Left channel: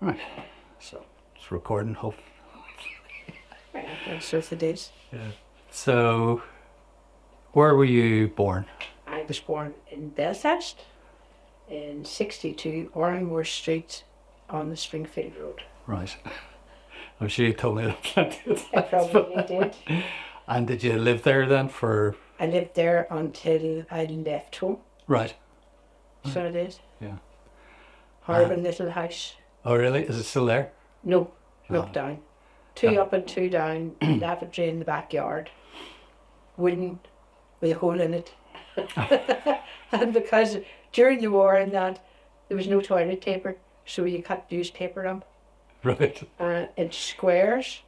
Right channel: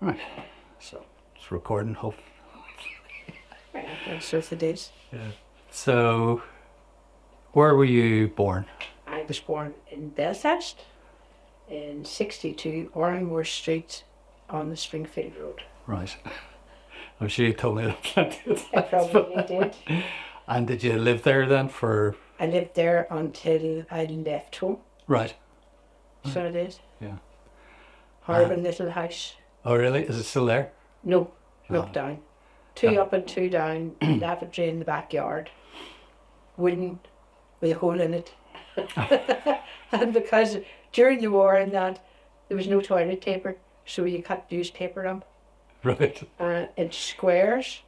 Right. So it's recording, hope. That's what it is. Yeah. So, where were you born? I was born in Belfast in 62 Oranmore Street on the Springfield Road. Right. I'm sure you told me that plenty of I times. probably did. And did you live there then for? I lived there until I left home. Right. So it is. Yeah. Horrible little house. Oh, really? Is it still there? No, knocked Oh. down. Two Yeah. up and two down, lavatory in the backyard. Wooden, with a hole in it. And because during the war and that, there was no toilet paper, so you cut newspaper up Right. in squares,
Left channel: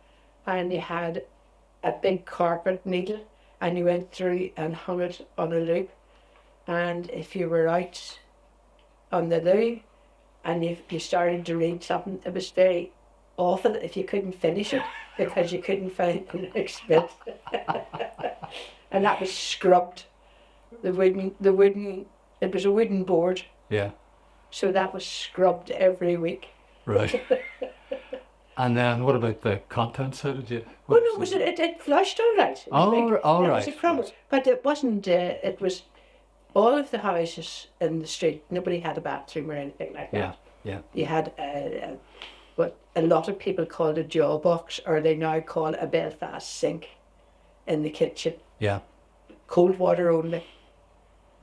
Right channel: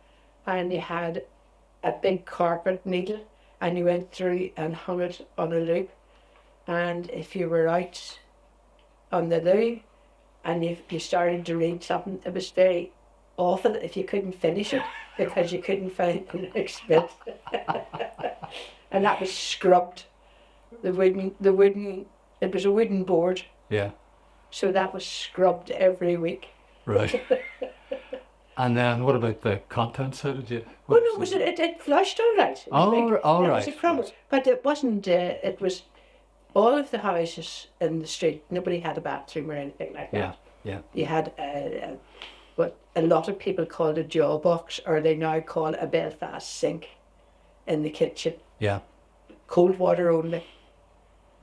and you had a big carpet needle, and you went through and hung it on a loop. And if you were out on the loo and you started to read something, it was very awful if you couldn't finish it because you couldn't find the next bit. And that was scrubbed. It was a wooden board, Yeah. so that was scrubbed every week. Right. And then what about the contents? How did you? Well, no, it flushed all right. It was All that right. was a crumble. But it wasn't, it was all of the houses in the street, nobody had a bathroom or anything like that. Yeah. Yeah. You had what a lot of people called a jaw box, or they now call a Belfast sink in the kitchen. Yeah. Cold water only.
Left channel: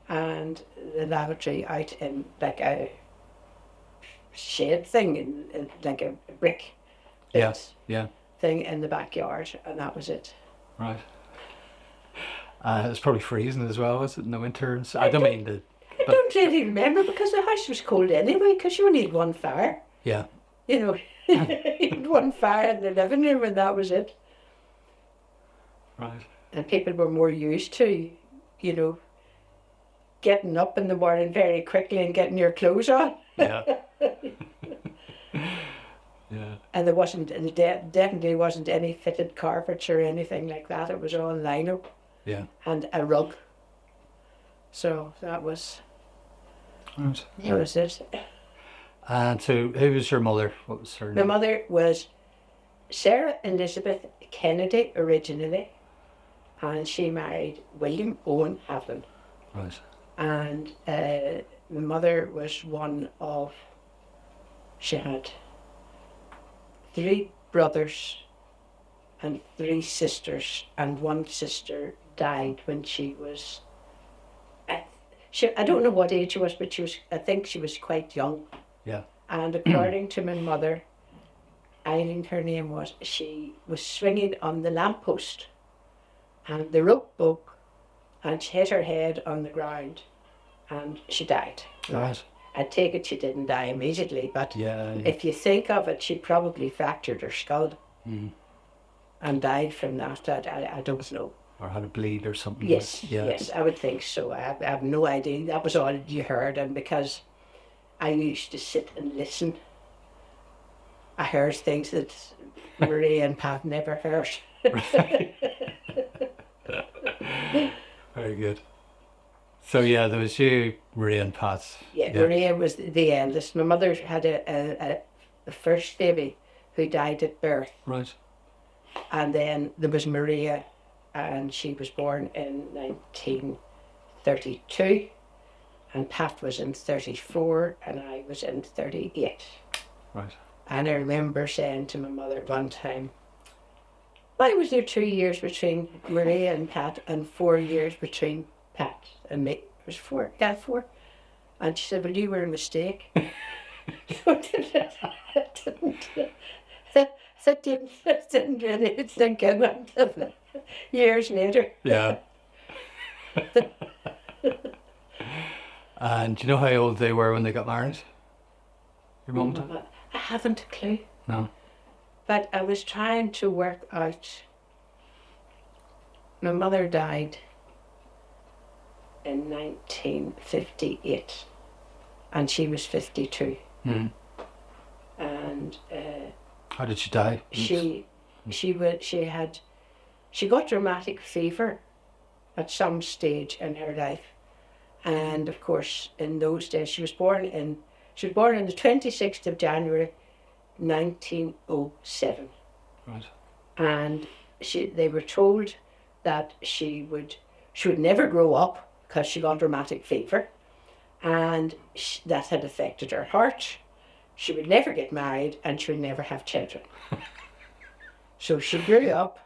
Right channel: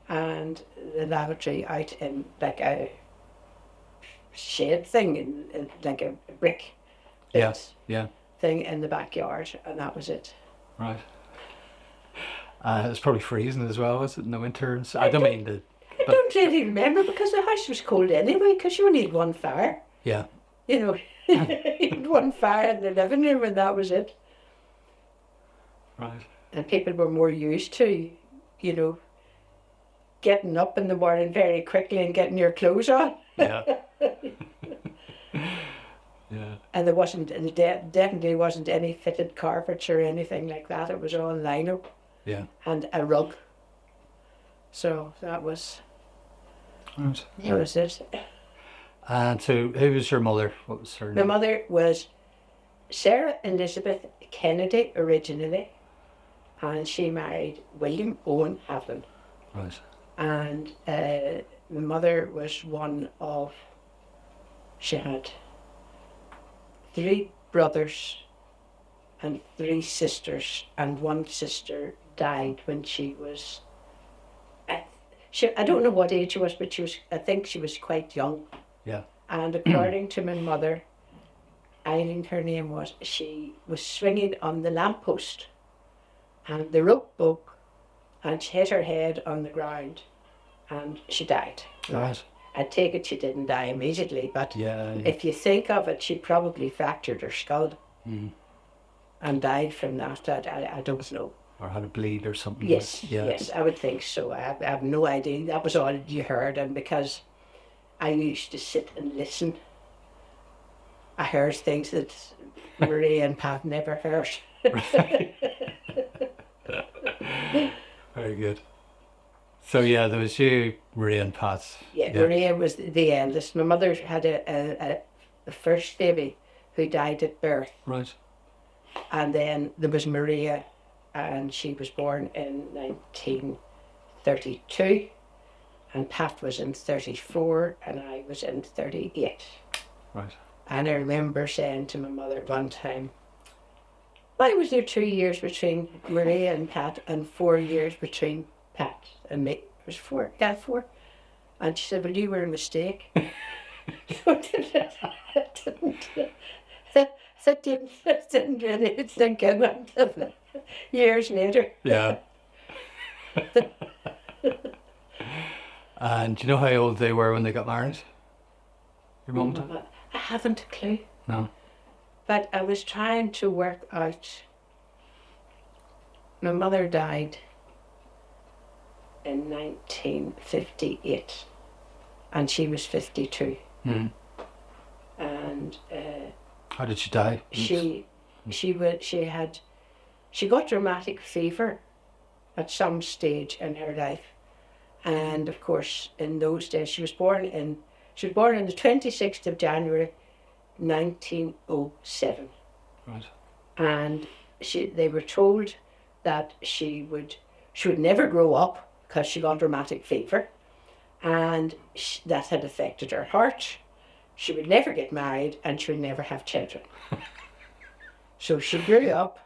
And the lavatory out in like a shed thing, in like a brick Yeah. Yeah. thing in the backyard, and that was it. Right. It's probably freezing as well, was it, in the winter? I don't mean the. I don't really remember because the house was cold anyway, because you only had one fire. Yeah. You know, you had one fire in the living room and that was it. Right. And people were more used to, you know, getting up in the morning very quickly and getting your clothes on. Yeah. Yeah. And there wasn't, definitely wasn't any fitted carpets or anything like that. It was all lino Yeah. and a rug. So that was, Right. that was it. And so, who was your mother? What was her My name? mother was Sarah Elizabeth Kennedy originally, and she married William Owen Havlin. Right. And my mother was one of, she had 3 brothers and 3 sisters, and one sister died when she was, I don't know what age she was, but I think she was quite young. Yeah. And according to my mother, Eileen, her name was, she was swinging on the lamppost and the rope broke and she hit her head on the ground and she died. Right. I take it she didn't die immediately, but Yeah. if you think of it, she probably fractured her skull Mm. and died from that. I don't know. Or had a bleed or something. Yes, Yeah. yes, I would think so. I have no idea. That was all you heard, and because I used to sit and listen, I heard things that Marie and Pat never heard. Very good. So yeah, there was you, Marie and Pat. Yeah, Maria was the eldest. My mother had a first baby who died at birth, Right. and then there was Maria, and she was born in 1932, and Pat was in 34, and I was in 38. Right. And I remember saying to my mother one time, why was there 2 years between Maria and Pat and 4 years between Pat and me? It was 4, yeah, 4. And she said, well, you were a mistake. I didn't really think about it years later. Yeah. And do you know how old they were when they got married? Your mum and dad? I haven't a clue. No. But I was trying to work out. My mother died in 1958, and she was 52. Mm. And How did she die? she got rheumatic fever at some stage in her life, and of course in those days she was born on the 26th of January 1907. Right. And they were told that she would never grow up because she got rheumatic fever, and that had affected her heart. She would never get married, and she would never have children. So she grew up,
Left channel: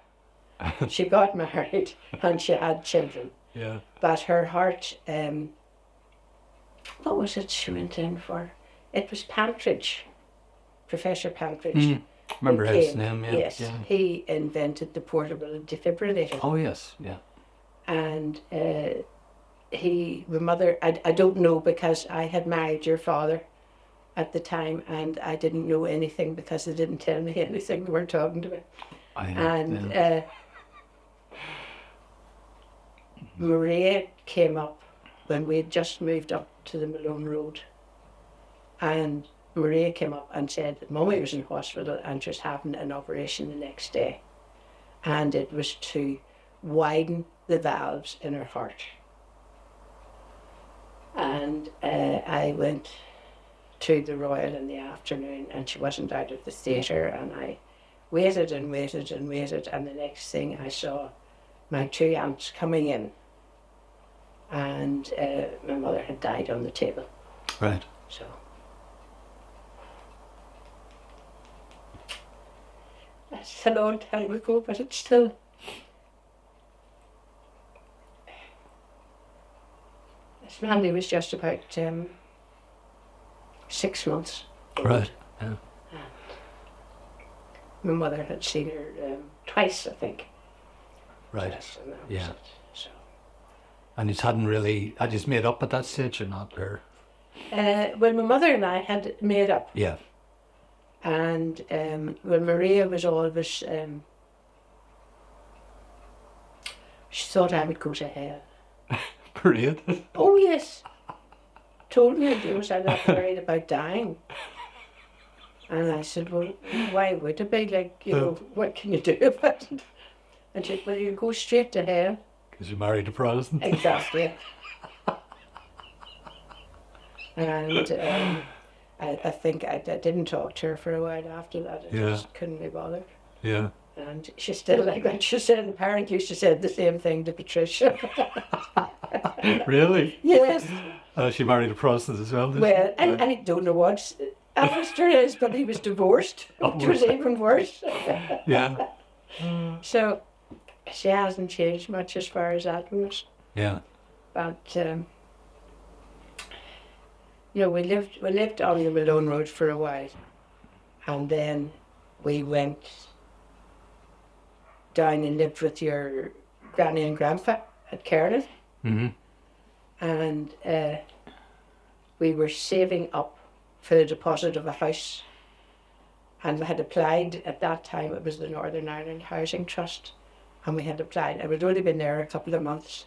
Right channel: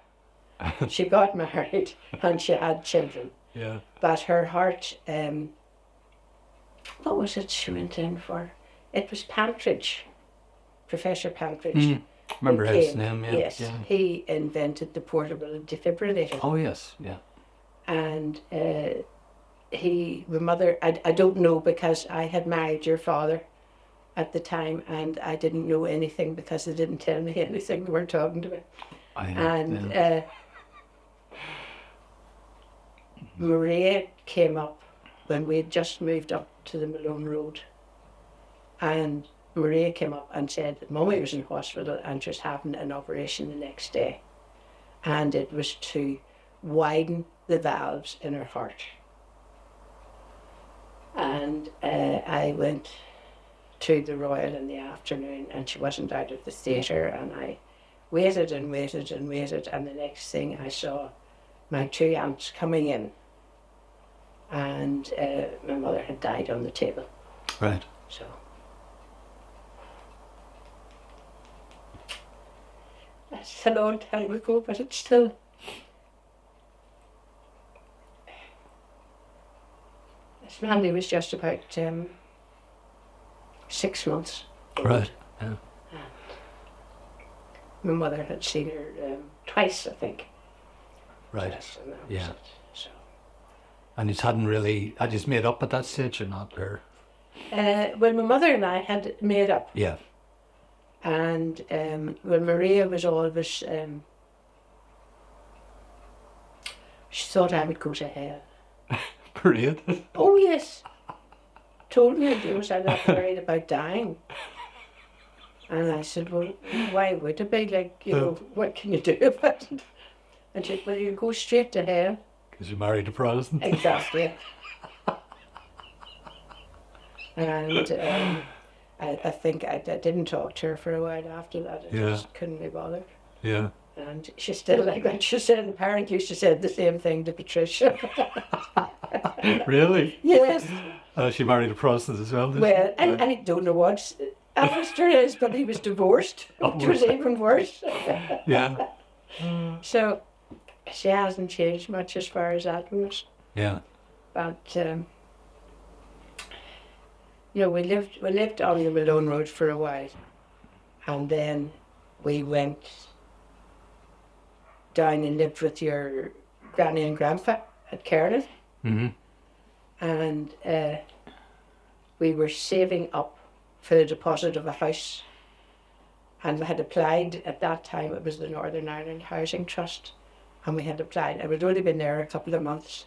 she got married, and she had children. Yeah. But her heart, what was it she went in for? It was Pantridge, Professor Pantridge. Remember his name, yeah. Yes, yeah. he invented the portable defibrillator. Oh, yes, yeah. And my mother, I don't know because I had married your father at the time, and I didn't know anything because they didn't tell me anything. They weren't talking to me. Maria came up when we had just moved up to the Malone Road, and Maria came up and said that Mummy was in hospital and just having an operation the next day, and it was to widen the valves in her heart. And I went to the Royal in the afternoon, and she wasn't out of the theatre, and I waited and waited and waited, and the next thing I saw my two aunts coming in, and my mother had died on the table. Right. So that's a long time ago, but it's still. This Mandy was just about 6 months old. Right. Yeah. My mother had seen her twice, I think. Right. Yes, and that was Yeah. it. So. And you hadn't really, had you made up at that stage or not? Or? Well, my mother and I had made up. Yeah. And when Maria was always, she thought I would go to hell. Brilliant. Oh, yes. Told me I was not worried about dying. And I said, well, why would it be? Like, you know, what can you do about it? And she said, well, you go straight to hell. Because you married a Protestant. Exactly. And I think I didn't talk to her for a while after that. I just couldn't be bothered. Yeah. And she still, like what she said, apparently she said the same thing to Patricia. Really? Yes. She married a Protestant as well, did Well, she? I don't know what Alistair is, but he was divorced, which was even worse. Yeah. So she hasn't changed much as far as that goes. Yeah. But you know, we lived on the Malone Road for a while, and then we went down and lived with your granny and grandpa at Cairn. Mm-hmm. And we were saving up for the deposit of a house, and we had applied at that time. It was the Northern Ireland Housing Trust, and we had applied, and we'd only been there a couple of months,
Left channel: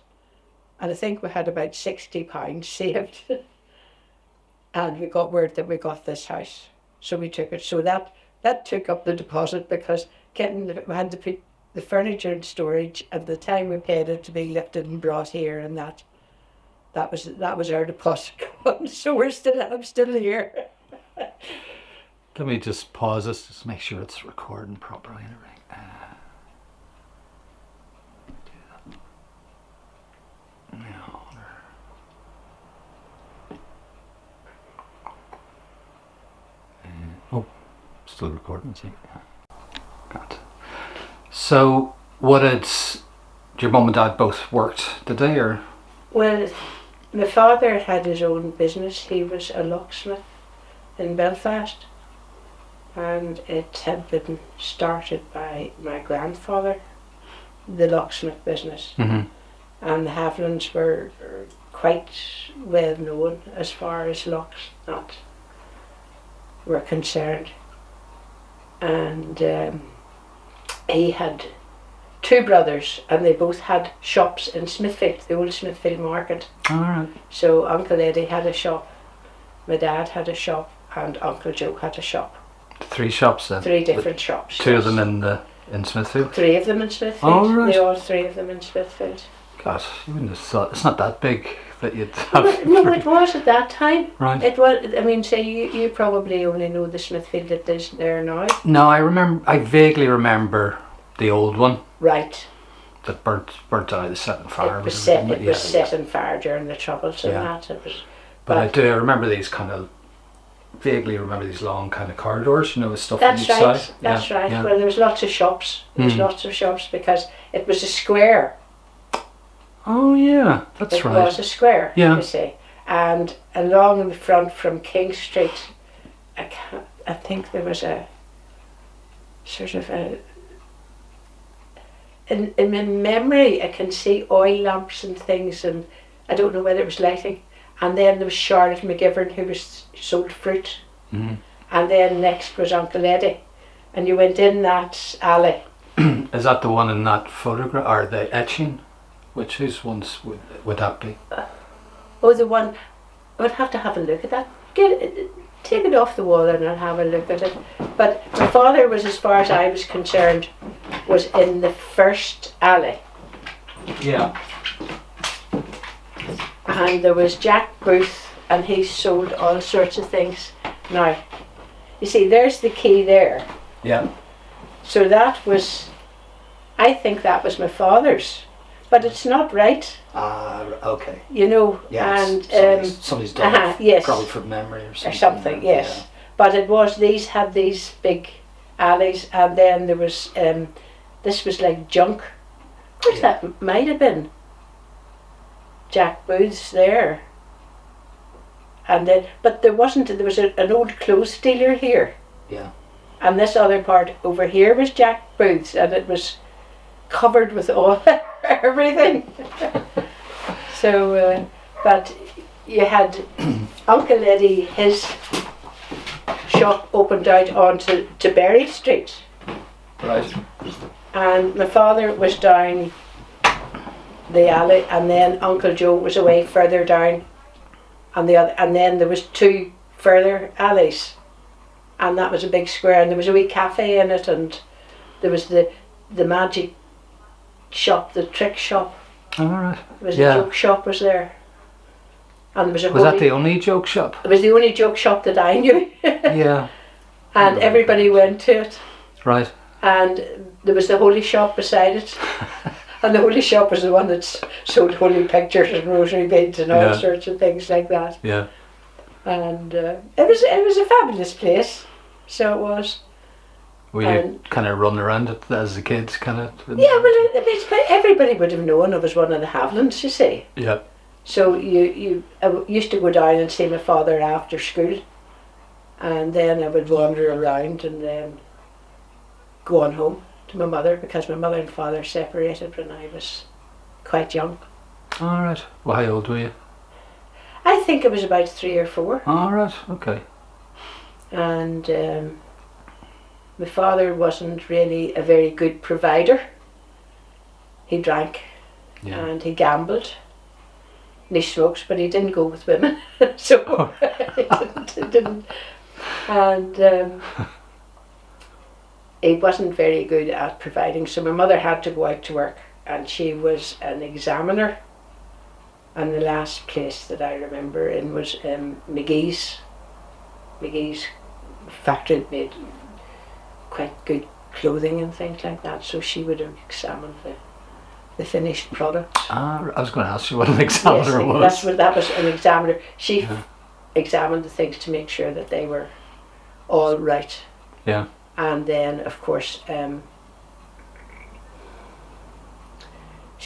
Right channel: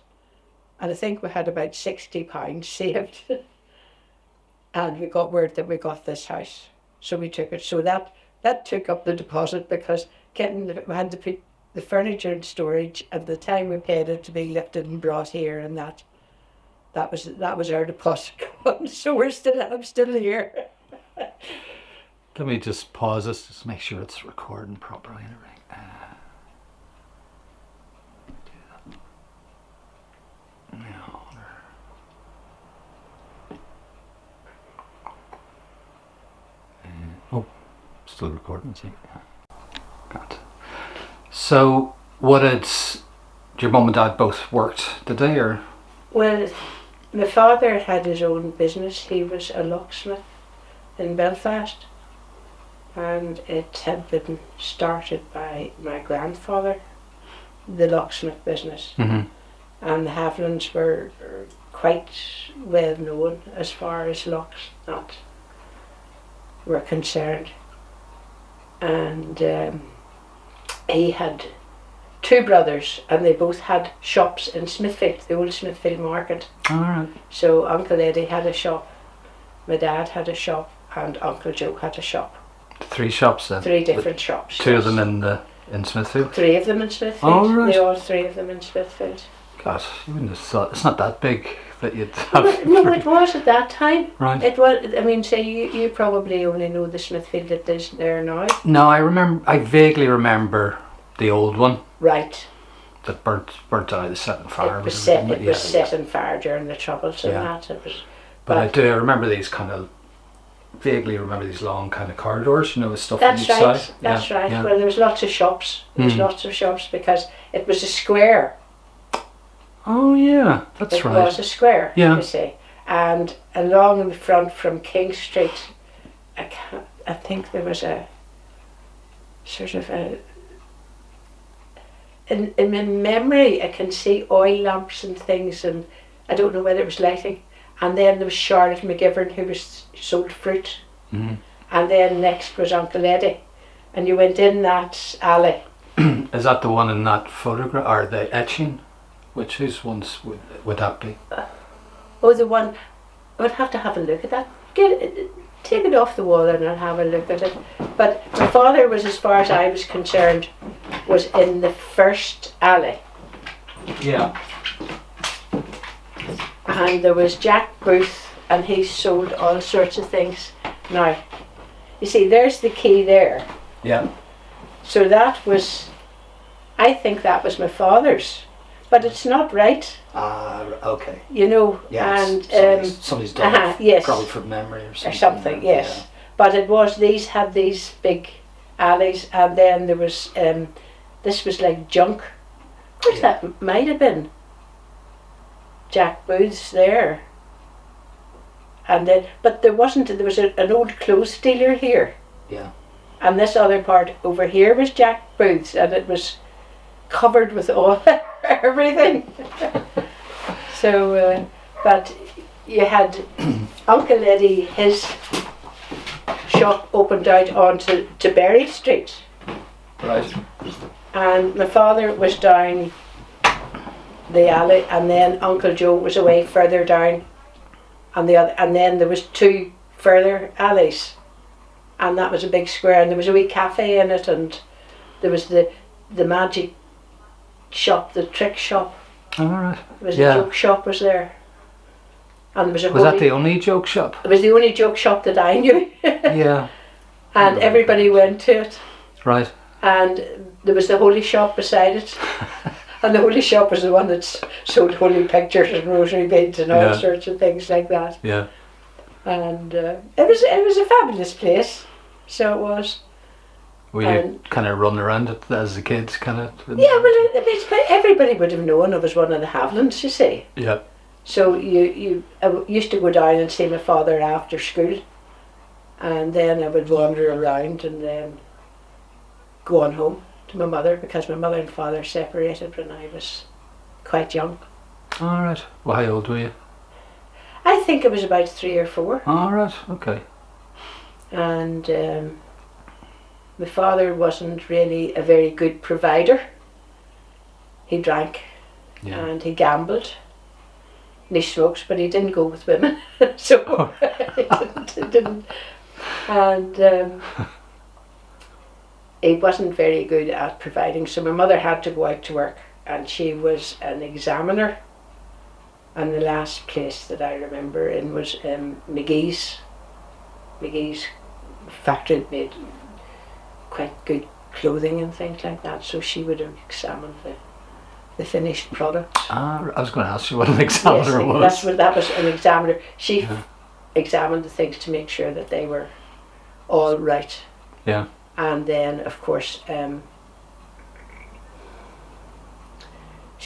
and I think we had about £60 saved. And we got word that we got this house, so we took it. So that took up the deposit, because we had to put the furniture in storage at the time we paid it to be lifted and brought here, and that was our deposit. So I'm still here. Let me just pause this, just make sure it's recording properly and everything. Still recording, see? Good. So, did your mum and dad both worked, did they, or? Well, my father had his own business. He was a locksmith in Belfast, and it had been started by my grandfather, the locksmith business. Mm-hmm. And the Havilands were quite well known as far as locks were concerned. And he had two brothers, and they both had shops in Smithfield, the old Smithfield market. All right. So Uncle Eddie had a shop, my dad had a shop, and Uncle Joe had a shop. 3 shops then? 3 different shops. 2 of them in Smithfield? 3 of them in Smithfield. Oh, right. They all 3 of them in Smithfield. God, you wouldn't have thought, it's not that big that you'd have. No, it was at that time. Right. It was. I mean, say you probably only know the Smithfield that is there now. No, I vaguely remember the old one Right. that burnt out of the set on fire. It was set. It was set on fire during the Troubles and Yeah. that. It was. But I do remember these vaguely remember these long kind of corridors, with stuff on That's each right. side. That's right. Yeah. Well, there was lots of shops. There was lots of shops because it was a square. Oh yeah, that's It right. was a square. Yeah. You see, and along the front from King Street, I think there was a sort of a. In my memory, I can see oil lamps and things, and I don't know whether it was lighting. And then there was Charlotte McGivern, who was sold fruit. Mm-hmm. And then next was Uncle Eddie, and you went in that alley. Is that the one in that photograph, or the etching? Whose ones would that be? Oh, the one. I would have to have a look at that. Take it off the wall and I'll have a look at it. But my father was, as far as I was concerned, was in the first alley. Yeah. And there was Jack Booth, and he sold all sorts of things. Now, you see, there's the key there. Yeah. So that was, I think that was my father's. But it's not right, Okay. Yeah, and somebody's done it, yes, probably from memory or something. or something, yes. But it was, these had these big alleys, and then there was, this was like junk. Of course, that might have been Jack Booth's there. And then, but there wasn't, there was an old clothes dealer here. Yeah. And this other part over here was Jack Booth's, and it was covered with all everything. So, but you had Uncle Eddie, his shop opened out onto Berry Street. Right. And my father was down the alley, and then Uncle Joe was away further down, and then there was two further alleys, and that was a big square, and there was a wee cafe in it, and there was the magic shop, the trick shop. All right. There was a joke shop was there, and there was a. Was that the only joke shop? It was the only joke shop that I knew. Yeah. And everybody went to it. Right. And there was the holy shop beside it. And the holy shop was the one that sold holy pictures and rosary beads and all sorts of things like that. Yeah. And it was a fabulous place. So it was. Were you kind of running around it as a kid, kind of? Yeah, well, everybody would have known I was one of the Havilands, you see. Yeah. So I used to go down and see my father after school, and then I would wander around and then go on home to my mother, because my mother and father separated when I was quite young. All right. Well, how old were you? I think I was about 3 or 4. All right. Okay. And my father wasn't really a very good provider. He drank and he gambled. And he smoked, but he didn't go with women. So he didn't. And he wasn't very good at providing. So my mother had to go out to work, and she was an examiner. And the last place that I remember in was McGee's. McGee's factory that made quite good clothing and things like that. So she would have examined the finished product. I was going to ask you what an examiner was. That was an examiner. She examined the things to make sure that they were all right. Yeah. And then, of course,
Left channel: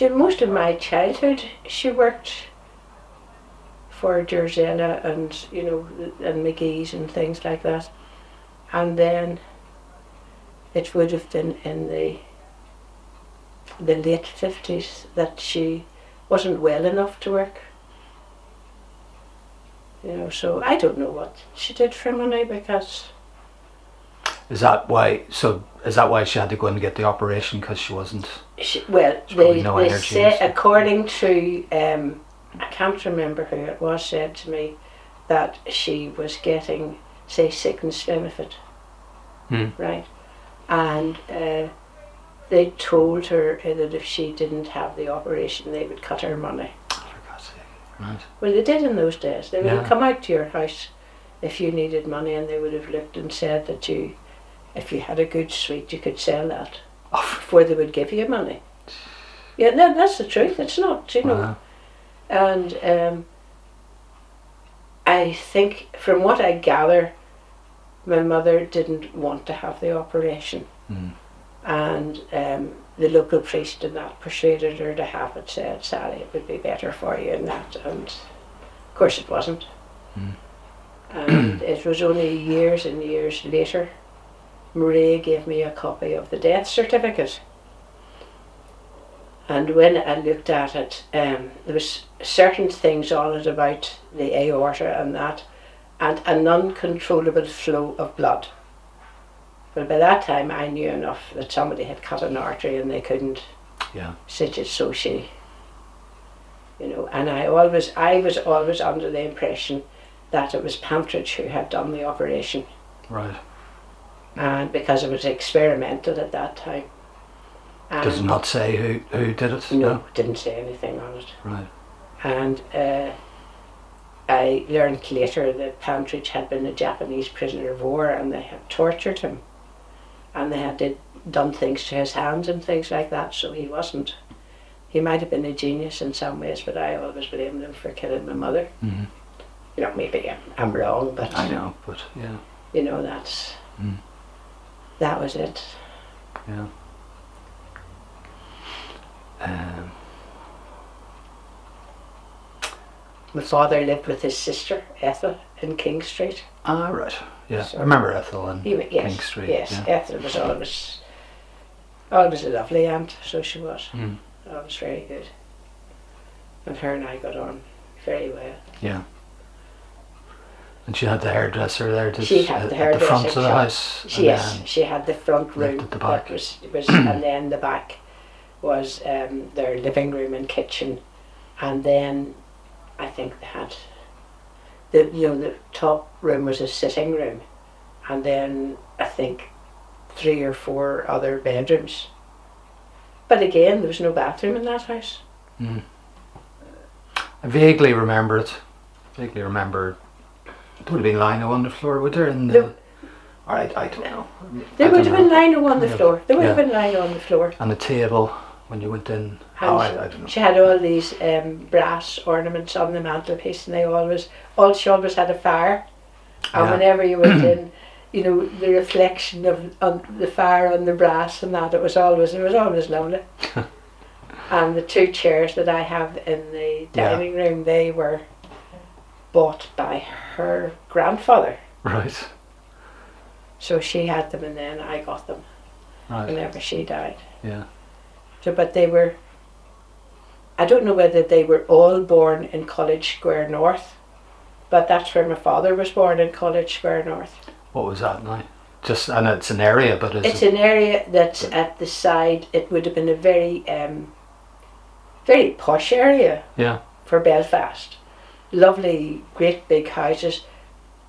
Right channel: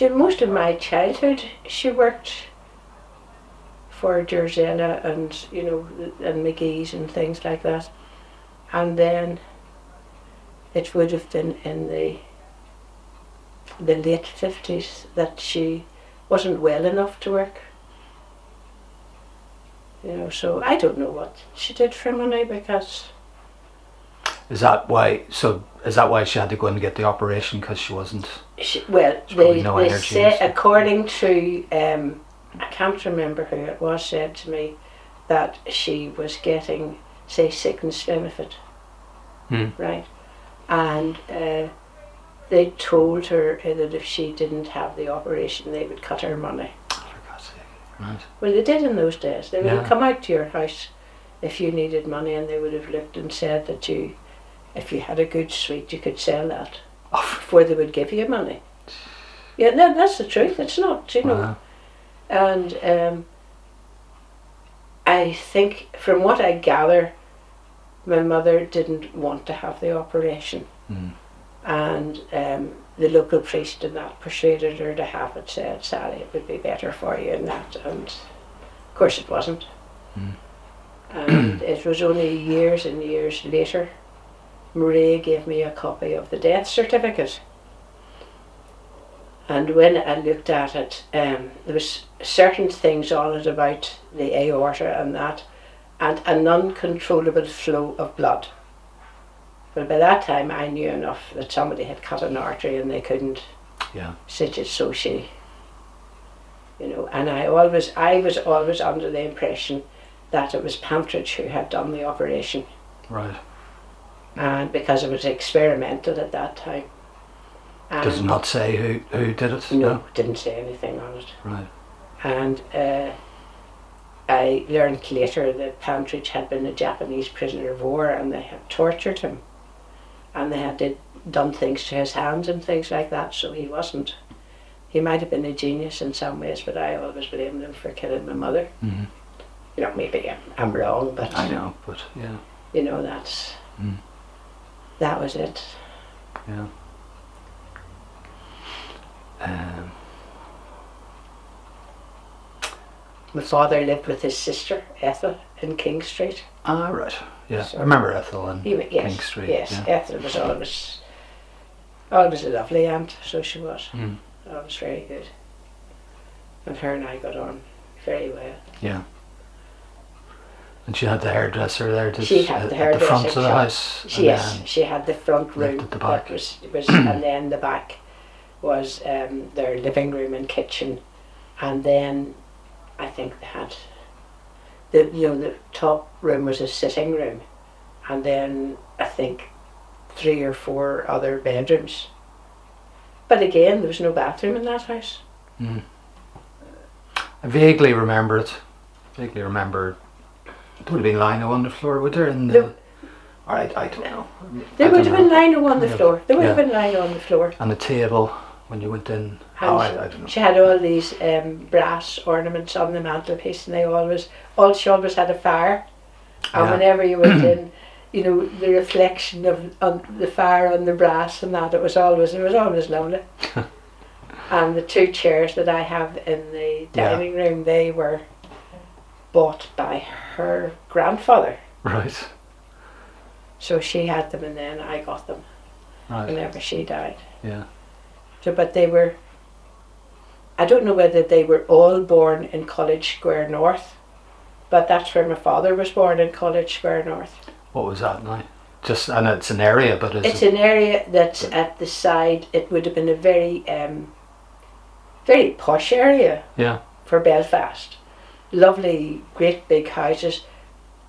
most of my childhood she worked for Georgina and and McGee's and things like that. And then it would have been in the late 50s that she wasn't well enough to work. So I don't know what she did for money, because... Is that why she had to go in and get the operation, because she wasn't... They say, according to, I can't remember who it was, said to me that she was getting, say, sickness benefit. Right? And they told her that if she didn't have the operation, they would cut her money. For God's sake. Right. Well, they did in those days. They would Yeah. have come out to your house if you needed money, and they would have looked and said that if you had a good suite, you could sell that Oh. before they would give you money. Yeah, no, that's the truth. It's not, you know. Wow. And I think, from what I gather, my mother didn't want to have the operation. Mm. And the local priest and that persuaded her to have it, said, Sally, it would be better for you and that. And of course it wasn't. Mm. And it was only years and years later, Marie gave me a copy of the death certificate. And when I looked at it, there was certain things on it about the aorta and that, and an uncontrollable flow of blood. But by that time I knew enough that somebody had cut an artery and they couldn't stitch it, so she, you know, and I was always under the impression that it was Pantridge who had done the operation. Right. And because it was experimental at that time. And does it not say who did it? No, didn't say anything on it. Right. And I learned later that Pantridge had been a Japanese prisoner of war, and they had tortured him, and they had done things to his hands and things like that. So he wasn't. He might have been a genius in some ways, but I always blamed him for killing my mother. Mm-hmm. You know, maybe I'm wrong, but I know, but yeah. You know, that was it. Yeah. My father lived with his sister Ethel in King Street. Ah, right. Yeah, So I remember Ethel in yes, King Street. Yes, Yeah. Ethel was always a lovely aunt, so she was. Mm. Always very good. And her and I got on very well. Yeah. And she had the hairdresser there. She had the hairdresser at the front of the shop. house. Yes, she had the front room. Left at the back. That was and then the back was their living room and kitchen, and then I think they had the top room was a sitting room, and then I think 3 or 4 other bedrooms. But again, there was no bathroom in that house. Mm. I vaguely remember it. There would have been lino on the floor, would there? I don't know. There would have been lino on the Yeah. floor. There would Yeah. have been lino on the floor. And the table when you went in. And I don't know. she had all these brass ornaments on the mantelpiece, and she always had a fire. And Yeah. whenever you went in, you know, the reflection of the fire on the brass and that, it was always lovely. And the 2 chairs that I have in the dining room, they were bought by her grandfather. Right. So she had them, and then I got them whenever she died. Yeah. So, but they were, I don't know whether they were all born in College Square North, but that's where my father was born, in College Square North. What was that now? And it's an area, but it's an area that's at the side. It would have been a very, very posh area. Yeah. For Belfast. Lovely, great big houses,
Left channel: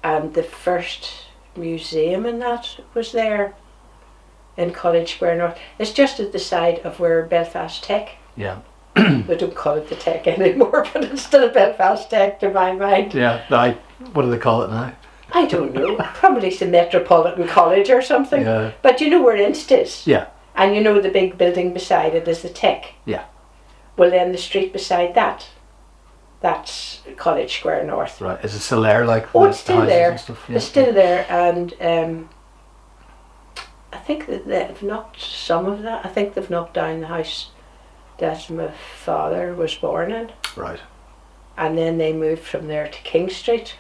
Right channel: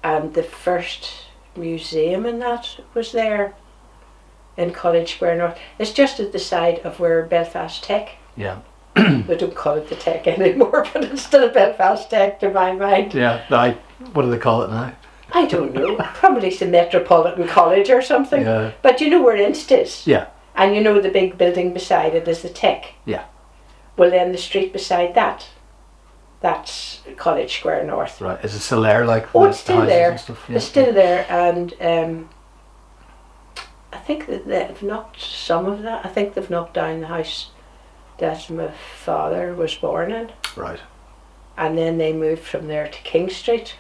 and the first museum and that was there in College Square North. It's just at the side of where Belfast Tech. Yeah. They don't call it the Tech anymore, but it's still Belfast Tech to my mind. Yeah. What do they call it now? I don't know. Probably the Metropolitan College or something. Yeah. But you know where Inst is? Yeah. And you know the big building beside it is the Tech. Yeah. Well, then the street beside that's College Square North. Right. Is it still there? It's still there. And stuff? Yeah. It's still there, and I think that they've knocked some of that. I think they've knocked down the house that my father was born in. Right. And then they moved from there to King Street.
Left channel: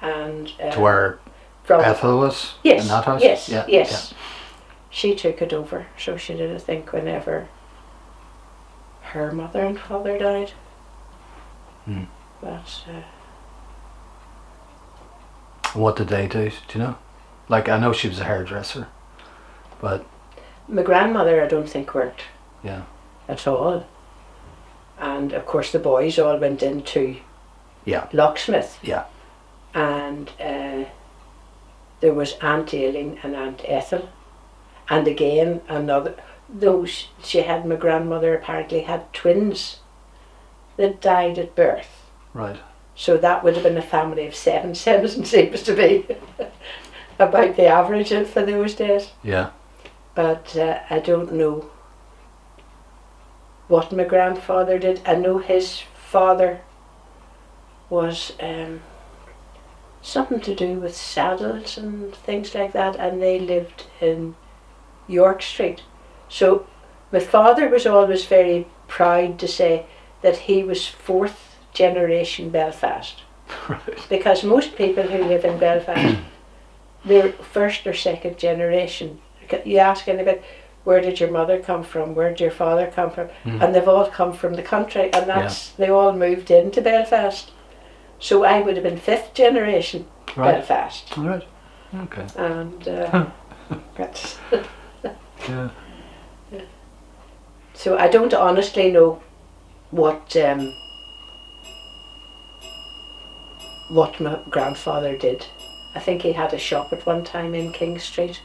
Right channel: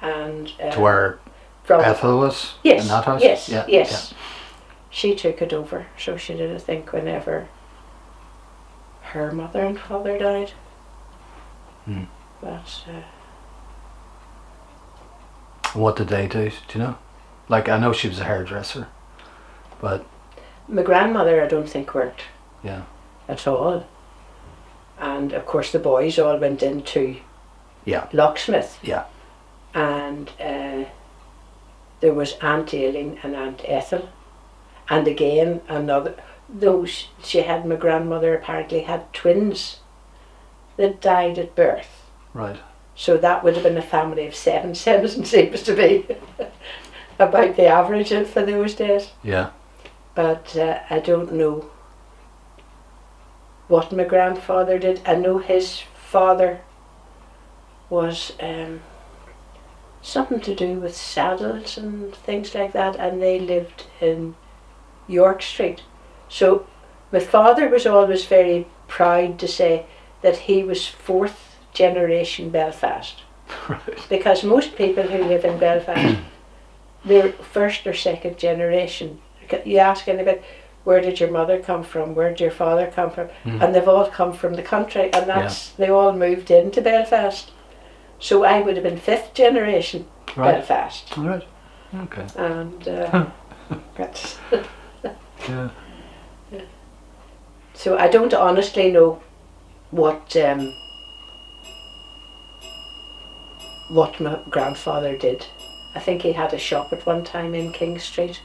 And to where Ethel was? Yes. In that house? Yes. Yeah. Yes. Yeah. She took it over, so she did, I think, whenever her mother and father died. Hmm. But What did they do? Do you know? I know she was a hairdresser, but my grandmother, I don't think, worked. Yeah. At all. And of course the boys all went into locksmith. Yeah. And there was Aunt Aileen and Aunt Ethel, and again another. Those she had, my grandmother apparently had twins. that died at birth. Right. So that would have been a family of 7. 7 seems to be about the average for those days. Yeah. But I don't know what my grandfather did. I know his father was something to do with saddles and things like that, and they lived in York Street. So my father was always very proud to say that he was 4th generation Belfast. Right. Because most people who live in Belfast, they're 1st or 2nd generation. You ask anybody, where did your mother come from? Where did your father come from? And they've all come from the country, and they all moved into Belfast. So I would have been 5th generation Belfast. All right. Okay. And that's Yeah. so I don't honestly know what my grandfather did. I think he had a shop at one time in King Street.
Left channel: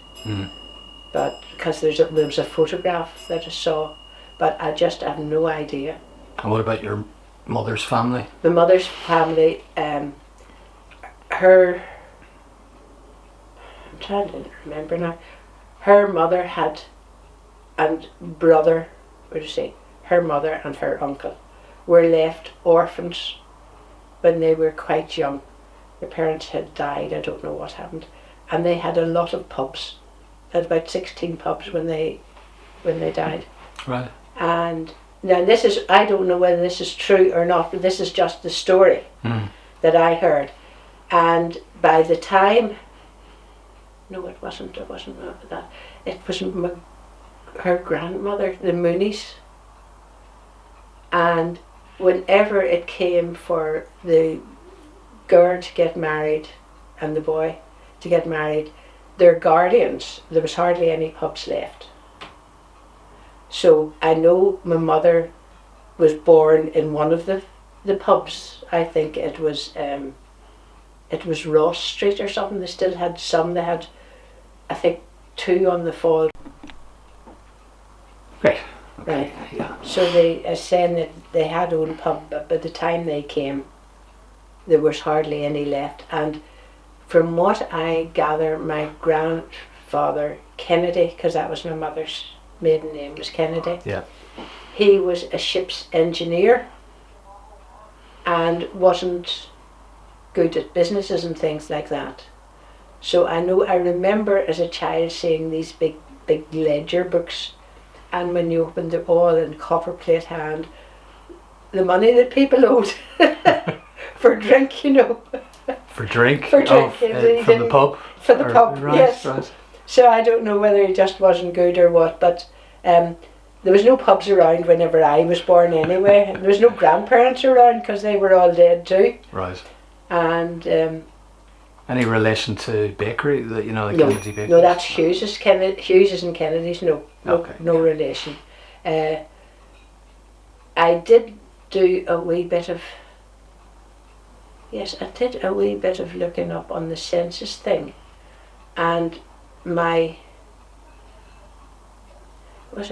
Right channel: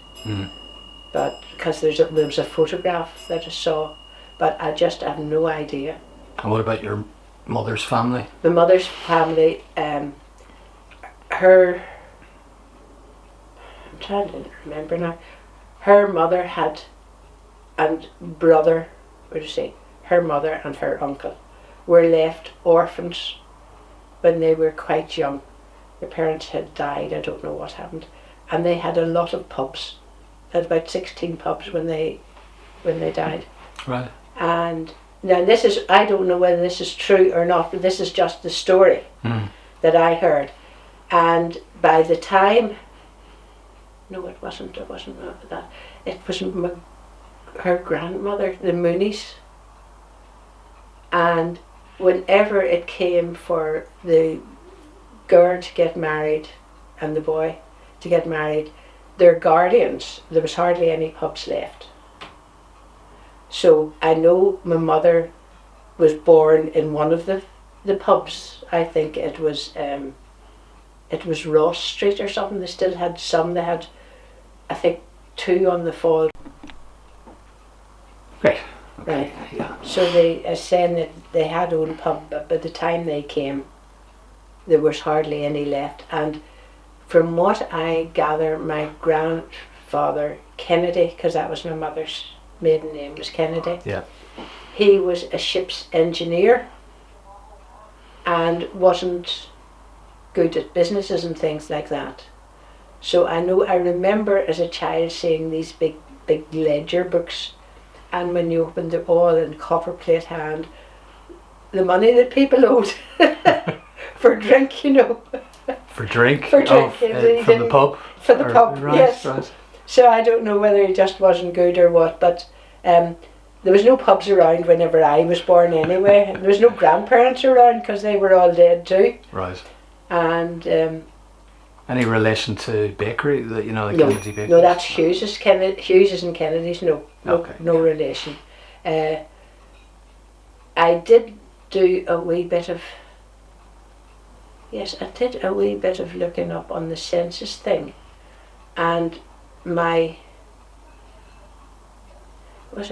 But because there was a photograph that I saw, but I just have no idea. And what about your mother's family? My mother's family, her, I'm trying to remember now, her mother had, and brother, what do you say, her mother and her uncle were left orphans when they were quite young. Their parents had died, I don't know what happened, and they had a lot of pubs. They had about 16 pubs when they died. Right. And now this is, I don't know whether this is true or not, but this is just the story that I heard. And by the time, no, it wasn't that. It was her grandmother, the Moonies. And whenever it came for the girl to get married and the boy to get married, their guardians, there was hardly any pubs left. So I know my mother was born in one of the pubs. I think it was Ross Street or something. They still had some. They had, I think, 2 on the Fall. Right. Right. Yeah. So they are saying that they had own pub, but by the time they came, there was hardly any left. And from what I gather, my grandfather Kennedy, because that was my mother's maiden name, was Kennedy. Yeah. He was a ship's engineer and wasn't good at businesses and things like that. So I remember as a child seeing these big ledger books, and when you opened them all in copperplate hand, the money that people owed for drink, you know. For drink? For drink, from the pub? For the pub, right, yes. Right. So I don't know whether he just wasn't good or what, but there was no pubs around whenever I was born anyway. There was no grandparents around because they were all dead too. Right. And any relation to bakery? The Kennedy bakery? No, that's Hughes's and Kennedy's. No relation. I did do a wee bit of. Yes, I did a wee bit of looking up on the census thing, and my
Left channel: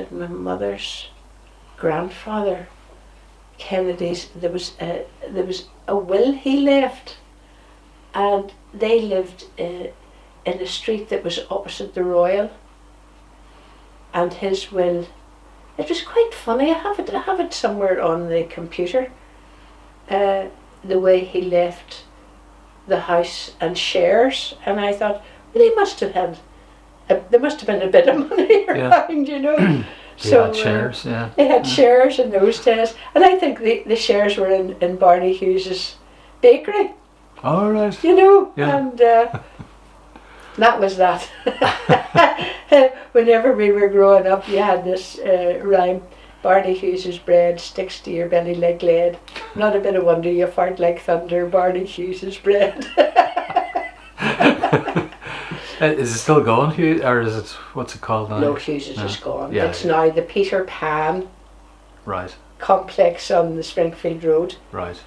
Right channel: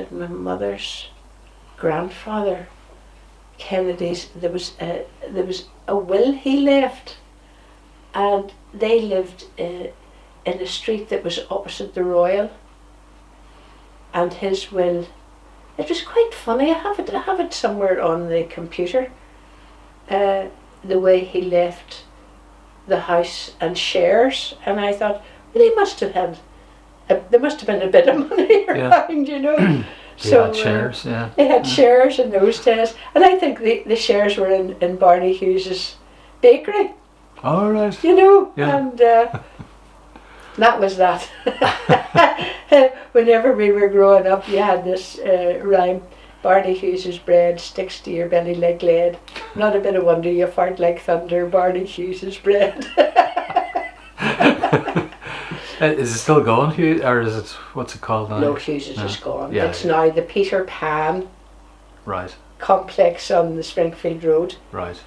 mother's grandfather Kennedy's, there was a will he left, and they lived in a street that was opposite the Royal, and his will, it was quite funny. I have it somewhere on the computer, the way he left the house and shares, and I thought, well, he must have had there must have been a bit of money around, you know. So had shares, yeah. They had shares in those days, and I think the shares were in Barney Hughes's bakery. All right. You know, yeah. And that was that. Whenever we were growing up, you had this rhyme: Barney Hughes's bread sticks to your belly like lead. Not a bit of wonder you fart like thunder. Barney Hughes's bread. Is it still going, Hughes, or is it, what's it called now? No, Hughes is just gone. Yeah, it's now the Peter Pan complex on the Springfield Road. Right.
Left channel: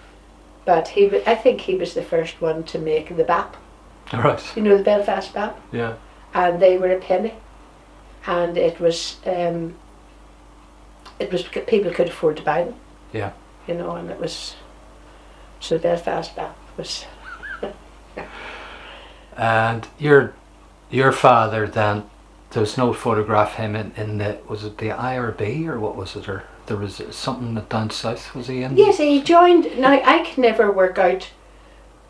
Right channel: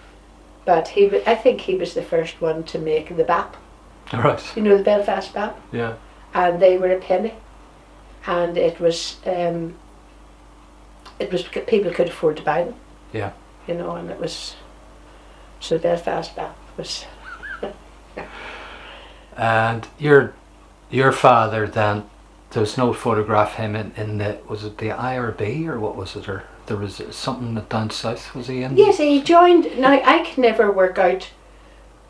But I think he was the first one to make the BAP. Right. You know, the Belfast BAP? Yeah. And they were a penny. And it was people could afford to buy them. Yeah. you know, and it was, so Belfast back was. And your father then, there was no photograph of him in the, was it the IRB or what was it, or there was something that down south, was he in? Yes, he joined. Now I can never work out.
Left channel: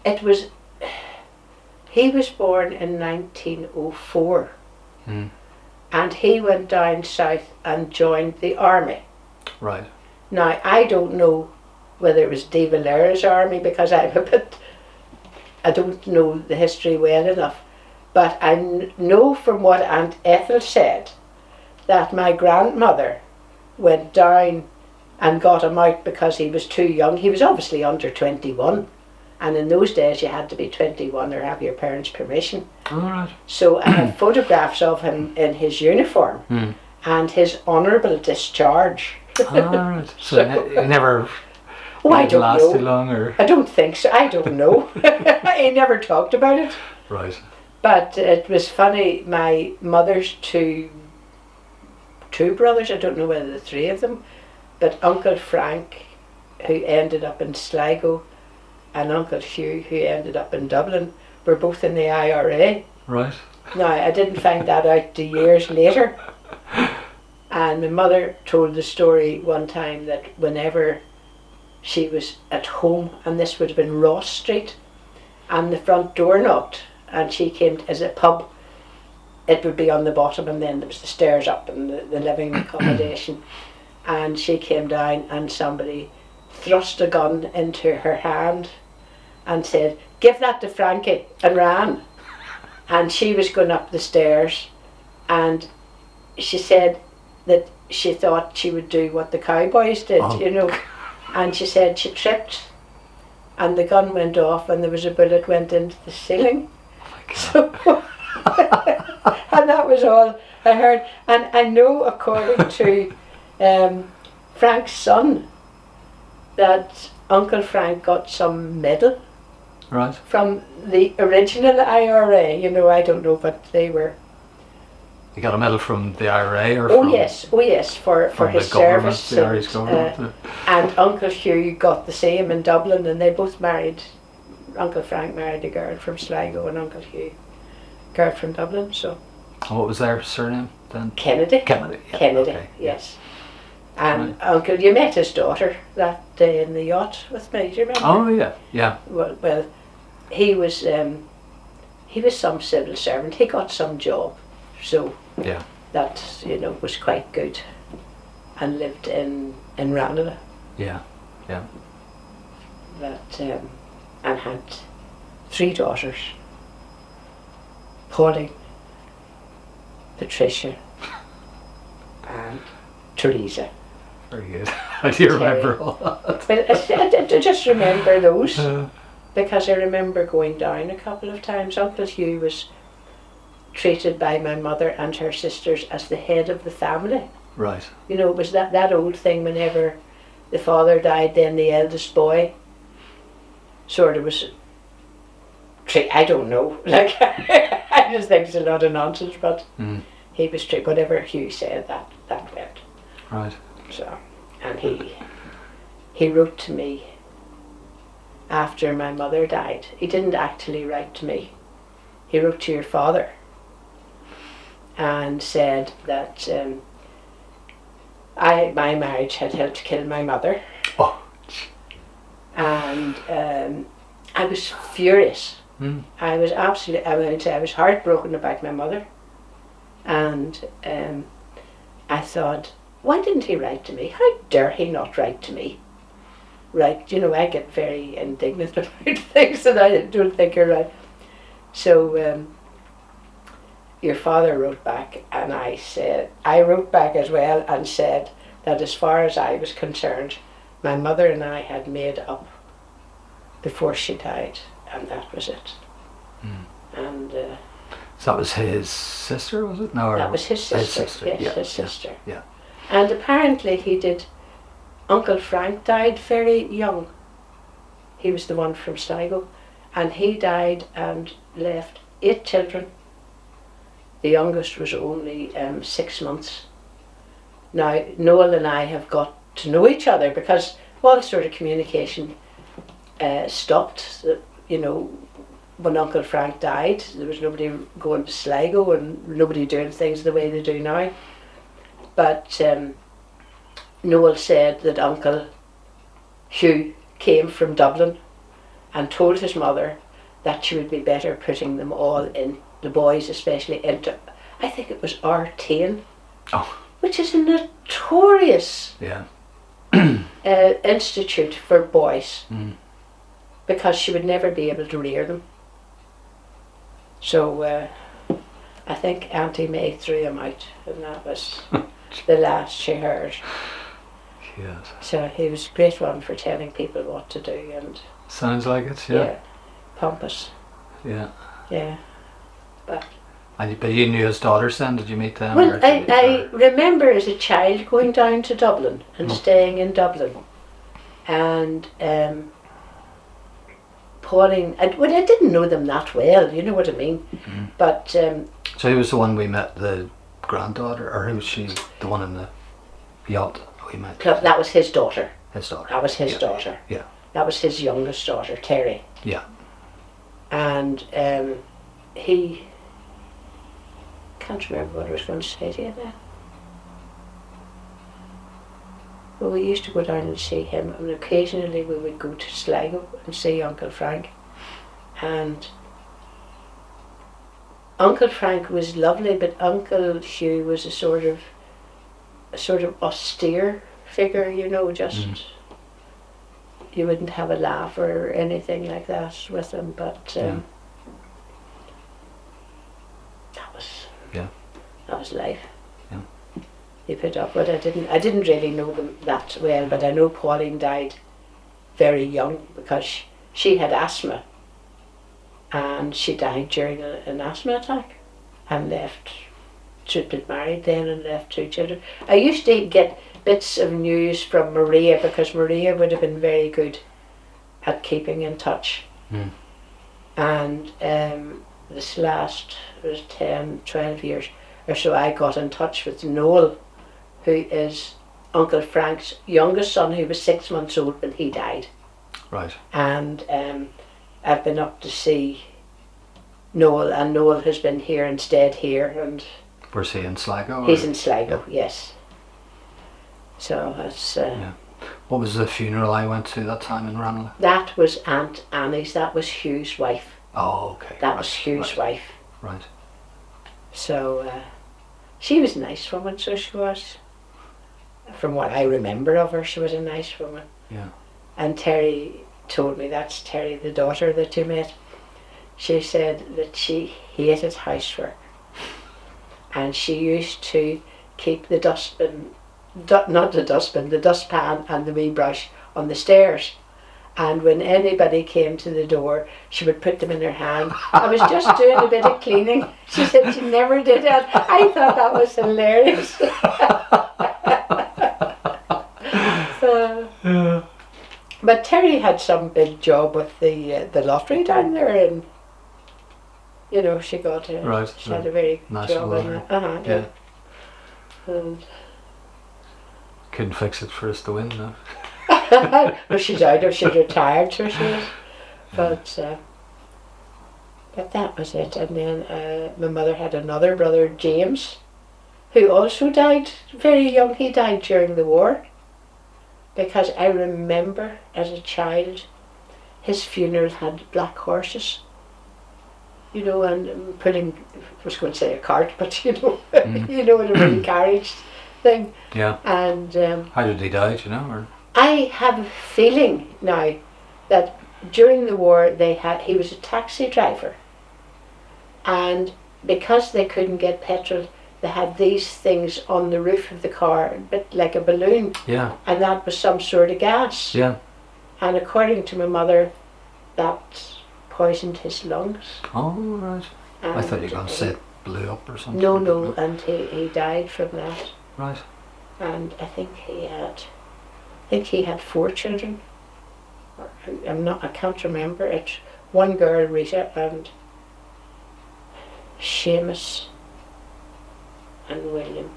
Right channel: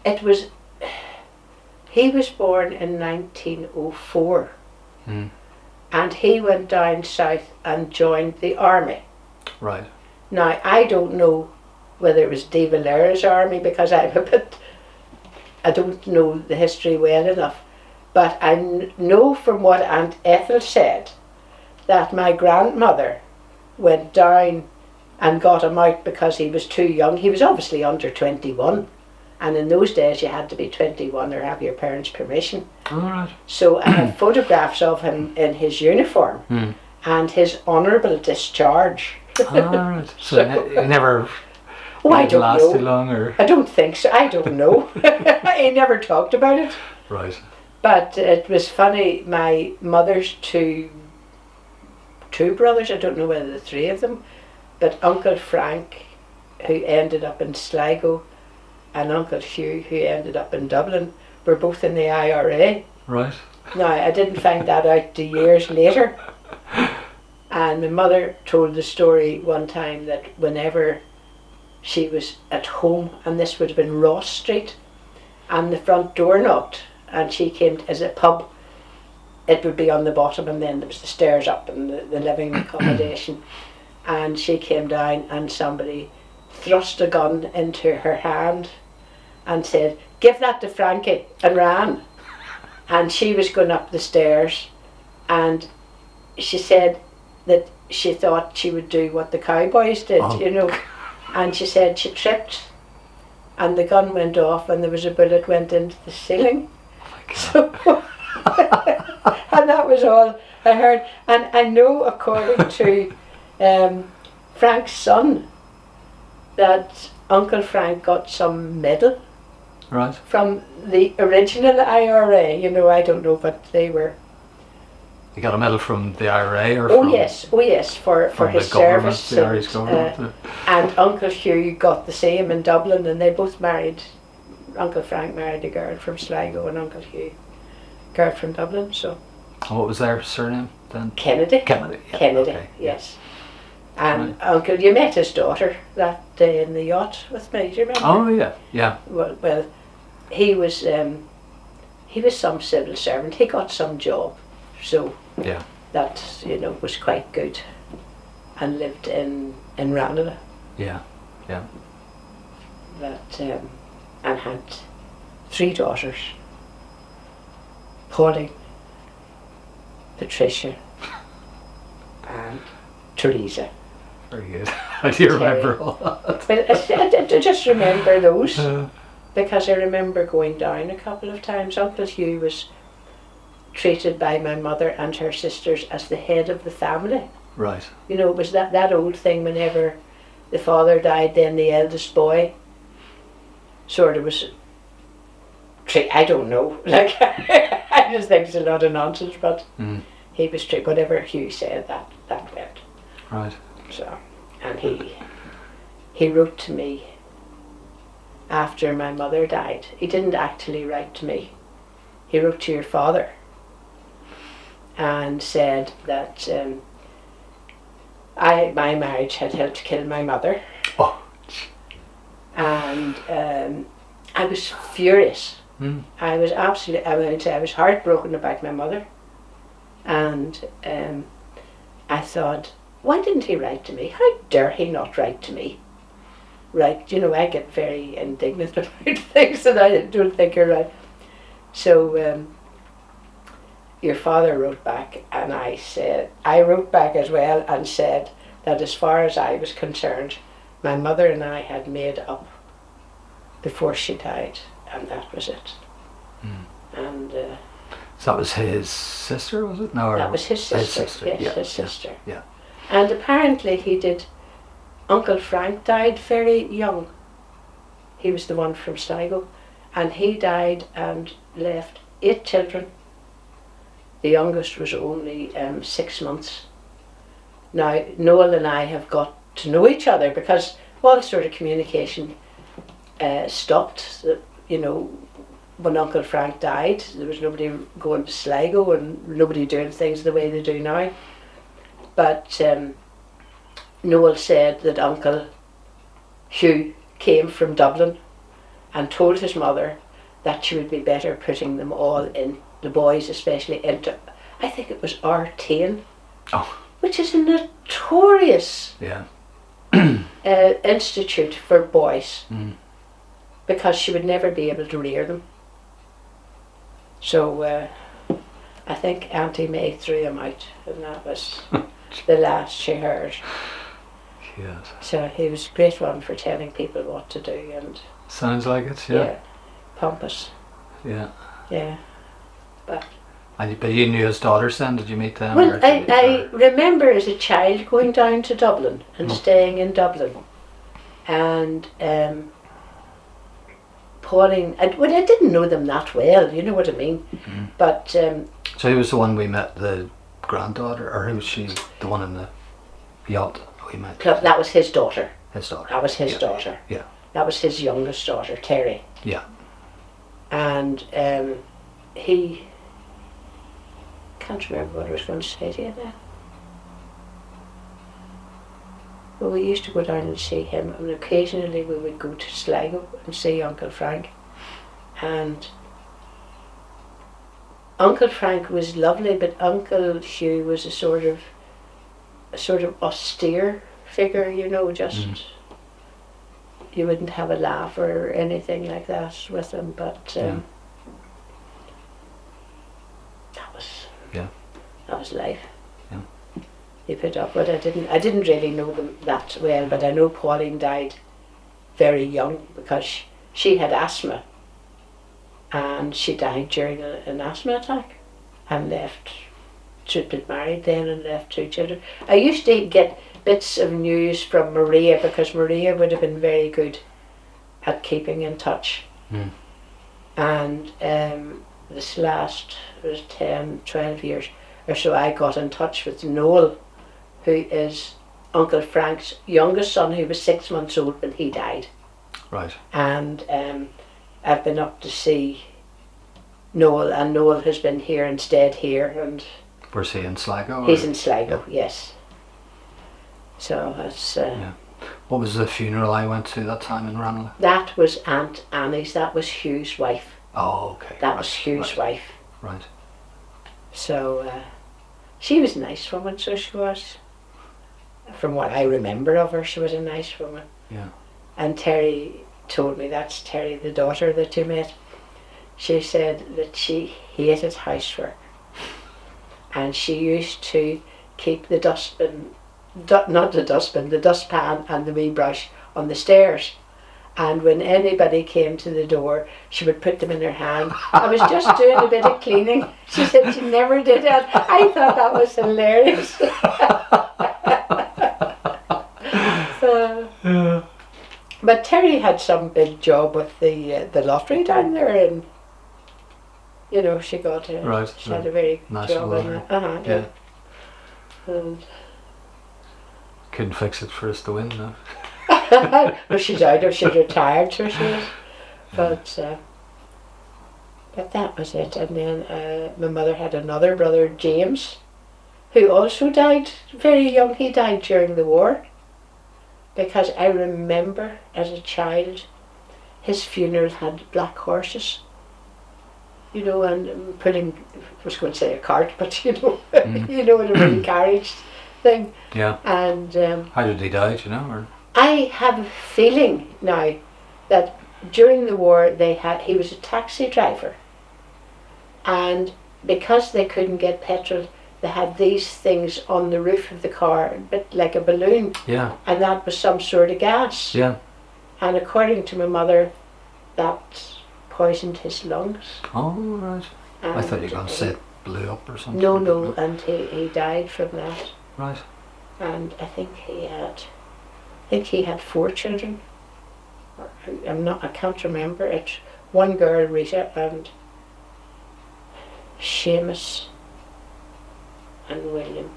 It was. He was born in 1904, and he went down south and joined the army. Right. Now I don't know whether it was De Valera's army, because I don't know the history well enough, but I know from what Aunt Ethel said that my grandmother went down and got him out because he was too young. He was obviously under 21, and in those days you had to be 21 or have your parents' permission. All right. So I have photographs of him in his uniform and his honourable discharge. All right. So he never I didn't don't last know. too long, or? I don't think so. I don't know. He never talked about it. Right. But it was funny. My mother's two brothers, I don't know whether the three of them, but Uncle Frank, who ended up in Sligo, and Uncle Hugh, who ended up in Dublin, were both in the IRA. Right. Now, I didn't find that out till years later. And my mother told the story one time that whenever she was at home, and this would have been Ross Street, and the front door knocked, and she came as a pub, it would be on the bottom, and then there was the stairs up and the living accommodation, and she came down and somebody thrust a gun into her hand and said, "Give that to Frankie," and ran. And she was going up the stairs, and she said that she thought she would do what the cowboys did, you know, and she said she tripped and the gun went off and there was a bullet went into the ceiling. So, and that was all I heard. And I know, according to Frank's son, that Uncle Frank got some medal from the original IRA. You know, I don't know what they were. He got a medal from the IRA, or oh yes, for his service. The Irish government. And Uncle Hugh got the same in Dublin, and they both married. Uncle Frank married a girl from Sligo, and Uncle Hugh a girl from Dublin. So. And what was their surname then? Kennedy. Kennedy. Yeah. Kennedy. Okay. Yes. And Uncle, you met his daughter that day in the yacht with me. Do you remember? Oh yeah, yeah. Well, he was some civil servant. He got some job, so yeah, that was quite good, and lived in Ranelagh. Yeah, yeah. That and had 3 daughters: Pauline, Patricia, and Teresa. Very good. How do you remember all that? Well, I just remember those because I remember going down a couple of times. Uncle Hugh was treated by my mother and her sisters as the head of the family. Right. You know, it was that old thing whenever the father died, then the eldest boy sort of was I don't know. Like, I just think it's a lot of nonsense, but he was treated, whatever Hugh said, that went. Right. So, and he wrote to me after my mother died. He didn't actually write to me. He wrote to your father and said that my marriage had helped kill my mother. Oh. And I was furious. I was absolutely, I was heartbroken about my mother. And I thought, why didn't he write to me? How dare he not write to me? Right, I get very indignant about things that I don't think are right. So your father wrote back, and I wrote back as well and said that as far as I was concerned, my mother and I had made up before she died, and that was it. And so that was his sister, was it? No, that was his sister. Yes, yeah, his sister. Yeah. And apparently he did. Uncle Frank died very young. He was the one from Sligo, and he died and left 8 children. The youngest was only 6 months. Now Noel and I have got to know each other because all sort of communication stopped. You know, when Uncle Frank died, there was nobody going to Sligo and nobody doing things the way they do now. But Noel said that Uncle Hugh came from Dublin and told his mother that she would be better putting them all in, the boys especially, into, I think it was R10, which is a notorious institute for boys, because she would never be able to rear them. So I think Auntie May threw him out, and that was the last she heard. Yes. So he was a great one for telling people what to do, and sounds like it. Yeah. pompous. Yeah. Yeah. But you knew his daughters then? Did you meet them? well, I remember as a child going down to Dublin and staying in Dublin, and Pauline. I didn't know them that well. You know what I mean? Mm-hmm. But so he was the one we met, the granddaughter, or who was she? The one in the yacht we met. That was his daughter. His daughter. That was his daughter. Yeah. That was his youngest daughter, Terry. Yeah. And he, can't remember what I was going to say to you now. Well, we used to go down and see him, and occasionally we would go to Sligo and see Uncle Frank. And Uncle Frank was lovely, but Uncle Hugh was a sort of austere figure, you know, just you wouldn't have a laugh or anything like that with him, but that was life. Yeah. He put up with it. I didn't really know them that well, but I know Pauline died very young because she had asthma, and she died during an asthma attack and left. She'd been married then and left 2 children. I used to get bits of news from Maria, because Maria would have been very good at keeping in touch. And this last was 10, 12 years or so, I got in touch with Noel, who is Uncle Frank's youngest son, who was 6 months old when he died. Right. And I've been up to see Noel, and Noel has been here and stayed here, and was he in Sligo? He's in Sligo, yes. So that's... What was the funeral I went to that time in Ranelagh? That was Aunt Annie's. That was Hugh's wife. Oh, okay. That was Hugh's wife. Right. So she was a nice woman, so she was. From what I remember of her, she was a nice woman. Yeah. And Terry told me, that's Terry, the daughter that you met. She said that she hated housework. And she used to keep the dustbin, not the dustbin, the dustpan and the wee brush on the stairs. And when anybody came to the door, she would put them in her hand. I was just doing a bit of cleaning. She said she never did that. I thought that was hilarious. But Terry had some big job with the lottery down there, and you know, she got a, she had a very nice job in it. Yeah. And couldn't fix it for us to win, though. well, she died, or she'd retired, so she was. But that was it. And then my mother had another brother, James, who also died very young. He died during the war, because I remember as a child his funeral had black horses, you know, and putting, I was going to say a cart, but you know, you know, in a wee carriage thing. Yeah. And how did he die, do you know? Or? I have a feeling now that during the war he was a taxi driver, and because they couldn't get petrol, they had these things on the roof of the car, a bit like a balloon. Yeah. And that was some sort of gas. Yeah. And according to my mother, that poisoned his lungs. Oh, right. And I thought you were going to say it blew up or something. No, and he died from that. Right. And I think he had 4 children. I can't remember. It's one girl, Rita, and Seamus and William.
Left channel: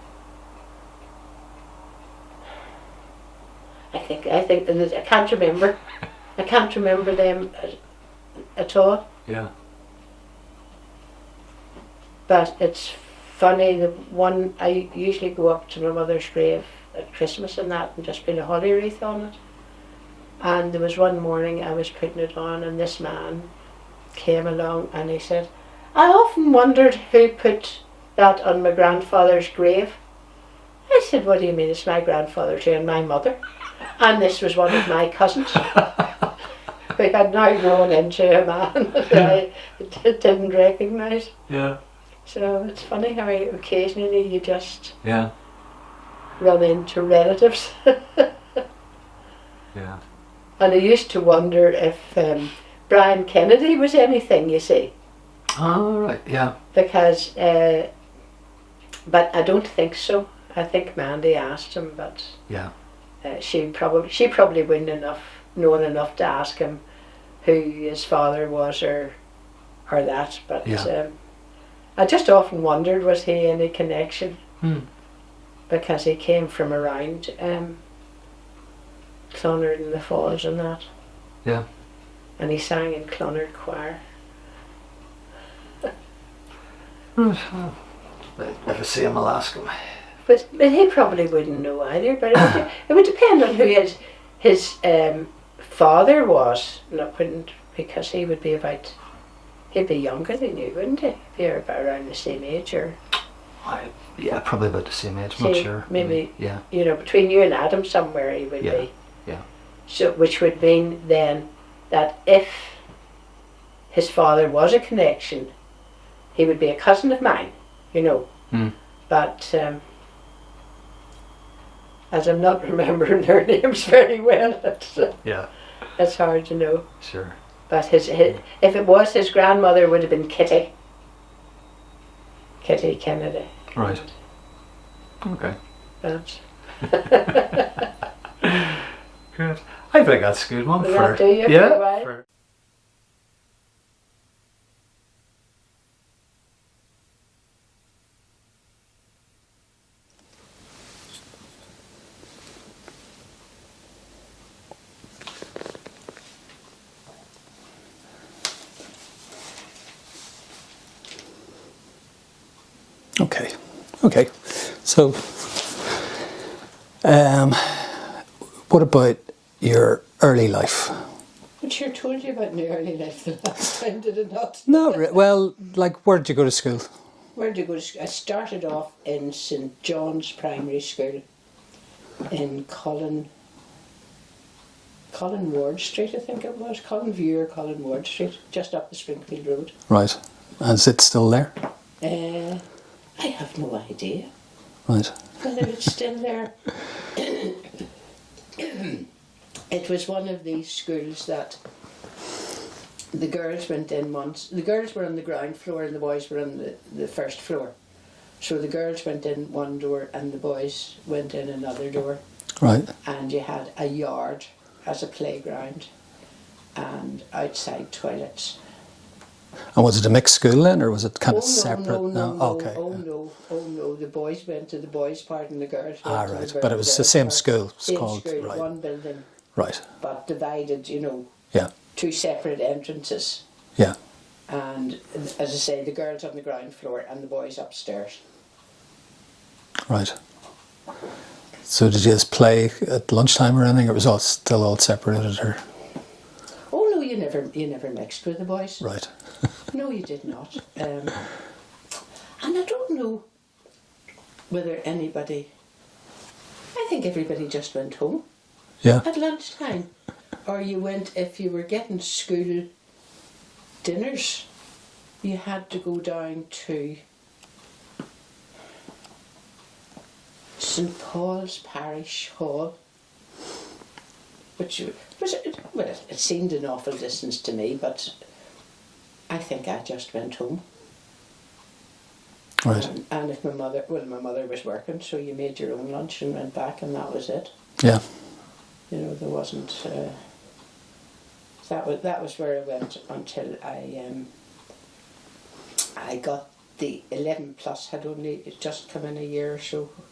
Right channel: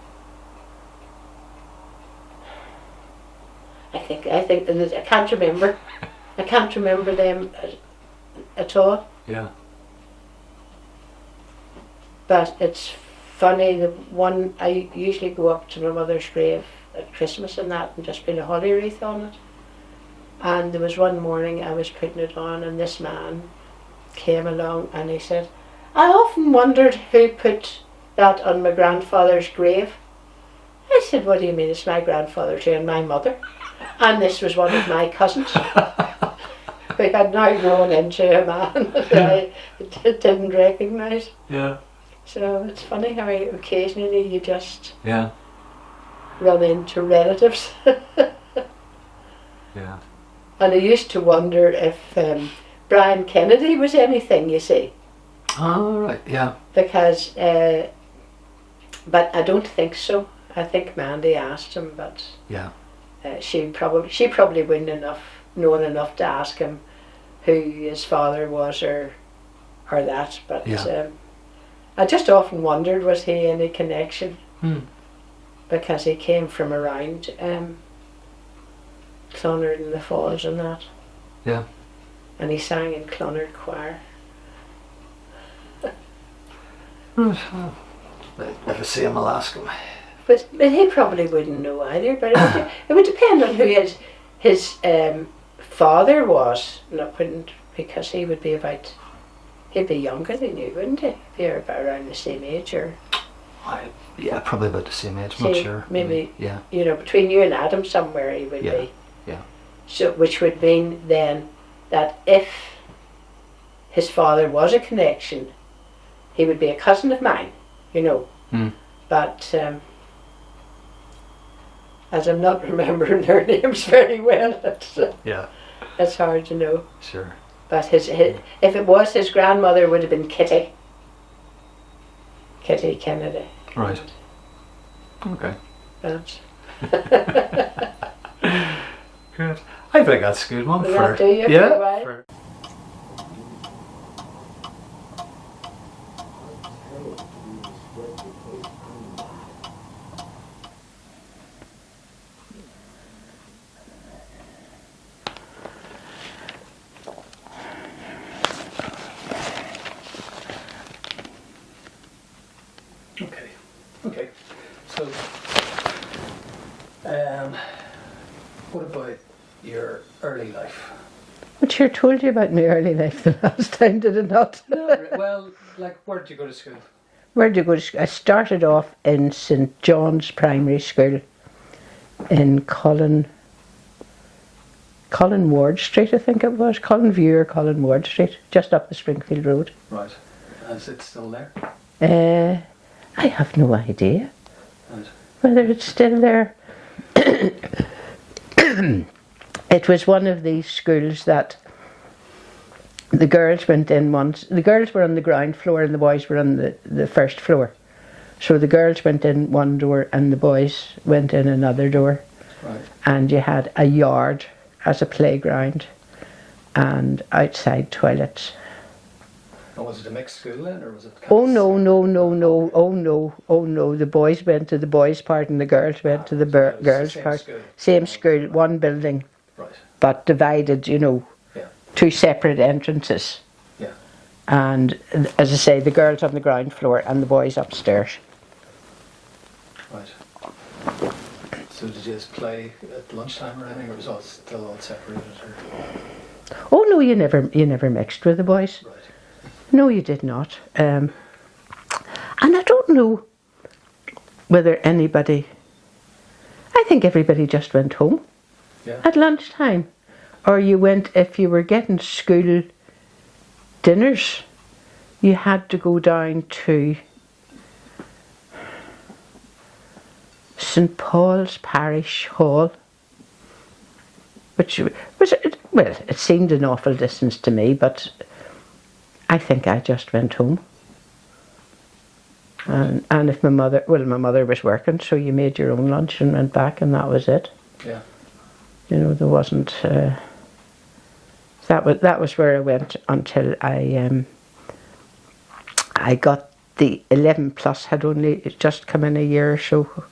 I think, and I can't remember. I can't remember them at all. Yeah. But it's funny, the one, I usually go up to my mother's grave at Christmas and that and just put a holly wreath on it. And there was one morning I was putting it on and this man came along and he said, I often wondered who put that on my grandfather's grave. I said, what do you mean it's my grandfather's and my mother? And this was one of my cousins. We had now grown into a man that I didn't recognise. Yeah. So it's funny how occasionally you just Yeah. run into relatives. Yeah. And I used to wonder if Brian Kennedy was anything, you see. Oh, right. Yeah. Because, but I don't think so. I think Mandy asked him, but Yeah. she probably wouldn't known enough to ask him who his father was or that. But Yeah. I just often wondered, was he any connection? Because he came from around Clonard and the Falls and that. Yeah. And he sang in Clonard Choir. If I see him, I'll ask him. But he probably wouldn't know either. But it would depend on who his father was. Not wouldn't, because he would be about. He'd be younger than you, wouldn't he? If you're about around the same age, or. Yeah, probably about the same age. I'm not sure. Maybe. Yeah. You know, between you and Adam, somewhere he would be. Yeah. So, which would mean then that if his father was a connection, he would be a cousin of mine. You know. But as I'm not remembering their names very well, it's hard to know. Sure. But his if it was his grandmother, would have been Kitty Kennedy. Right. Okay. But Good. I think that's a good one will for. that do you for a while? For, Okay. So, what about your early life? But sure told you about my early life the last time, did it not? No, well, like, where did you go to school? Where did you go to school? I started off in St John's Primary School in Colin Ward Street, I think it was. Colin View or Colin Ward Street, just up the Springfield Road. Right. And is it still there? I have no idea Right. whether it's still there. It was one of these schools that the girls went in once. The girls were on the ground floor and the boys were on the first floor. So the girls went in one door and the boys went in another door. Right. And you had a yard as a playground and outside toilets. And was it a mixed school then, or was it kind of separate? No. Okay. Oh no. The boys went to the boys' part and the girls went to the Right. girls' part. But it was the same school. Same school, right. One building. Right. But divided, you know, Yeah. two separate entrances. Yeah. And as I say, the girls on the ground floor and the boys upstairs. Right. So did you just play at lunchtime or anything, or was it still all separated? Or? Oh no, you never mixed with the boys. Right. No, you did not. And I don't know whether anybody. I think everybody just went home. Yeah. At lunchtime, or you went if you were getting school dinners. You had to go down to St Paul's Parish Hall, which was, well, it seemed an awful distance to me, but I think I just went home. Right. And if my mother was working, so you made your own lunch and went back, and that was it. Yeah. You know, there wasn't. That was where I went until I got the 11 plus. Had only just come in a year or so,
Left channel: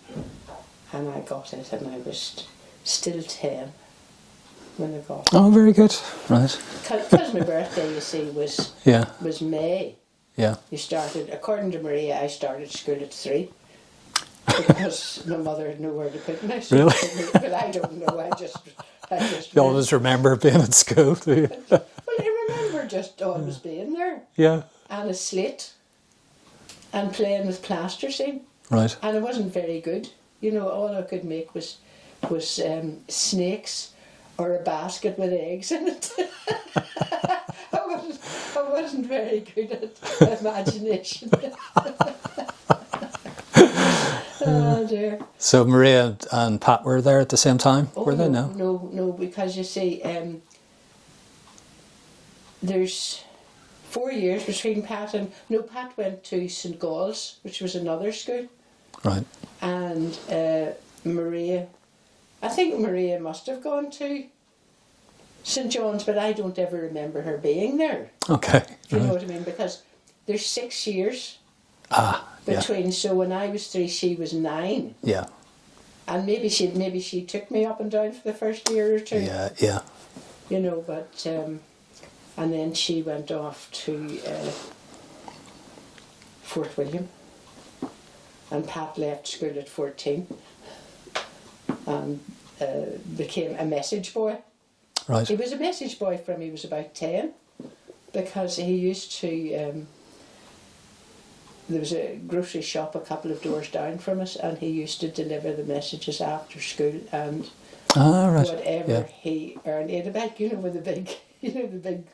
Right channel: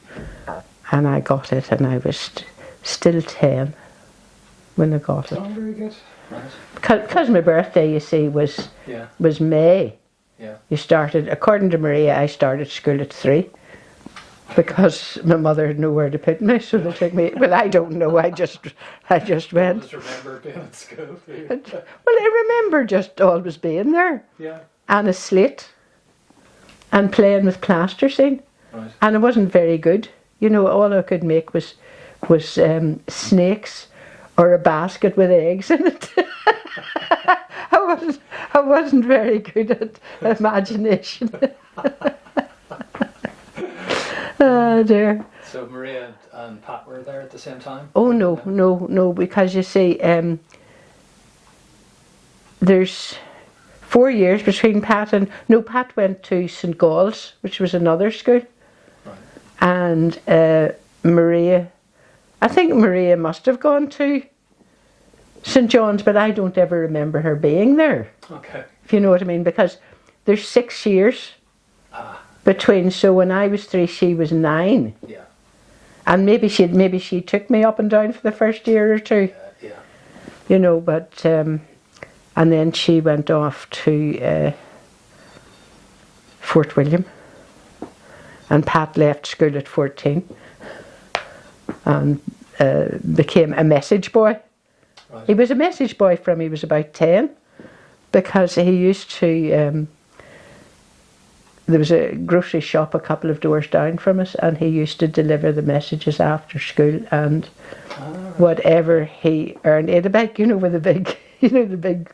and I got it, and I was still 10 when I got it. Oh, very good. Right. Because my birthday, you see, was Yeah. May. Yeah. You started, according to Maria, I started school at 3 because my mother had nowhere to put me. So Really? took me, well, I don't know. I just You went. always remember being at school, do you? Well, I remember just always being there Yeah. and a slate and playing with plasticine. Right. And I wasn't very good. You know, all I could make was snakes or a basket with eggs in it. I wasn't very good at imagination. Oh dear. So Maria and Pat were there at the same time? Oh were they? no, because you see, there's 4 years between Pat and... No, Pat went to St Gall's, which was another school. Right. And Maria, I think Maria must have gone to St John's, but I don't ever remember her being there. Okay. If you know what I mean, because there's 6 years between. So when I was 3, she was 9, Yeah. and maybe she took me up and down for the first year or 2. Yeah. Yeah. You know, but and then she went off to Fort William, and Pat left school at 14 and became a message boy. Right. He was a message boy from he was about 10, because he used to... there was a grocery shop a couple of doors down from us, and he used to deliver the messages after school, and Right. whatever Yeah. he earned. He had a bag, you know, with a big, the big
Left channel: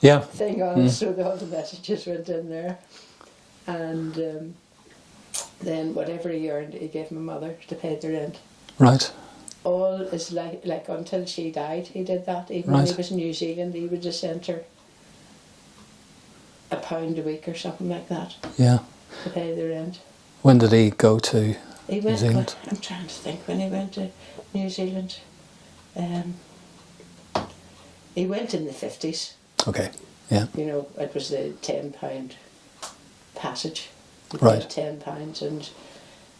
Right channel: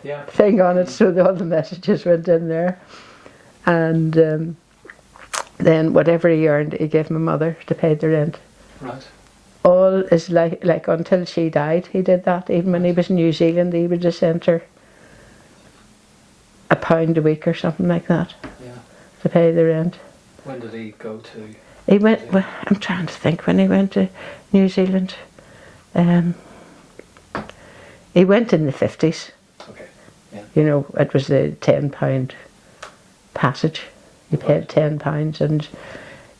Yeah. thing on it, so all the messages went in there. And then whatever he earned, he gave my mother to pay the rent. Right. All is like until she died, he did that. Even when he Right. was in New Zealand, he would just send her £1 a week or something like that Yeah. to pay the rent. When did he go to He went. New Well, Zealand? I'm trying to think when he went to New Zealand. He went in the 50s. Okay. Yeah. You know, it was the £10 passage. You paid Right. £10, and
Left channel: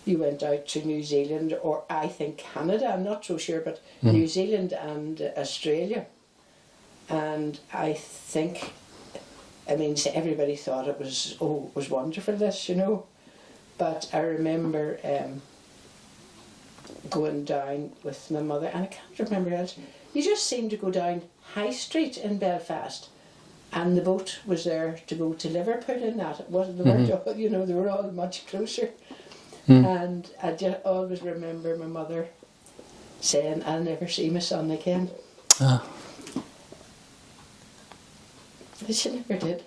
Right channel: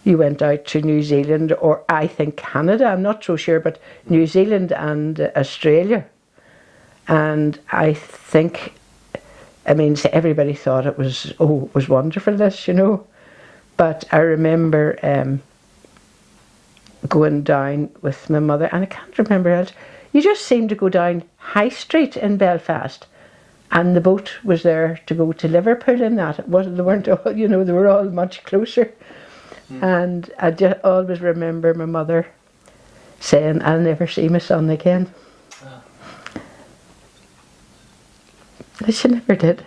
you went out to New Zealand, or I think Canada. I'm not so sure, but New Zealand and Australia. And I think, I mean, everybody thought it was wonderful, this, you know. But I remember going down with my mother, and I can't remember else. You just seemed to go down High Street in Belfast, and the boat was there to go to Liverpool and that. It wasn't, they weren't all, you know, they were all much closer. And I just always remember my mother saying, "I'll never see my son again." Ah. But she never did.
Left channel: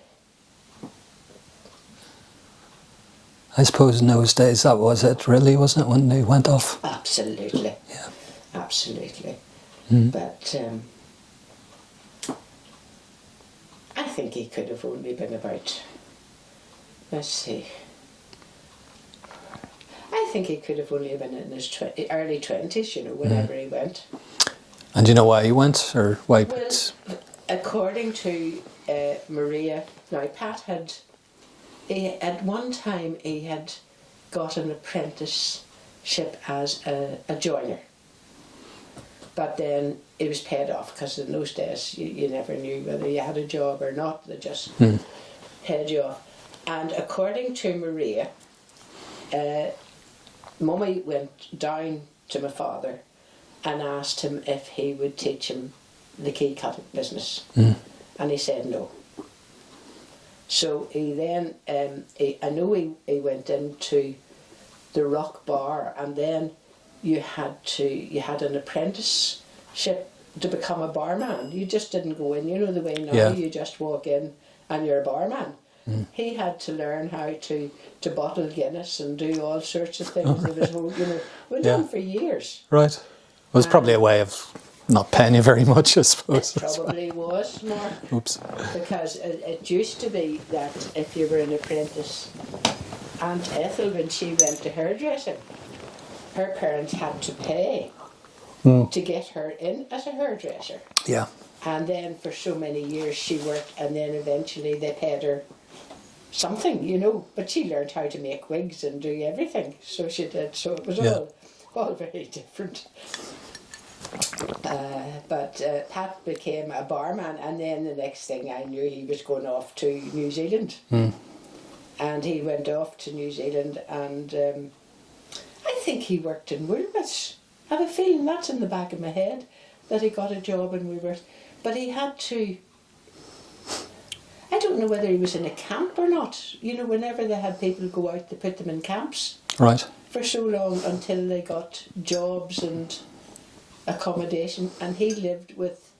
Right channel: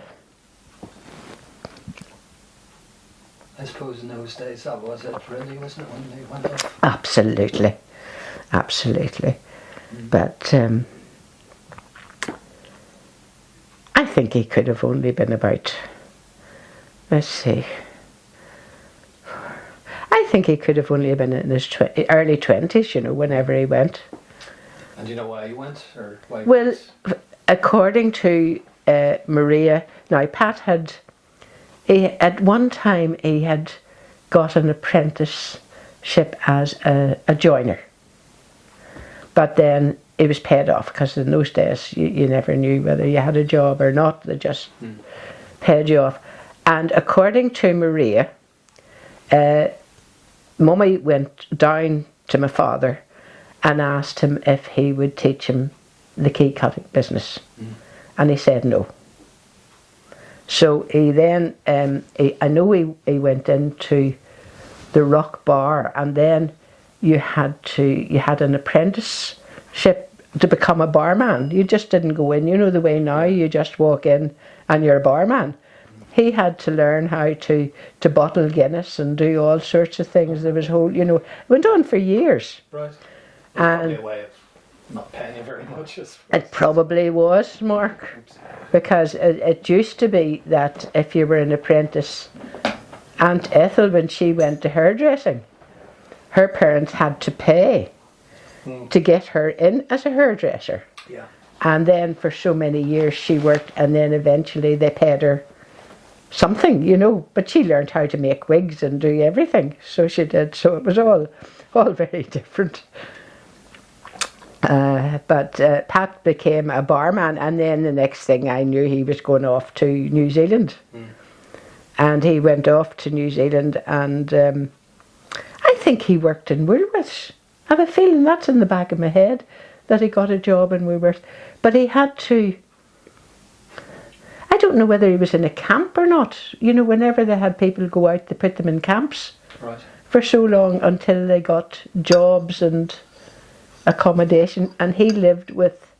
I suppose in those days that was it, really, wasn't it, when they went off? Absolutely. Yeah. Absolutely. But I think he could have only been about, let's see, I think he could have only been in his early 20s, you know, whenever he went. And do you know why he went, or why? Well, according to Maria, now Pat had, at one time he had got an apprenticeship as a joiner. But then it was paid off, because in those days you never knew whether you had a job or not. They just paid you off. And according to Maria, Mummy went down to my father and asked him if he would teach him the key cutting business. And he said no. So he then, I know he went into the Rock Bar, and then you had an apprenticeship to become a barman. You just didn't go in, you know the way now, Yeah. you just walk in and you're a barman. He had to learn how to bottle Guinness and do all sorts of things. There was whole, you know, it went on for years. Right. Well, it's probably a way of not paying you very much, I suppose. It probably was, Mark. Oops. Because it used to be that if you were an apprentice, Aunt Ethel, when she went to hairdressing, her parents had to pay to get her in as a hairdresser. Yeah. And then for so many years she worked, and then eventually they paid her something, you know. But she learned how to make wigs and do everything. So she did. So it was all very different. But Pat became a barman, and then the next thing I knew, he was going off to New Zealand. And he went off to New Zealand, and I think he worked in Woolworths. I have a feeling that's in the back of my head, that he got a job in Woolworths. But he had to, I don't know whether he was in a camp or not. You know, whenever they had people go out, they put them in camps. Right. For so long until they got jobs and accommodation, and he lived with,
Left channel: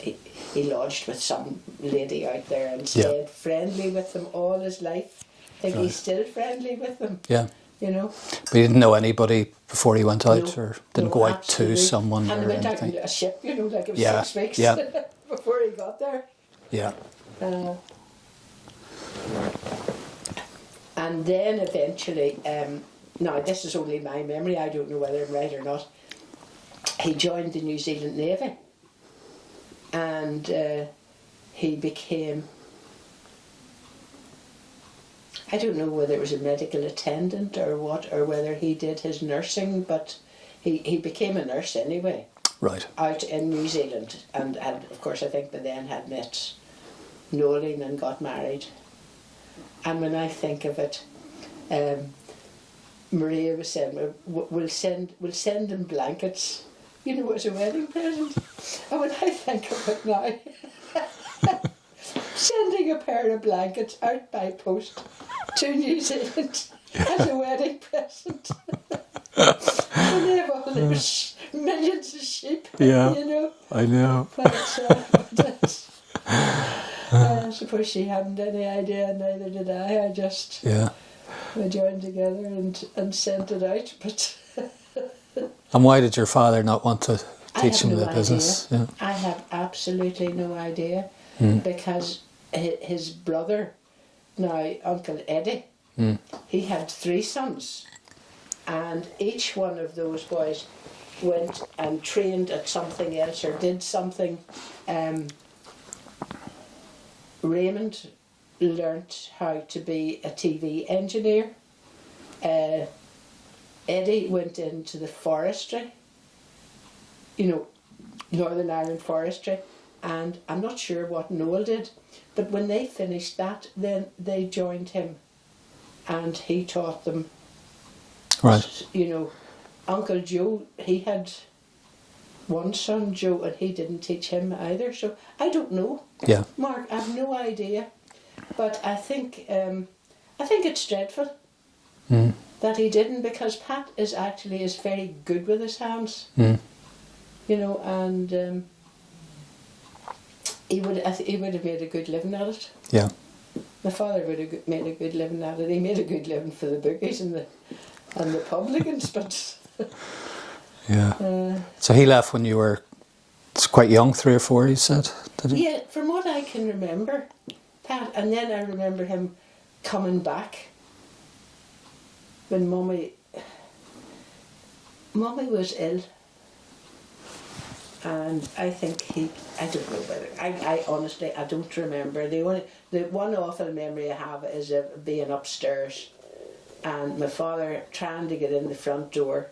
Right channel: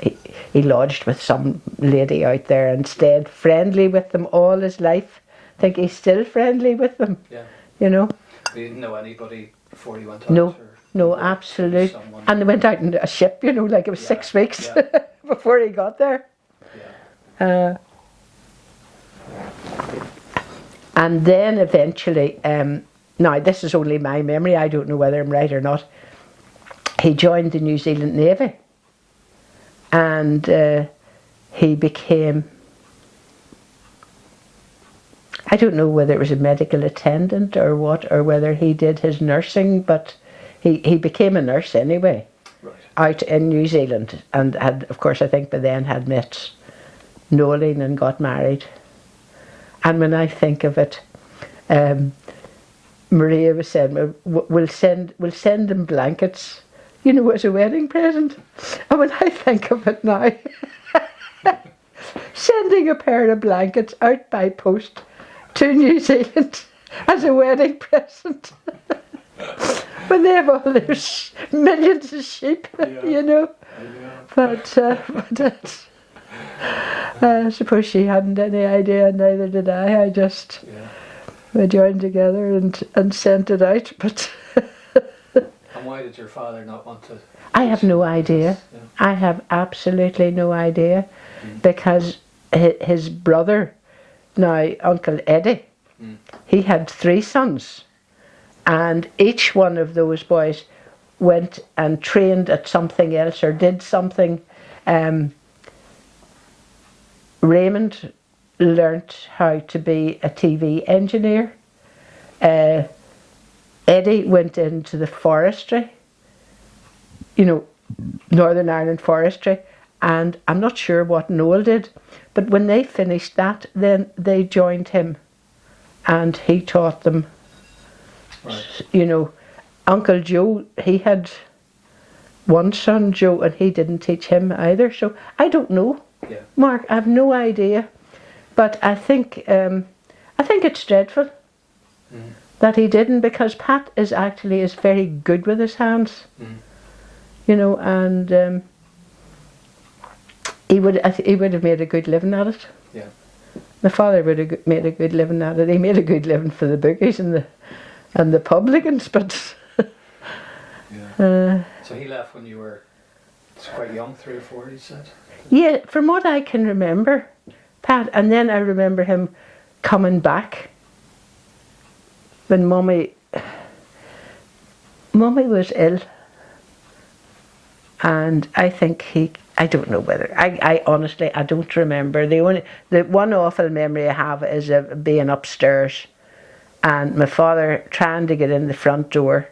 he lodged with some lady out there and stayed friendly with them all his life. I think he's still friendly with them. Yeah. You know. But he didn't know anybody before he went out, No, or didn't go out absolutely. to someone. And they or went out anything? in a ship, you know, like it was 6 weeks before he got there. Yeah. And then eventually, now this is only my memory, I don't know whether I'm right or not, he joined the New Zealand Navy, and he became, I don't know whether it was a medical attendant or what, or whether he did his nursing, but he became a nurse anyway. Right. Out in New Zealand, and had, of course, I think by then had met Noeline and got married. And when I think of it, Maria was saying, we'll send them blankets, you know, as a wedding present. And when I think of it now, sending a pair of blankets out by post to New Zealand as a wedding present. When they have all those millions of sheep, you know. I know. But I suppose she hadn't any idea, neither did I. I just we joined together and sent it out. But and why did your father not want to? I teach have him no the idea. business? Yeah. I have absolutely no idea, because his brother, now Uncle Eddie, he had 3 sons, and each one of those boys went and trained at something else or did something. Raymond learnt how to be a TV engineer. Eddie went into the forestry, you know, Northern Ireland forestry, and I'm not sure what Noel did, but when they finished that, then they joined him, and he taught them. Right. You know, Uncle Joe, he had one son, Joe, and he didn't teach him either. So I don't know. Yeah. Mark, I have no idea, but I think it's dreadful that he didn't, because Pat is very good with his hands. You know, and he would have made a good living at it. Yeah. My father would have made a good living at it. He made a good living for the bookies and the publicans, but yeah. So he left when you were quite young, 3 or 4, you said? Yeah, from what I can remember, Pat, and then I remember him coming back when Mummy was ill, and I think I don't know whether, I honestly, I don't remember. The one awful memory I have is of being upstairs and my father trying to get in the front door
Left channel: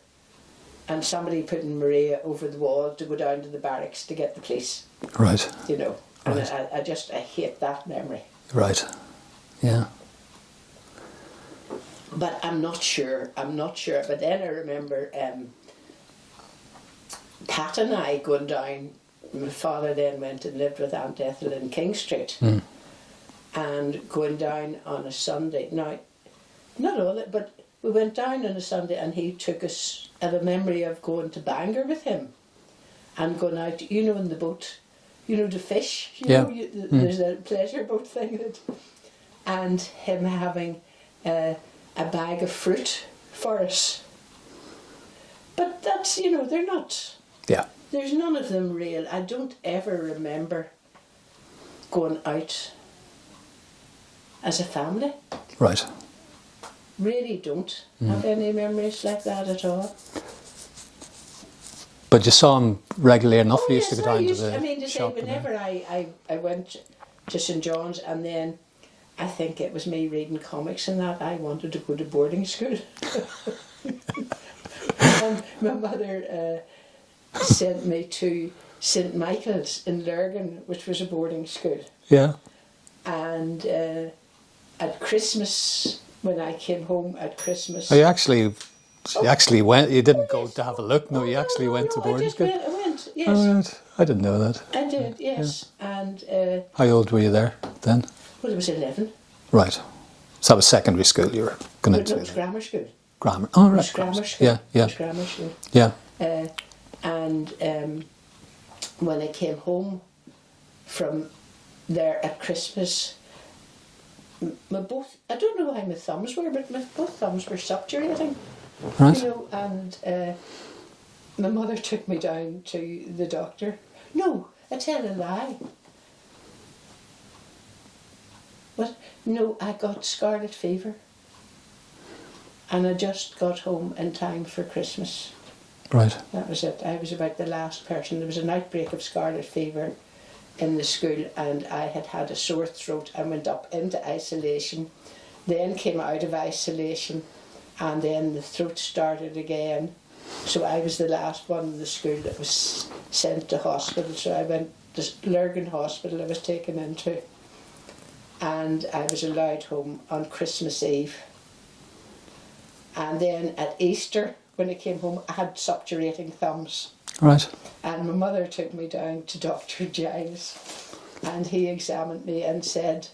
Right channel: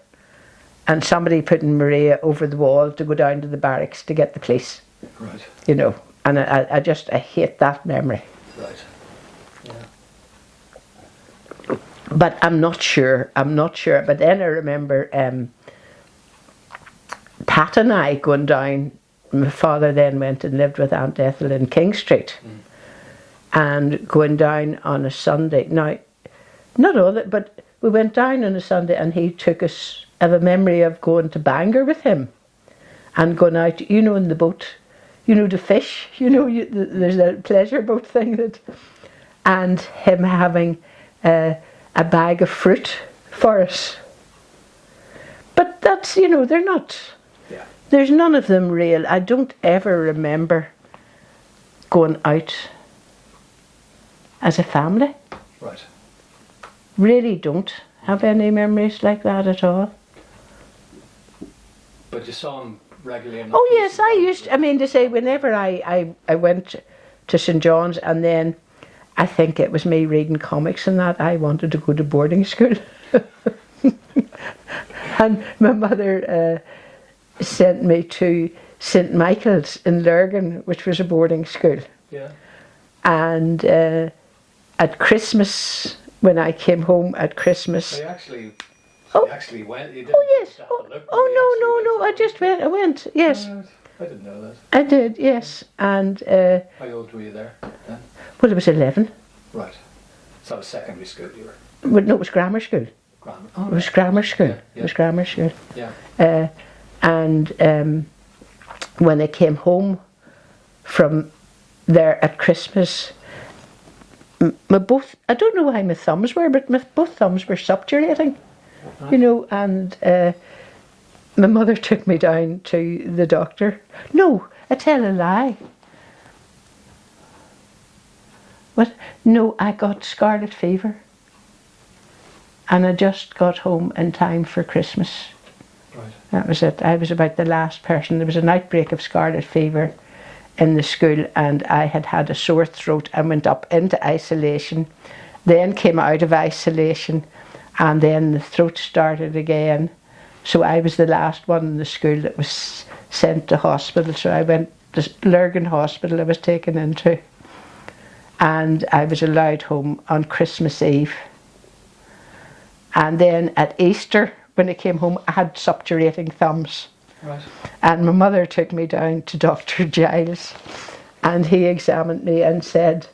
and somebody putting Maria over the wall to go down to the barracks to get the police. Right. You know, and right. I hate that memory. Right. Yeah. But I'm not sure. But then I remember Pat and I going down. My father then went and lived with Aunt Ethel in King Street, and going down on a Sunday. Now, not all that, but we went down on a Sunday, and he took us. I have a memory of going to Bangor with him, and going out, you know, in the boat, you know, to fish. You know, there's a pleasure boat thing and him having a bag of fruit for us. But that's, you know, they're not. Yeah. There's none of them real. I don't ever remember going out as a family. Right. Really don't have any memories like that at all. But you saw him regularly enough? Oh yes, I used. I mean, to say, whenever I went to St John's, and then I think it was me reading comics and that, I wanted to go to boarding school. And my mother sent me to St Michael's in Lurgan, which was a boarding school. Yeah. And at Christmas, when I came home at Christmas... Oh, you actually went, you didn't go to have a look, no, you actually went to I just went, yes. Oh, right. I didn't know that. I did, yes. Yeah. And... how old were you there then? Well, I was 11. Right. So that was secondary school you were going to? No, it was grammar school. Grammar. Oh, right. It was grammar school. Yeah, yeah. It was grammar school. Yeah. And when I came home from there at Christmas, I don't know why my thumbs were, but both thumbs were subturating. Right. You know, and my mother took me down to the doctor. No, I tell a lie. What? No, I got scarlet fever. And I just got home in time for Christmas. Right. That was it. I was about the last person. There was an outbreak of scarlet fever in the school, and I had had a sore throat and went up into isolation, then came out of isolation, and then the throat started again. So I was the last one in the school that was sent to hospital. So I went to Lurgan Hospital I was taken into, and I was allowed home on Christmas Eve. And then at Easter, when I came home, I had suppurating thumbs. Right. And my mother took me down to Dr. Giles, and he examined me and said,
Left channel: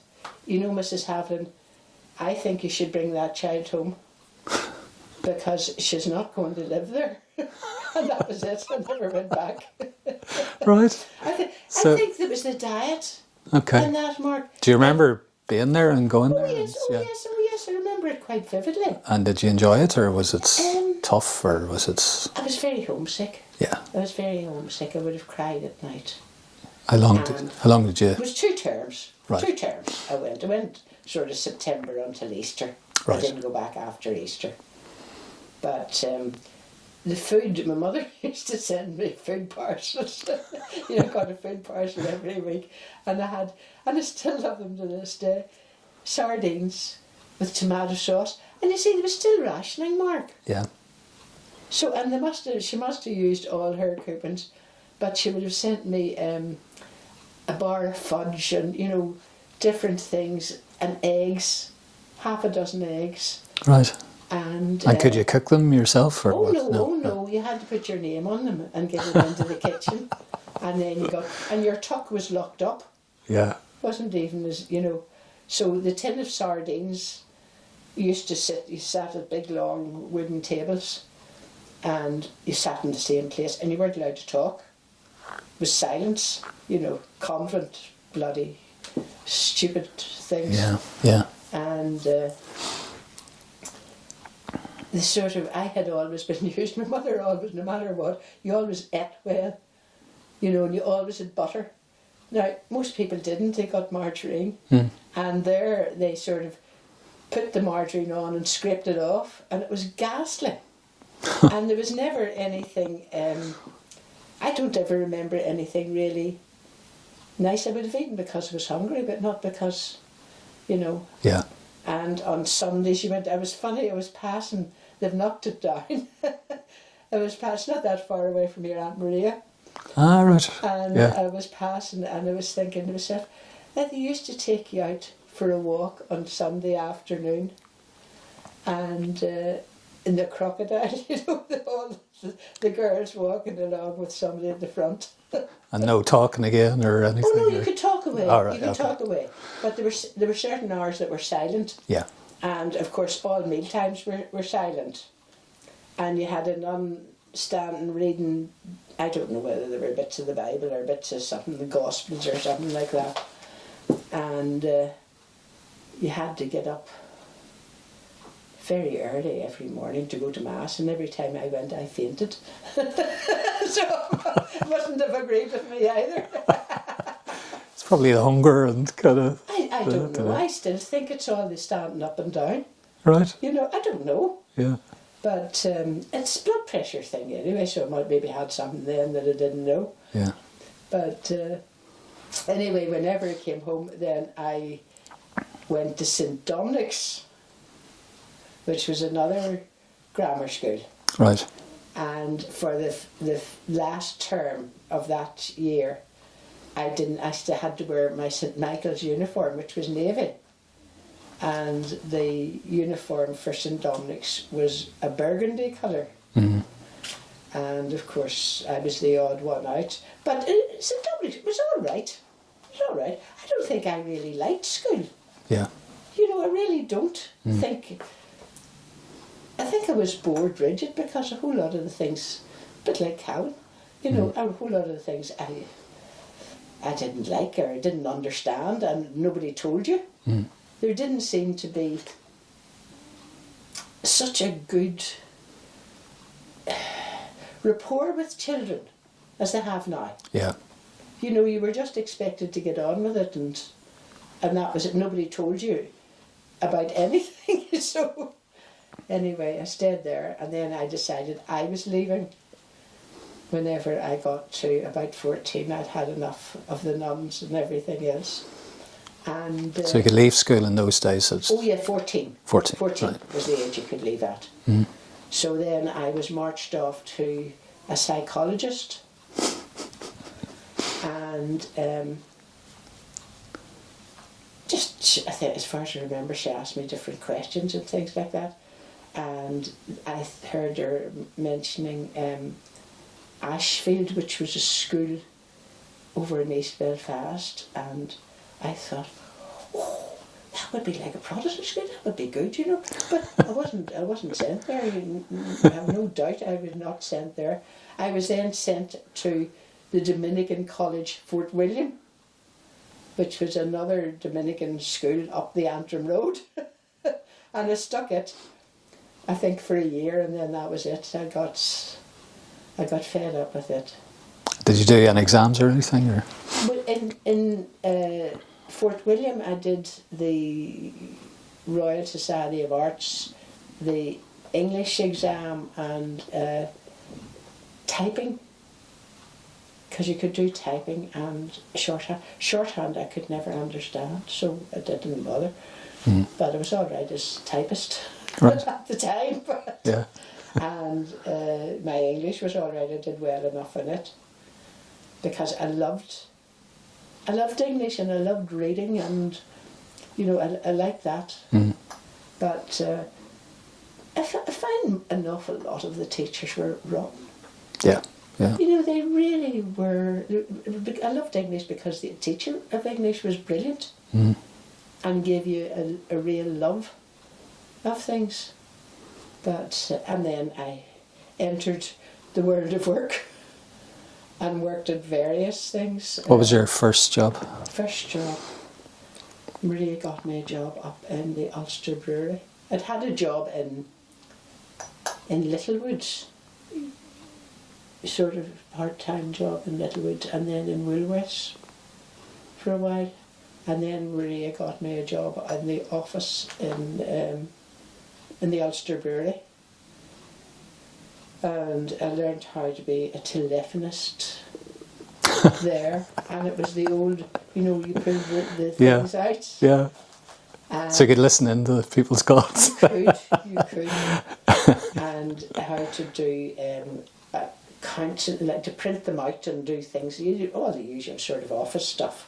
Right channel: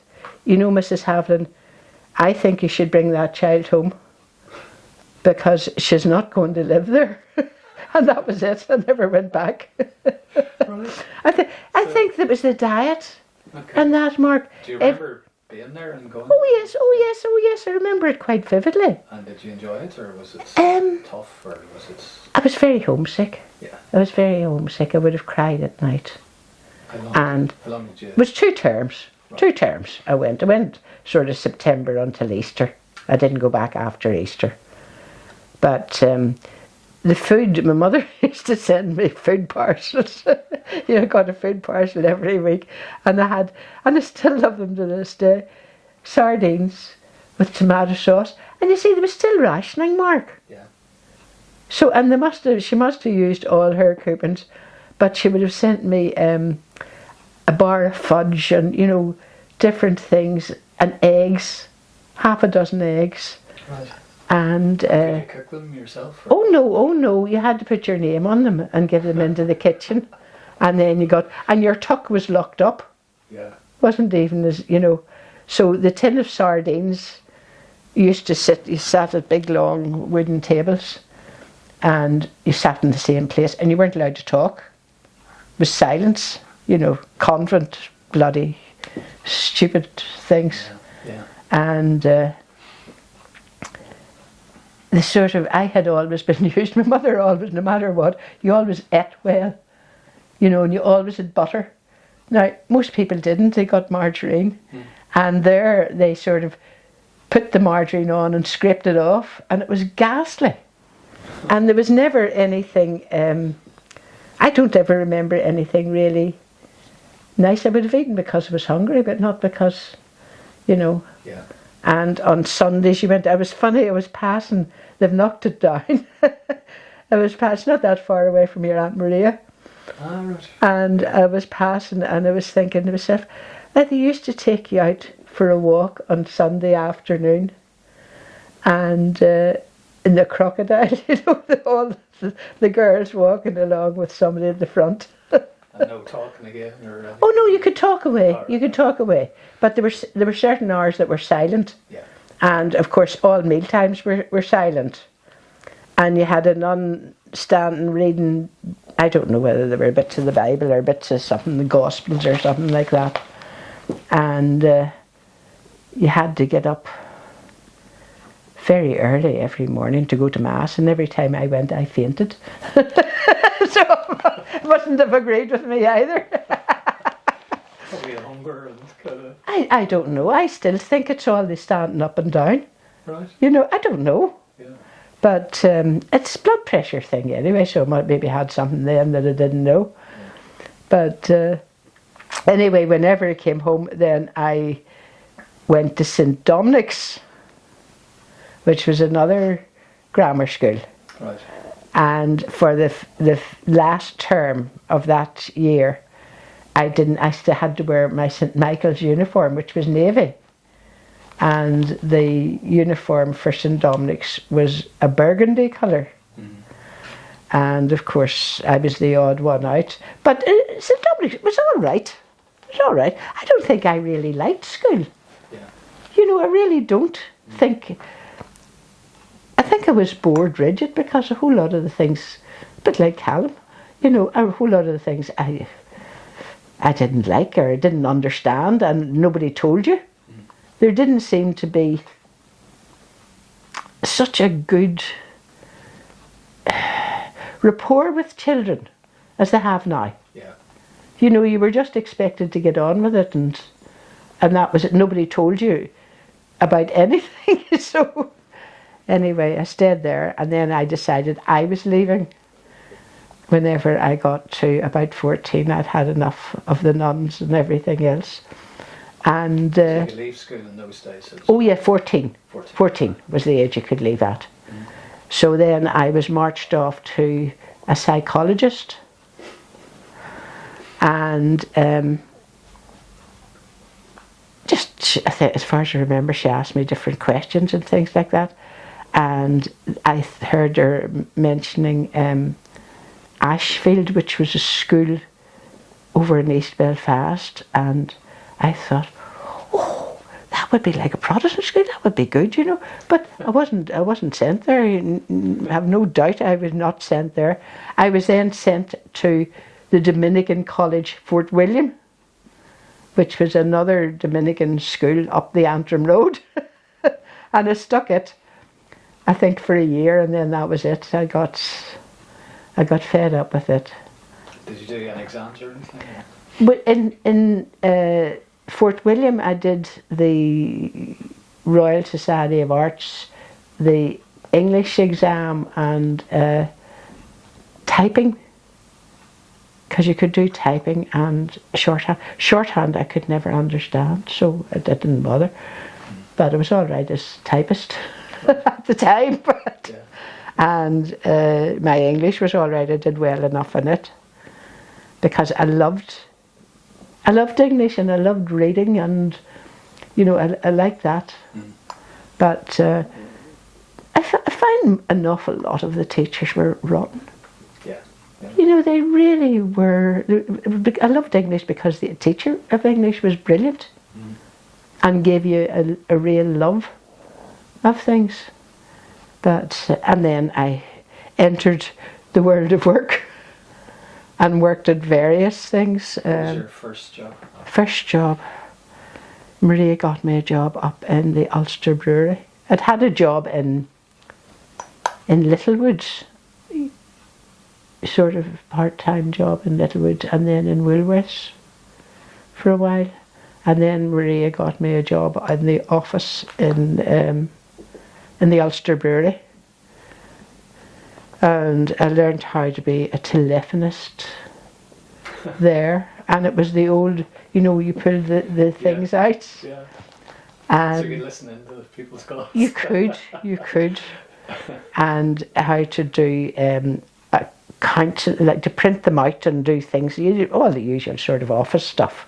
you know, Mrs. Havlin, I think you should bring that child home because she's not going to live there. And that was it. I never went back. Right. I think that was the diet. Okay. And that, Mark. Do you remember being there and going Oh, there? yes, oh, yes. I remember it quite vividly. And did you enjoy it, or was it tough, or was it... I was very homesick. Yeah. I was very homesick. I would have cried at night. How long did you... It was 2 terms. Right. 2 terms I went. I went sort of September until Easter. Right. I didn't go back after Easter. But the food, my mother used to send me food parcels. You know, I got a food parcel every week. And I still love them to this day. Sardines with tomato sauce. And you see, there was still rationing, Mark. Yeah. So, and she must have used all her coupons, but she would have sent me a bar of fudge and, you know, different things, and eggs, half a dozen eggs. Right. And could you cook them yourself? Or oh no, you had to put your name on them and get them into the kitchen. And then and your tuck was locked up. Yeah. Wasn't even as, you know. So the tin of sardines, you sat at big long wooden tables, and you sat in the same place, and you weren't allowed to talk. It was silence, you know, convent, bloody, stupid things. Yeah, yeah. And I had always been used, my mother always, no matter what, you always ate well, you know, and you always had butter. Now, most people didn't, they got margarine, and there they sort of put the margarine on and scraped it off, and it was ghastly. And there was never anything, I don't ever remember anything really nice. I would have eaten because I was hungry, but not because, you know. Yeah. And on Sundays I was passing, they've knocked it down. I was passing not that far away from your Aunt Maria. Ah, right. And yeah. I was passing and I was thinking to myself, that they used to take you out for a walk on Sunday afternoon, and in the crocodile, you know, all the girls walking along with somebody at the front. And no talking again or anything? Oh no, you could talk away. Right, you could talk away. But there were certain hours that were silent. Yeah. And of course all meal times were silent. And you had a nun standing reading, I don't know whether there were bits of the Bible or bits of something, the Gospels or something like that. And you had to get up very early every morning to go to Mass, and every time I went I fainted. So it wasn't have agreed with me either. It's probably the hunger and kind of... I don't know. I still think it's all the standing up and down. Right. You know, I don't know. Yeah. But it's a blood pressure thing anyway, so I might maybe had something then that I didn't know. Yeah. But anyway, whenever I came home, then I went to St Dominic's, which was another grammar school. Right. And for the last term of that year, I still had to wear my St Michael's uniform, which was navy, and the uniform for St Dominic's was a burgundy colour. Mm-hmm. And of course I was the odd one out, but St Dominic's was all right. It was all right. I don't think I really liked school. Yeah. You know, I really don't think. I think I was bored rigid because a whole lot of the things, a bit like Callum, you know, a whole lot of the things I didn't like or I didn't understand, and nobody told you. There didn't seem to be such a good rapport with children as they have now. Yeah. You know, you were just expected to get on with it, and that was it. Nobody told you about anything. So anyway, I stayed there, and then I decided I was leaving. Whenever I got to about 14, I'd had enough of the nuns and everything else. And So you could leave school in those days? oh yeah, 14. 14. 14 Right. was the age you could leave at. So then I was marched off to a psychologist, and just, I think, as far as I remember, she asked me different questions and things like that. And I heard her mentioning Ashfield, which was a school over in East Belfast, and I thought, oh, that would be like a Protestant school. That would be good, you know. But I wasn't sent there. I have no doubt I was not sent there. I was then sent to the Dominican College, Fort William, which was another Dominican school up the Antrim Road, and I stuck it, I think, for a year, and then that was it. I got fed up with it. Did you do any exams or anything? Or? But in Fort William, I did the Royal Society of Arts, the English exam, and typing, because you could do typing and shorthand. Shorthand I could never understand, so it didn't bother. But I was all right as typist at the time. But, Yeah. and my English was all right. I did well enough in it because I loved English, and I loved reading, and you know, I liked that. But I find an awful lot of the teachers were rotten. Yeah. Yeah. You know, they really were. I loved English because the teacher of English was brilliant and gave you a real love of things. But and then I entered the world of work and worked at various things. What was your first job? First job, Maria got me a job up in the Ulster Brewery. I'd had a job in Littlewoods, sort of part-time job in Littlewoods, and then in Woolworths for a while. And then Maria got me a job in the office in the Ulster Brewery. And I learned how to be a telephonist there. And it was the old, you know, you pull the things out. Yeah. And So you could listen into the people's calls. you could. And how to do accounts, like to print them out and do things, all the usual sort of office stuff.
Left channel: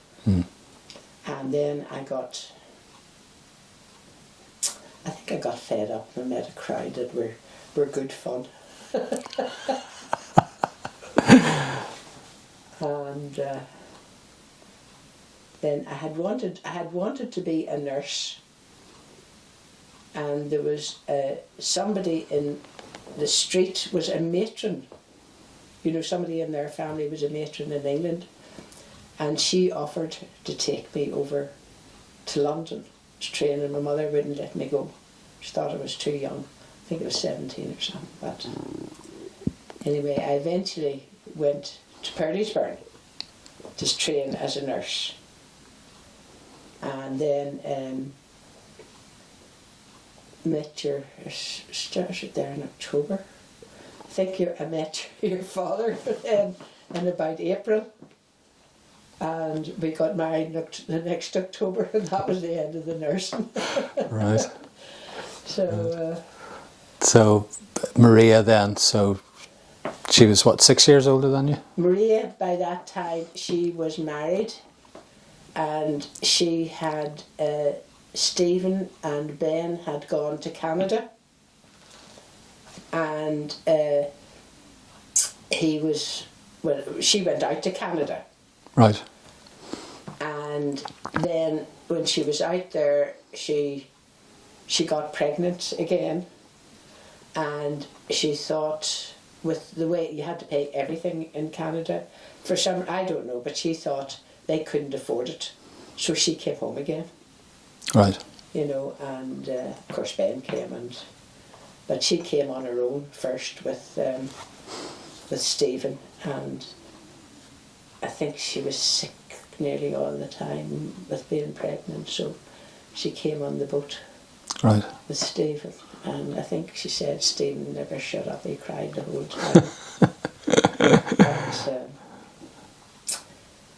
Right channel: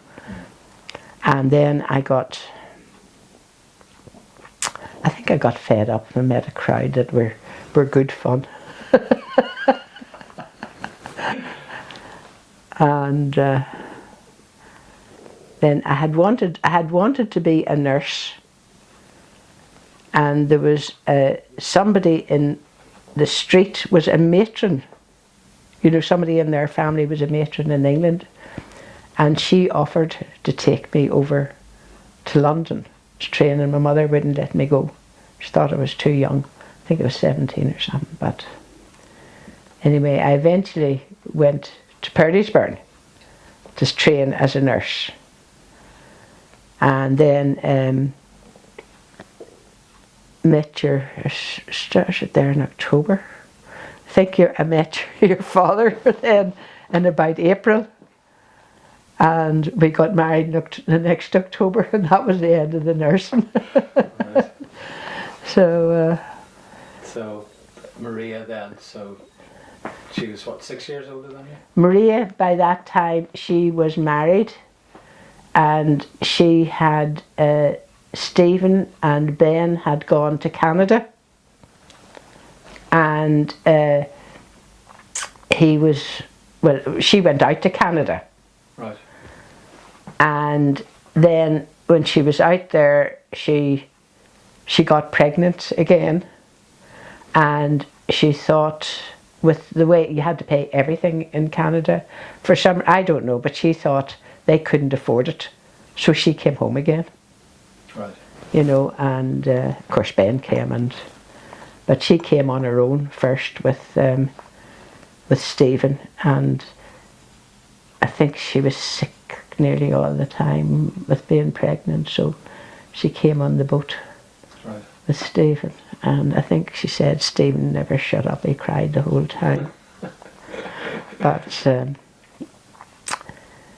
And then I think I got fed up and met a crowd that were good fun. And then I had wanted to be a nurse, and there was somebody in the street was a matron. You know, somebody in their family was a matron in England, and she offered to take me over to London to train, and my mother wouldn't let me go. She thought I was too young. I think I was 17 or something. But anyway, I eventually went to Purdysburn to train as a nurse. And then met started there in October. I think I met your father then in about April. And we got married the next October, and that was the end of the nursing. Right. So So Maria then, so she was what, 6 years older than you? Maria, by that time, she was married, and she had Stephen and Ben had gone to Canada, and she went out to Canada. Right. And then when she was out there, she got pregnant again, and she thought, with the way you had to pay everything in Canada, for some, I don't know, but she thought they couldn't afford it, so she came home again. Right. You know, and of course Ben came, but she came on her own first with Stephen, and I think she was sick nearly all the time with being pregnant, so she came on the boat. Right. With Stephen, and I think she said Stephen never shut up, he cried the whole time. But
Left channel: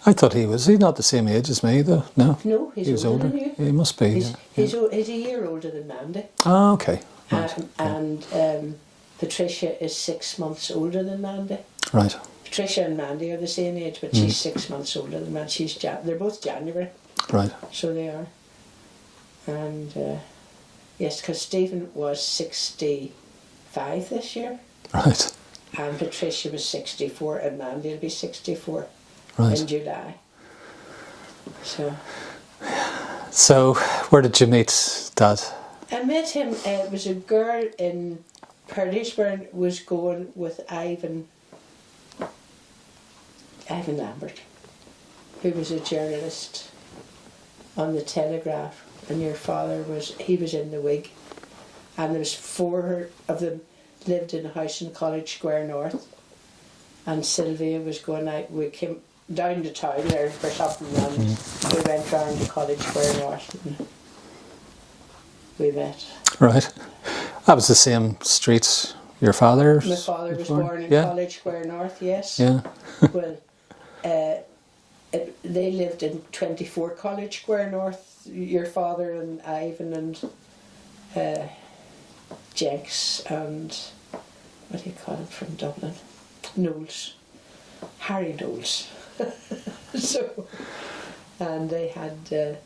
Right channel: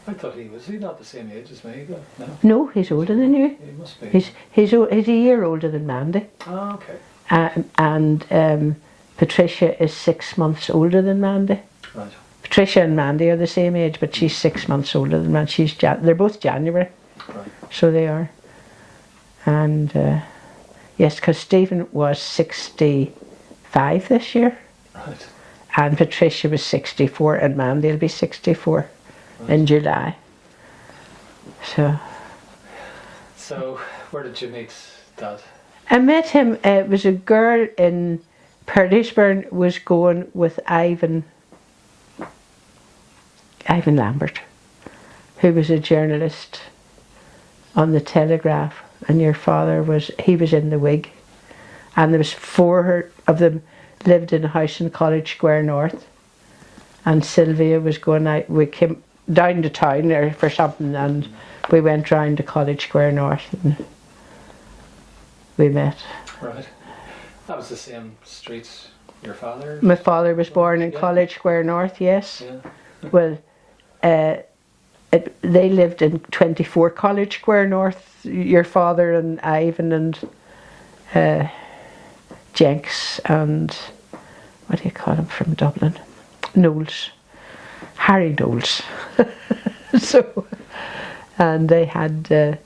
I thought he's not the same age as me though, no? no, he's He was older than you. He must be. He's a year older than Mandy. Oh, okay. And Patricia is 6 months older than Mandy. Right. Patricia and Mandy are the same age, but she's 6 months older than Mandy. They're both January. Right. So they are. And yes, because Stephen was 65 this year. Right. And Patricia was 64, and Mandy will be 64 in July. So, where did you meet Dad? I met him, it was a girl in Purdysburn was going with Ivan Lambert, who was a journalist on the Telegraph, and your father was in the Whig, and there was 4 of them lived in a house in College Square North, and Sylvia was going out. We came down to town there for something, and we went round to College Square North and we met. Right. That was the same street your father? My father was born in College Square North, yes. Yeah. Well, they lived in 24 College Square North, your father and Ivan and Jenks and, what do you call him from Dublin? Knowles. Harry Knowles. So, and they had the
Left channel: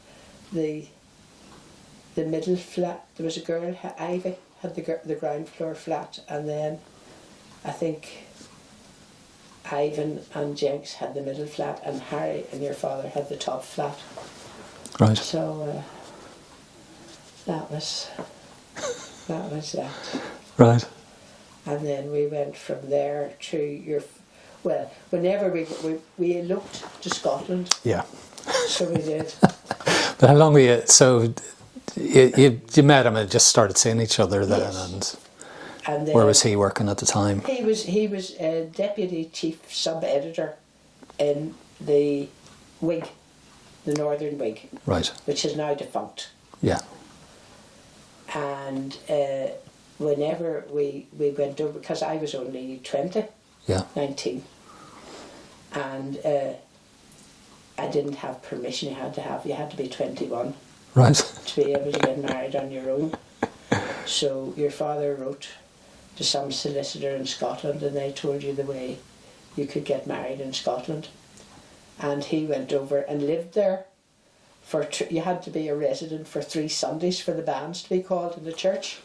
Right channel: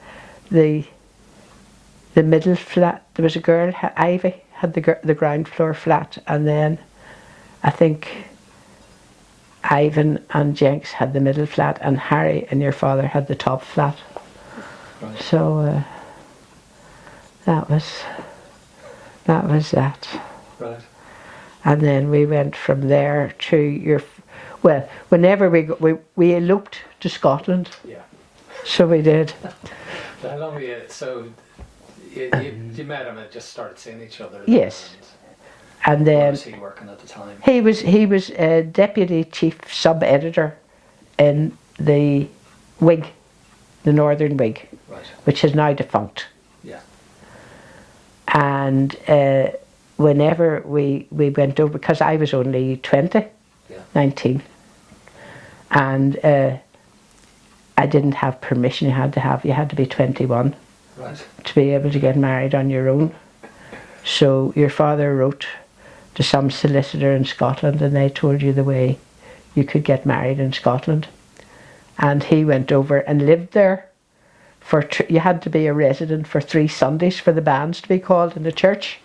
middle flat. There was a girl, Ivy, had the ground floor flat, and then I think Ivan and Jenks had the middle flat, and Harry and your father had the top flat. Right. So that was that. Right. And then we went from there to whenever we eloped to Scotland. Yeah. So we did. But how long were you? So you met him and just started seeing each other then. Yes. And then where was he working at the time? He was a deputy chief sub-editor in the Whig, the Northern Whig. Right. Which is now defunct. Yeah. And whenever we went over, because I was only 20, 19, and I didn't have permission. You had to be 21, right, to be able to get married on your own. So your father wrote to some solicitor in Scotland, and they told you the way you could get married in Scotland. And he went over and lived there. You had to be a resident for 3 Sundays for the bands to be called in the church.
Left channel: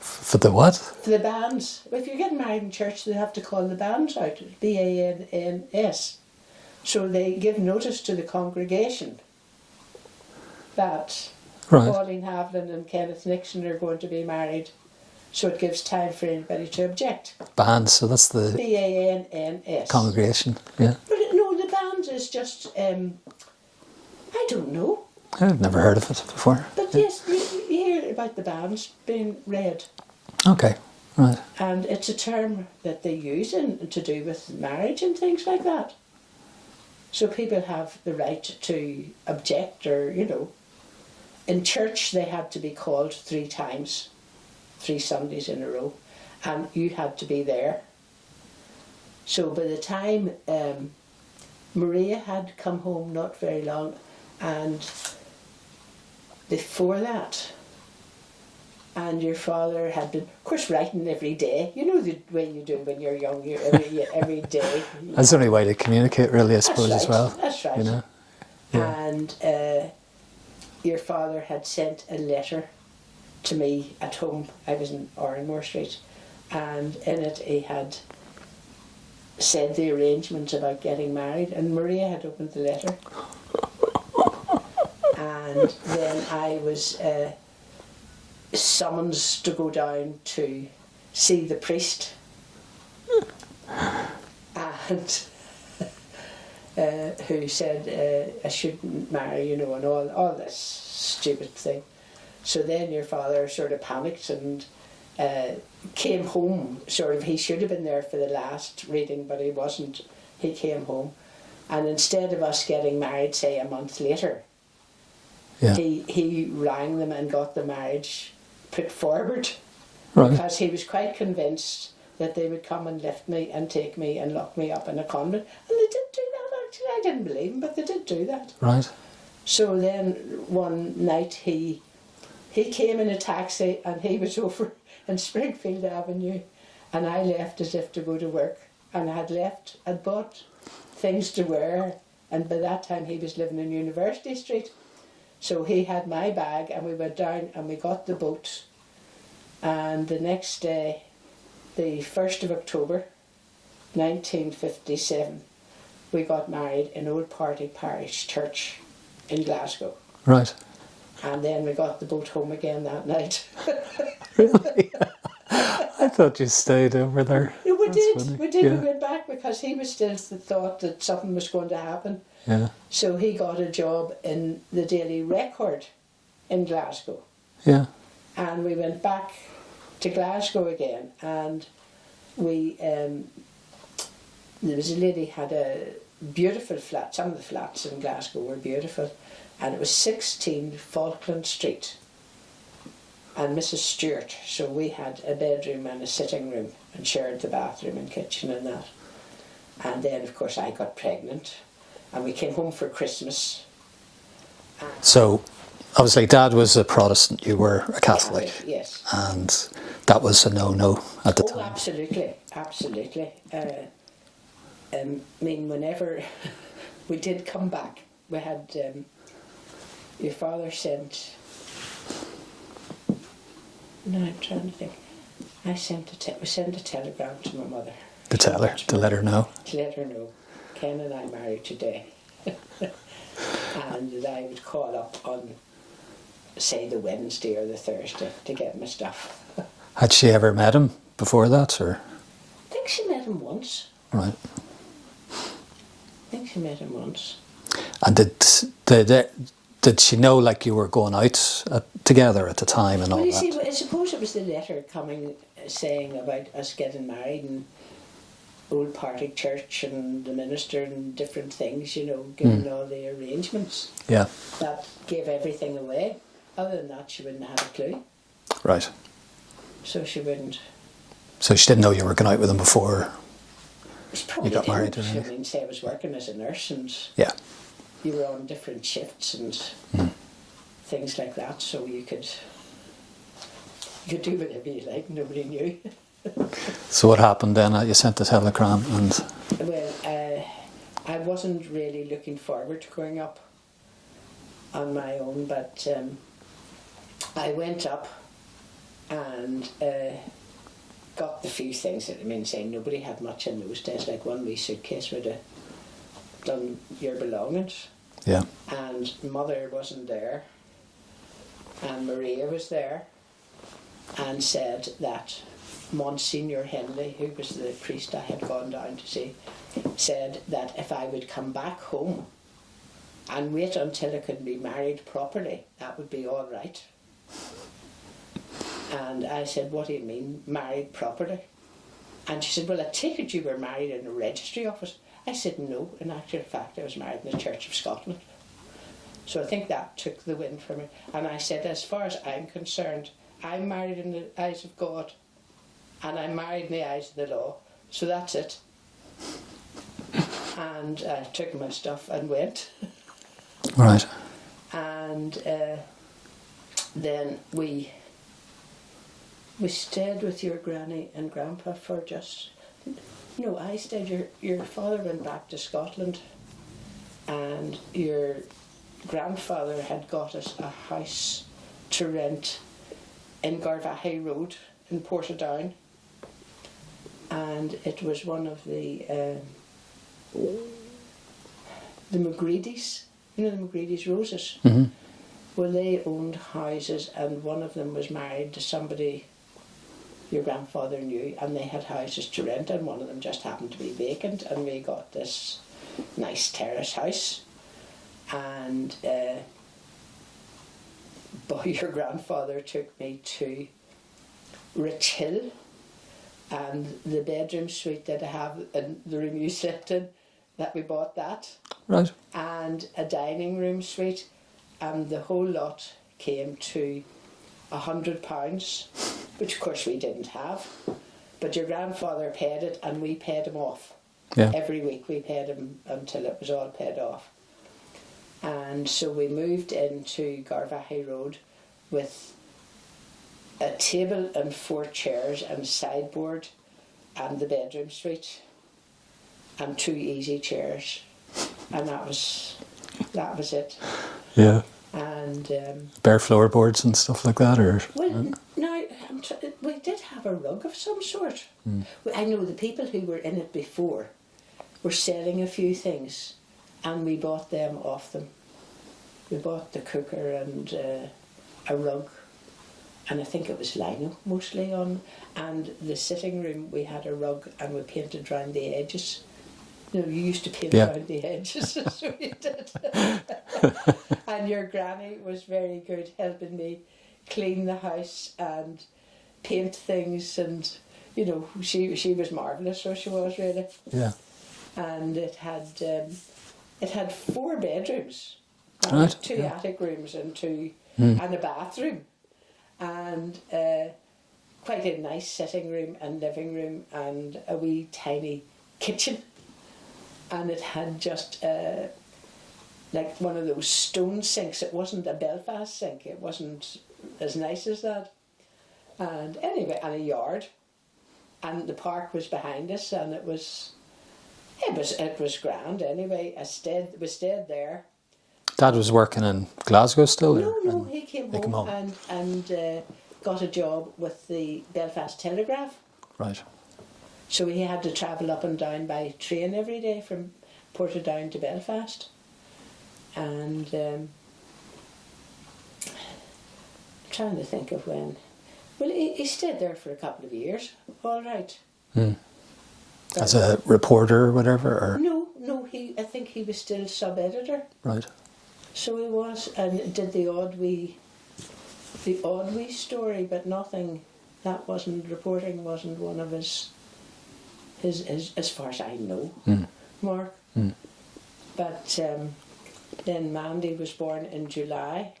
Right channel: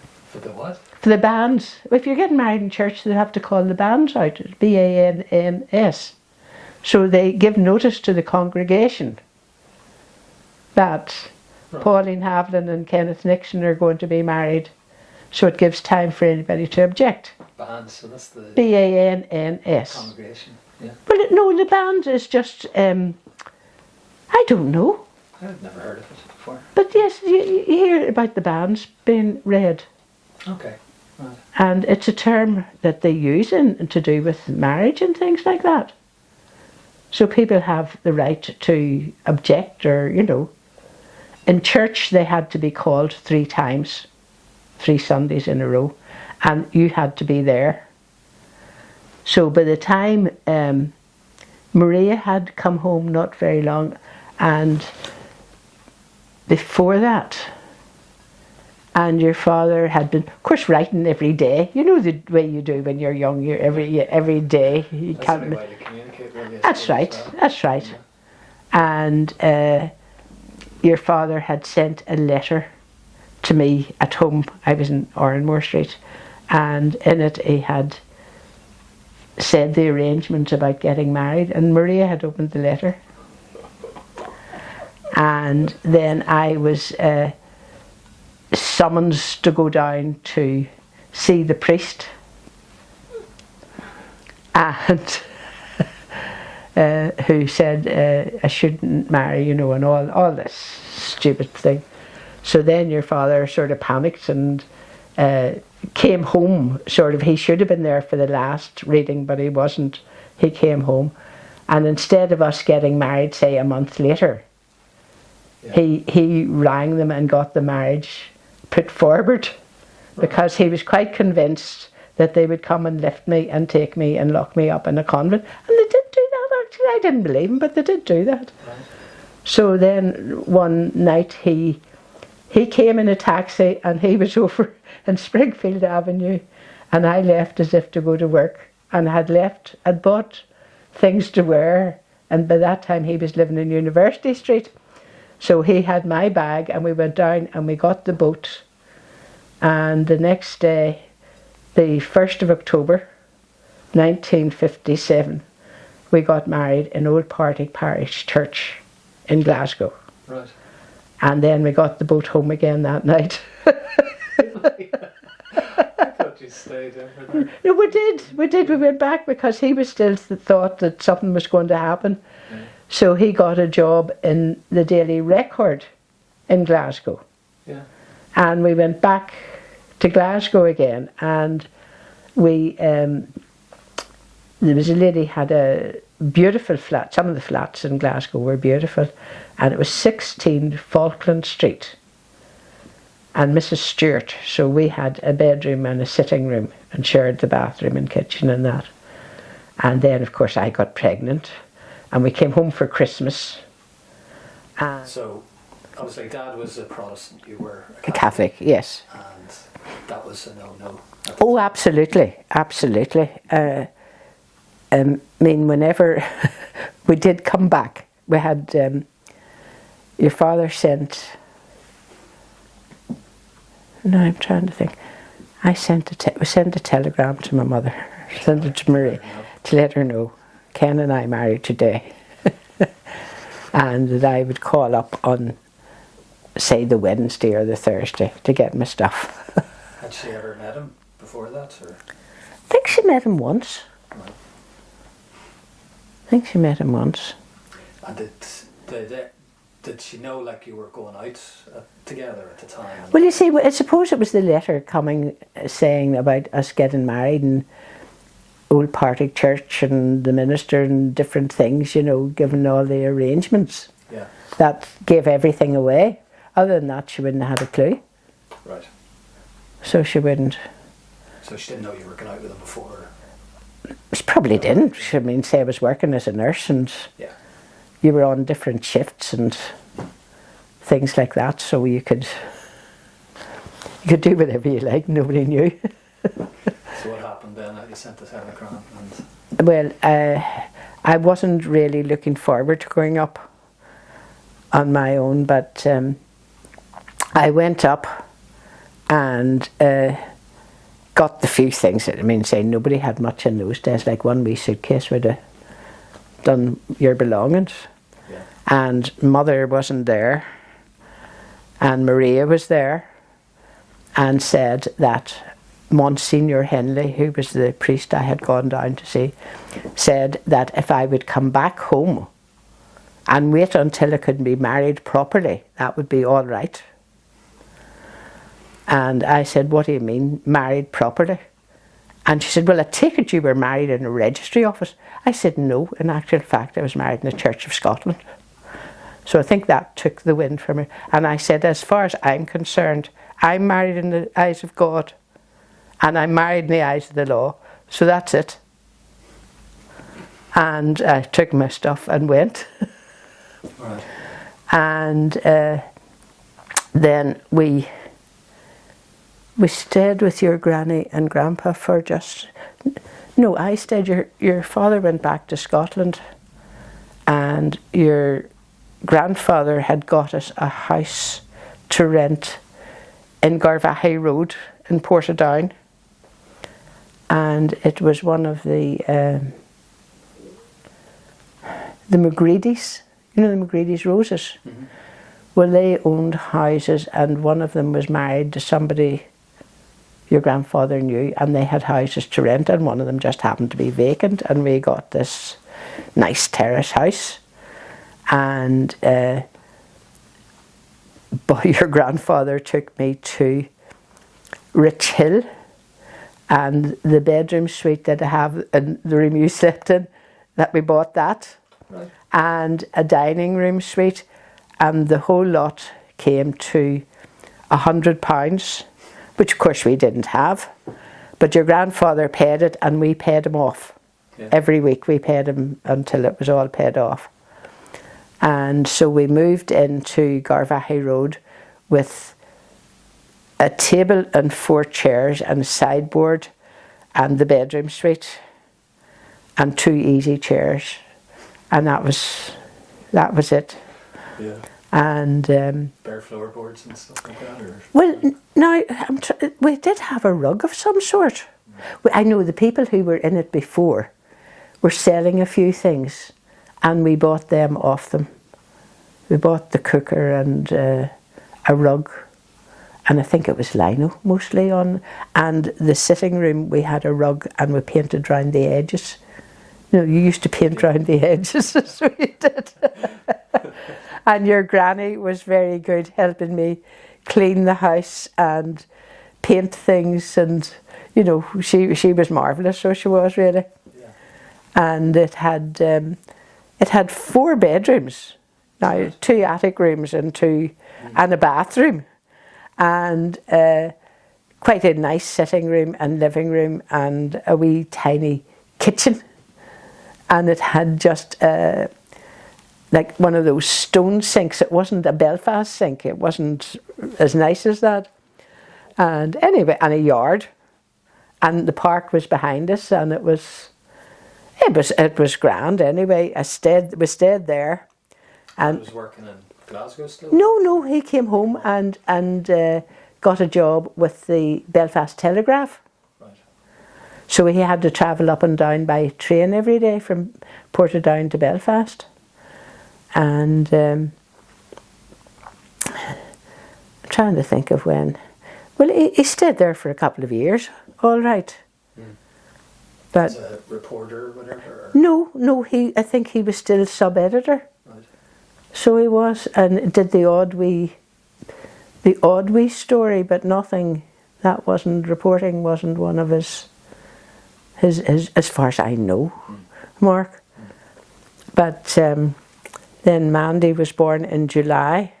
For the what? For the bands. If you're getting married in church, they have to call the bands out. BANNS. So they give notice to the congregation that Pauline Haviland and Kenneth Nixon are going to be married. So it gives time for anybody to object. Bands, so that's the BANNS. Congregation, yeah. Well, no, the band is just, I don't know. I've never heard of it before. But yes, you hear about the bands being read. Okay, right. And it's a term that they use to do with marriage and things like that. So people have the right to object, or, in church they had to be called 3 times, 3 Sundays in a row, and you had to be there. So by the time Maria had come home not very long, and before that, And your father had been, of course, writing every day. You know the way you do when you're young. You're every day. That's the only way to communicate, really, I suppose, right. as well. That's right. You know? And your father had sent a letter to me at home. I was in Oranmore Street, and in it he had said the arrangements about getting married, and Maria had opened the letter. And then I was summoned to go down to see the priest, and who said I shouldn't marry, you know, and all this stupid thing. So then your father sort of panicked and came home, sort of. He should have been there for the last reading, but he wasn't. He came home, and instead of us getting married, say, a month later, he rang them and got the marriage put forward, because he was quite convinced that they would come and lift me and take me and lock me up in a convent. And they did do that, actually. I didn't believe him, but they did do that. Right. So then one night he came in a taxi, and he was over in Springfield Avenue, and I left as if to go to work, and had bought things to wear, and by that time he was living in University Street. So he had my bag, and we went down and we got the boat, and the next day, the 1st of October 1957, we got married in Old Partick Parish Church in Glasgow. Right. And then we got the boat home again that night. I thought you stayed over there. No, we That's did. funny. We did. Yeah. We went back because he was still thought that something was going to happen. Yeah. So he got a job in the Daily Record in Glasgow. Yeah. And we went back to Glasgow again, and we there was a lady had a beautiful flat. Some of the flats in Glasgow were beautiful, and it was 16 Falkland Street. And Mrs. Stewart, so we had a bedroom and a sitting room and shared the bathroom and kitchen and that. And then, of course, I got pregnant, and we came home for Christmas. So, obviously, Dad was a Protestant, you were a Catholic. Catholic, yes. And that was a no-no at the time. Oh, absolutely, absolutely. I mean, whenever we did come back, we had, your father sent, no, I'm trying to think. We sent a telegram to my mother. To let her know. To let her know. Ken and I married today. And that I would call up on, say, the Wednesday or the Thursday to get my stuff. Had she ever met him before that, or? I think she met him once. Right. I think she met him once. And did she know, like, you were going out together at the time? And Well, all you that? see, I suppose it was the letter coming saying about us getting married and Old Partick Church and the minister and different things, you know, giving all the arrangements. Yeah. That gave everything away. Other than that, she wouldn't have had a clue. Right. So she wouldn't. So she didn't know you were going out with him before? She probably You got married, didn't. I mean, say I was working as a nurse and Yeah. you were on different shifts and things like that, so you could do whatever you like, nobody knew. So what happened then? You sent the telegram and... Well, I wasn't really looking forward to going up on my own, but I went up and got the few things. I mean, say nobody had much in those days, like one wee suitcase would have done your belongings. Yeah. And Mother wasn't there, and Maria was there, and said that Monsignor Henley, who was the priest I had gone down to see, said that if I would come back home and wait until I could be married properly, that would be all right. And I said, what do you mean, married properly? And she said, well, I take it you were married in a registry office. I said, no, in actual fact, I was married in the Church of Scotland. So I think that took the wind from me. And I said, as far as I'm concerned, I'm married in the eyes of God, and I'm married in the eyes of the law. So that's it. And I took my stuff and went. Right. And then we We stayed with your granny and grandpa for just... No, I stayed. Your father went back to Scotland, and your grandfather had got us a house to rent in Garvahay Road in Portadown, and it was one of the McGreedy's, you know, the McGreedy's Roses. Mm-hmm. Well, they owned houses, and one of them was married to somebody your grandfather knew, and they had houses to rent, and one of them just happened to be vacant, and we got this nice terrace house. And but your grandfather took me to Rich Hill, and the bedroom suite that I have in the room you slept in, that we bought that. Right. And a dining room suite, and the whole lot came to £100, which of course we didn't have, but your grandfather paid it and we paid him off. Yeah. Every week we paid him until it was all paid off. And so we moved into Garvahay Road with a table and 4 chairs and a sideboard and the bedroom suite and 2 easy chairs, and that was it. Yeah. And bare floorboards and stuff like that, or well, now we did have a rug of some sort. I know the people who were in it before were selling a few things, and we bought them off them. We bought the cooker and a rug, and I think it was lino mostly on. And the sitting room, we had a rug, and we painted round the edges. You know, you used to paint round the edges, so you did. And your granny was very good, helping me clean the house and paint things, and you know, she was marvellous, so she was really. Yeah. And it had 4 bedrooms, now Right. 2 attic rooms and 2 and a bathroom, and quite a nice sitting room and living room and a wee tiny kitchen. And it had just like one of those stone sinks. It wasn't a Belfast sink. It wasn't as nice as that. And anyway, and a yard. And the park was behind us, and it was grand anyway. We stayed there. Dad was working in Glasgow still? No, he came home and got a job with the Belfast Telegraph. Right. So he had to travel up and down by train every day from Portadown to Belfast. And I'm trying to think of when. Well, he stayed there for a couple of years, all right. But as a reporter or whatever? Or? No, I think he was still sub-editor. Right. So he was, and did the odd wee story, but nothing. That wasn't reporting. Wasn't one of his as far as I know, Mark. But then Mandy was born in July,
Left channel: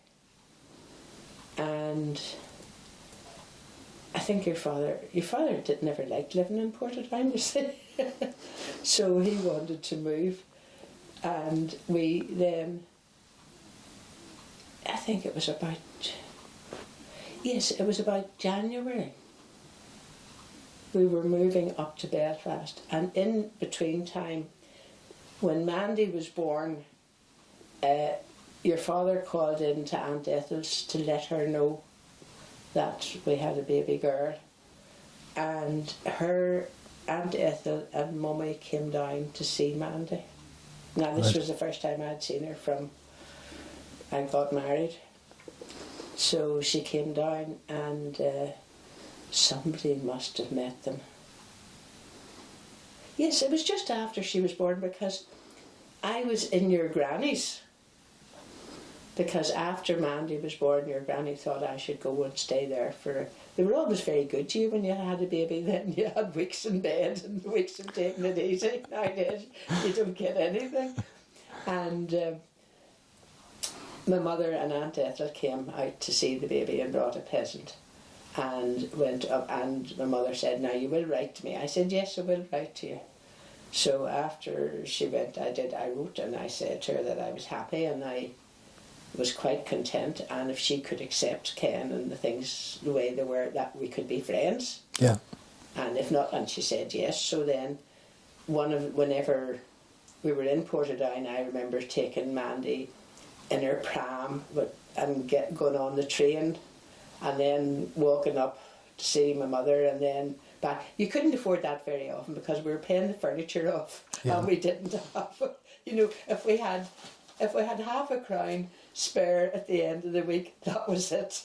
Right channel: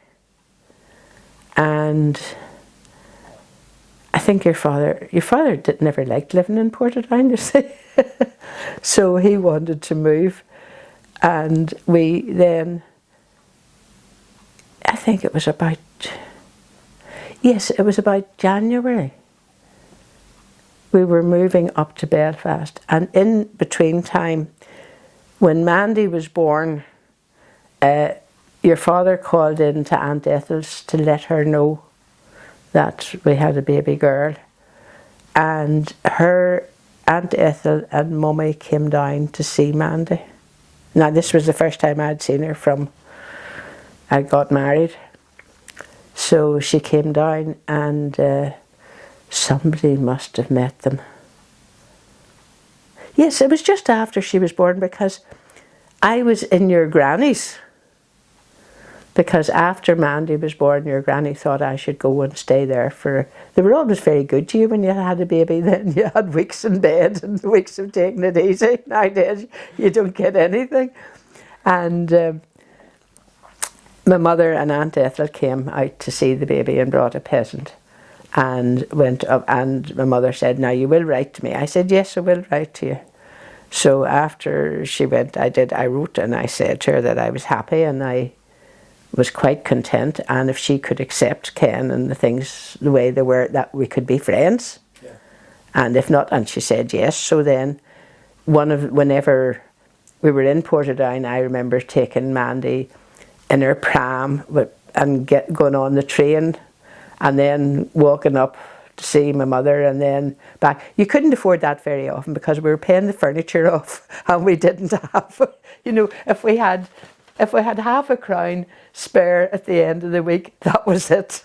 and I think your father never liked living in Portadown, you see. So he wanted to move, and we then, I think it was about January. We were moving up to Belfast, and in between time, when Mandy was born, your father called in to Aunt Ethel's to let her know that we had a baby girl, and her Aunt Ethel and Mummy came down to see Mandy. Now this was the first time I'd seen her from I got married, so she came down, and somebody must have met them. Yes, it was just after she was born, because I was in your granny's. Because after Mandy was born, your granny thought I should go and stay there for... They were always very good to you when you had a baby. Then you had weeks in bed and weeks of taking it easy. Nowadays, you don't get anything. And my mother and Aunt Ethel came out to see the baby and brought a present. And went up, and my mother said, "Now you will write to me." I said, "Yes, I will write to you." So after she went, I wrote, and I said to her that I was happy, and I was quite content, and if she could accept Ken and the things the way they were, that we could be friends. Yeah. And if not, and she said yes. So then, whenever we were in Portadown, I remember taking Mandy in her pram and going on the train, and then walking up to see my mother, and then back. You couldn't afford that very often because we were paying the furniture off, and we didn't have, you know, if we had half a crown spare at the end of the week, that was it.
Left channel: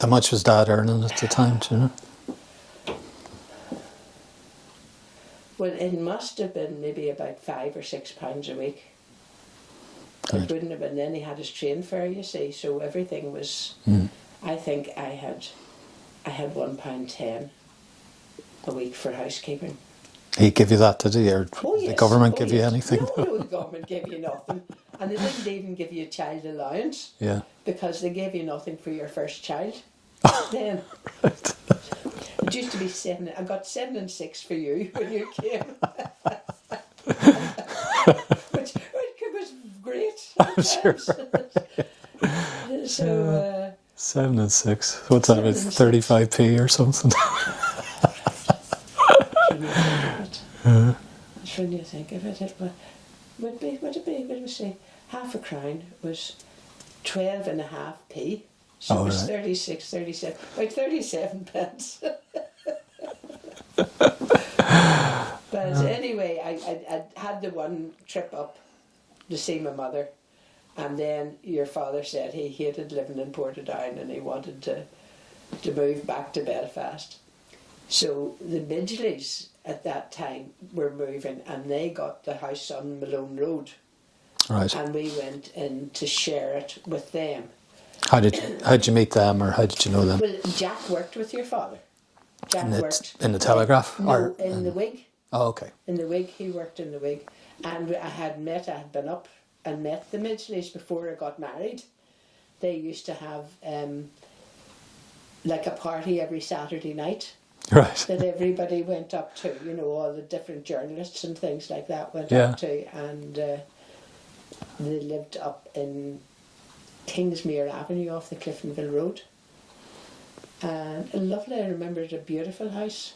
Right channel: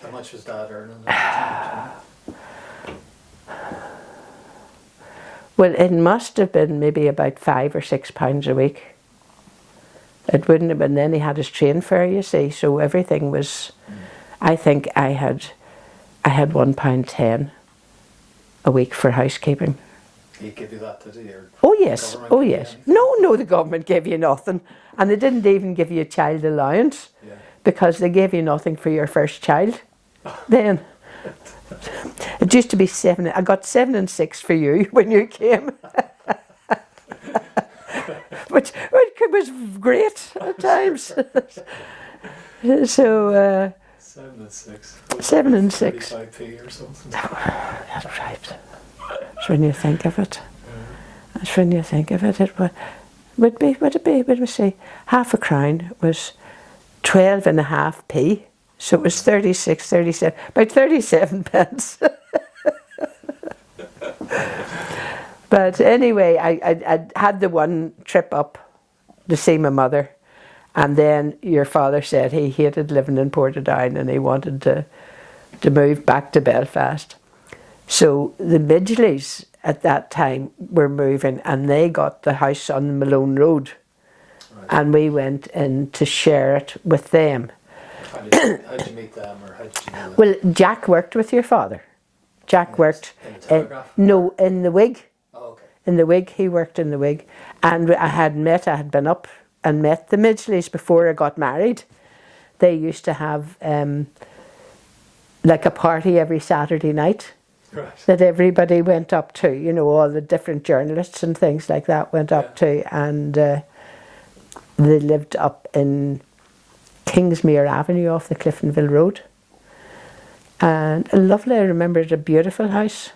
How much was Dad earning at the time, do you know? Well, it must have been maybe about £5 or £6 a week. It wouldn't have been. Then he had his train fare, you see, so everything was. I think I had £1.10 a week for housekeeping. He give you that, did he? Or Oh yes. the government give you anything? No, the government gave you nothing, and they didn't even give you a child allowance. Yeah. Because they gave you nothing for your first child. Then it used to be 7. I got 7 and 6 for you when you came, which was great at times. So 7 and 6. What's 7 that? and 6. 35p or something. That's right. That's when you think of it. That's when you think of it. It would be. Would we say half a crown was 12.5p. So it was 36, 37, about 37 pence. But anyway, I had the one trip up to see my mother, and then your father said he hated living in Portadown and he wanted to move back to Belfast. So the Midgeleys at that time were moving, and they got the house on the Malone Road. Right. And we went in to share it with them. How'd you meet them, or how did you know them? Well, Jack worked with your father. Jack worked in the Telegraph? No, in the Wig. Oh, okay. In the Wig, he worked in the Wig, and I had been up and met the Midgeleys before I got married. They used to have like a party every Saturday night. Right. That everybody went up to. You know, all the different journalists and things like that went up to, and they lived up in Kingsmere Avenue off the Cliftonville Road. And lovely, I remember it, a beautiful house.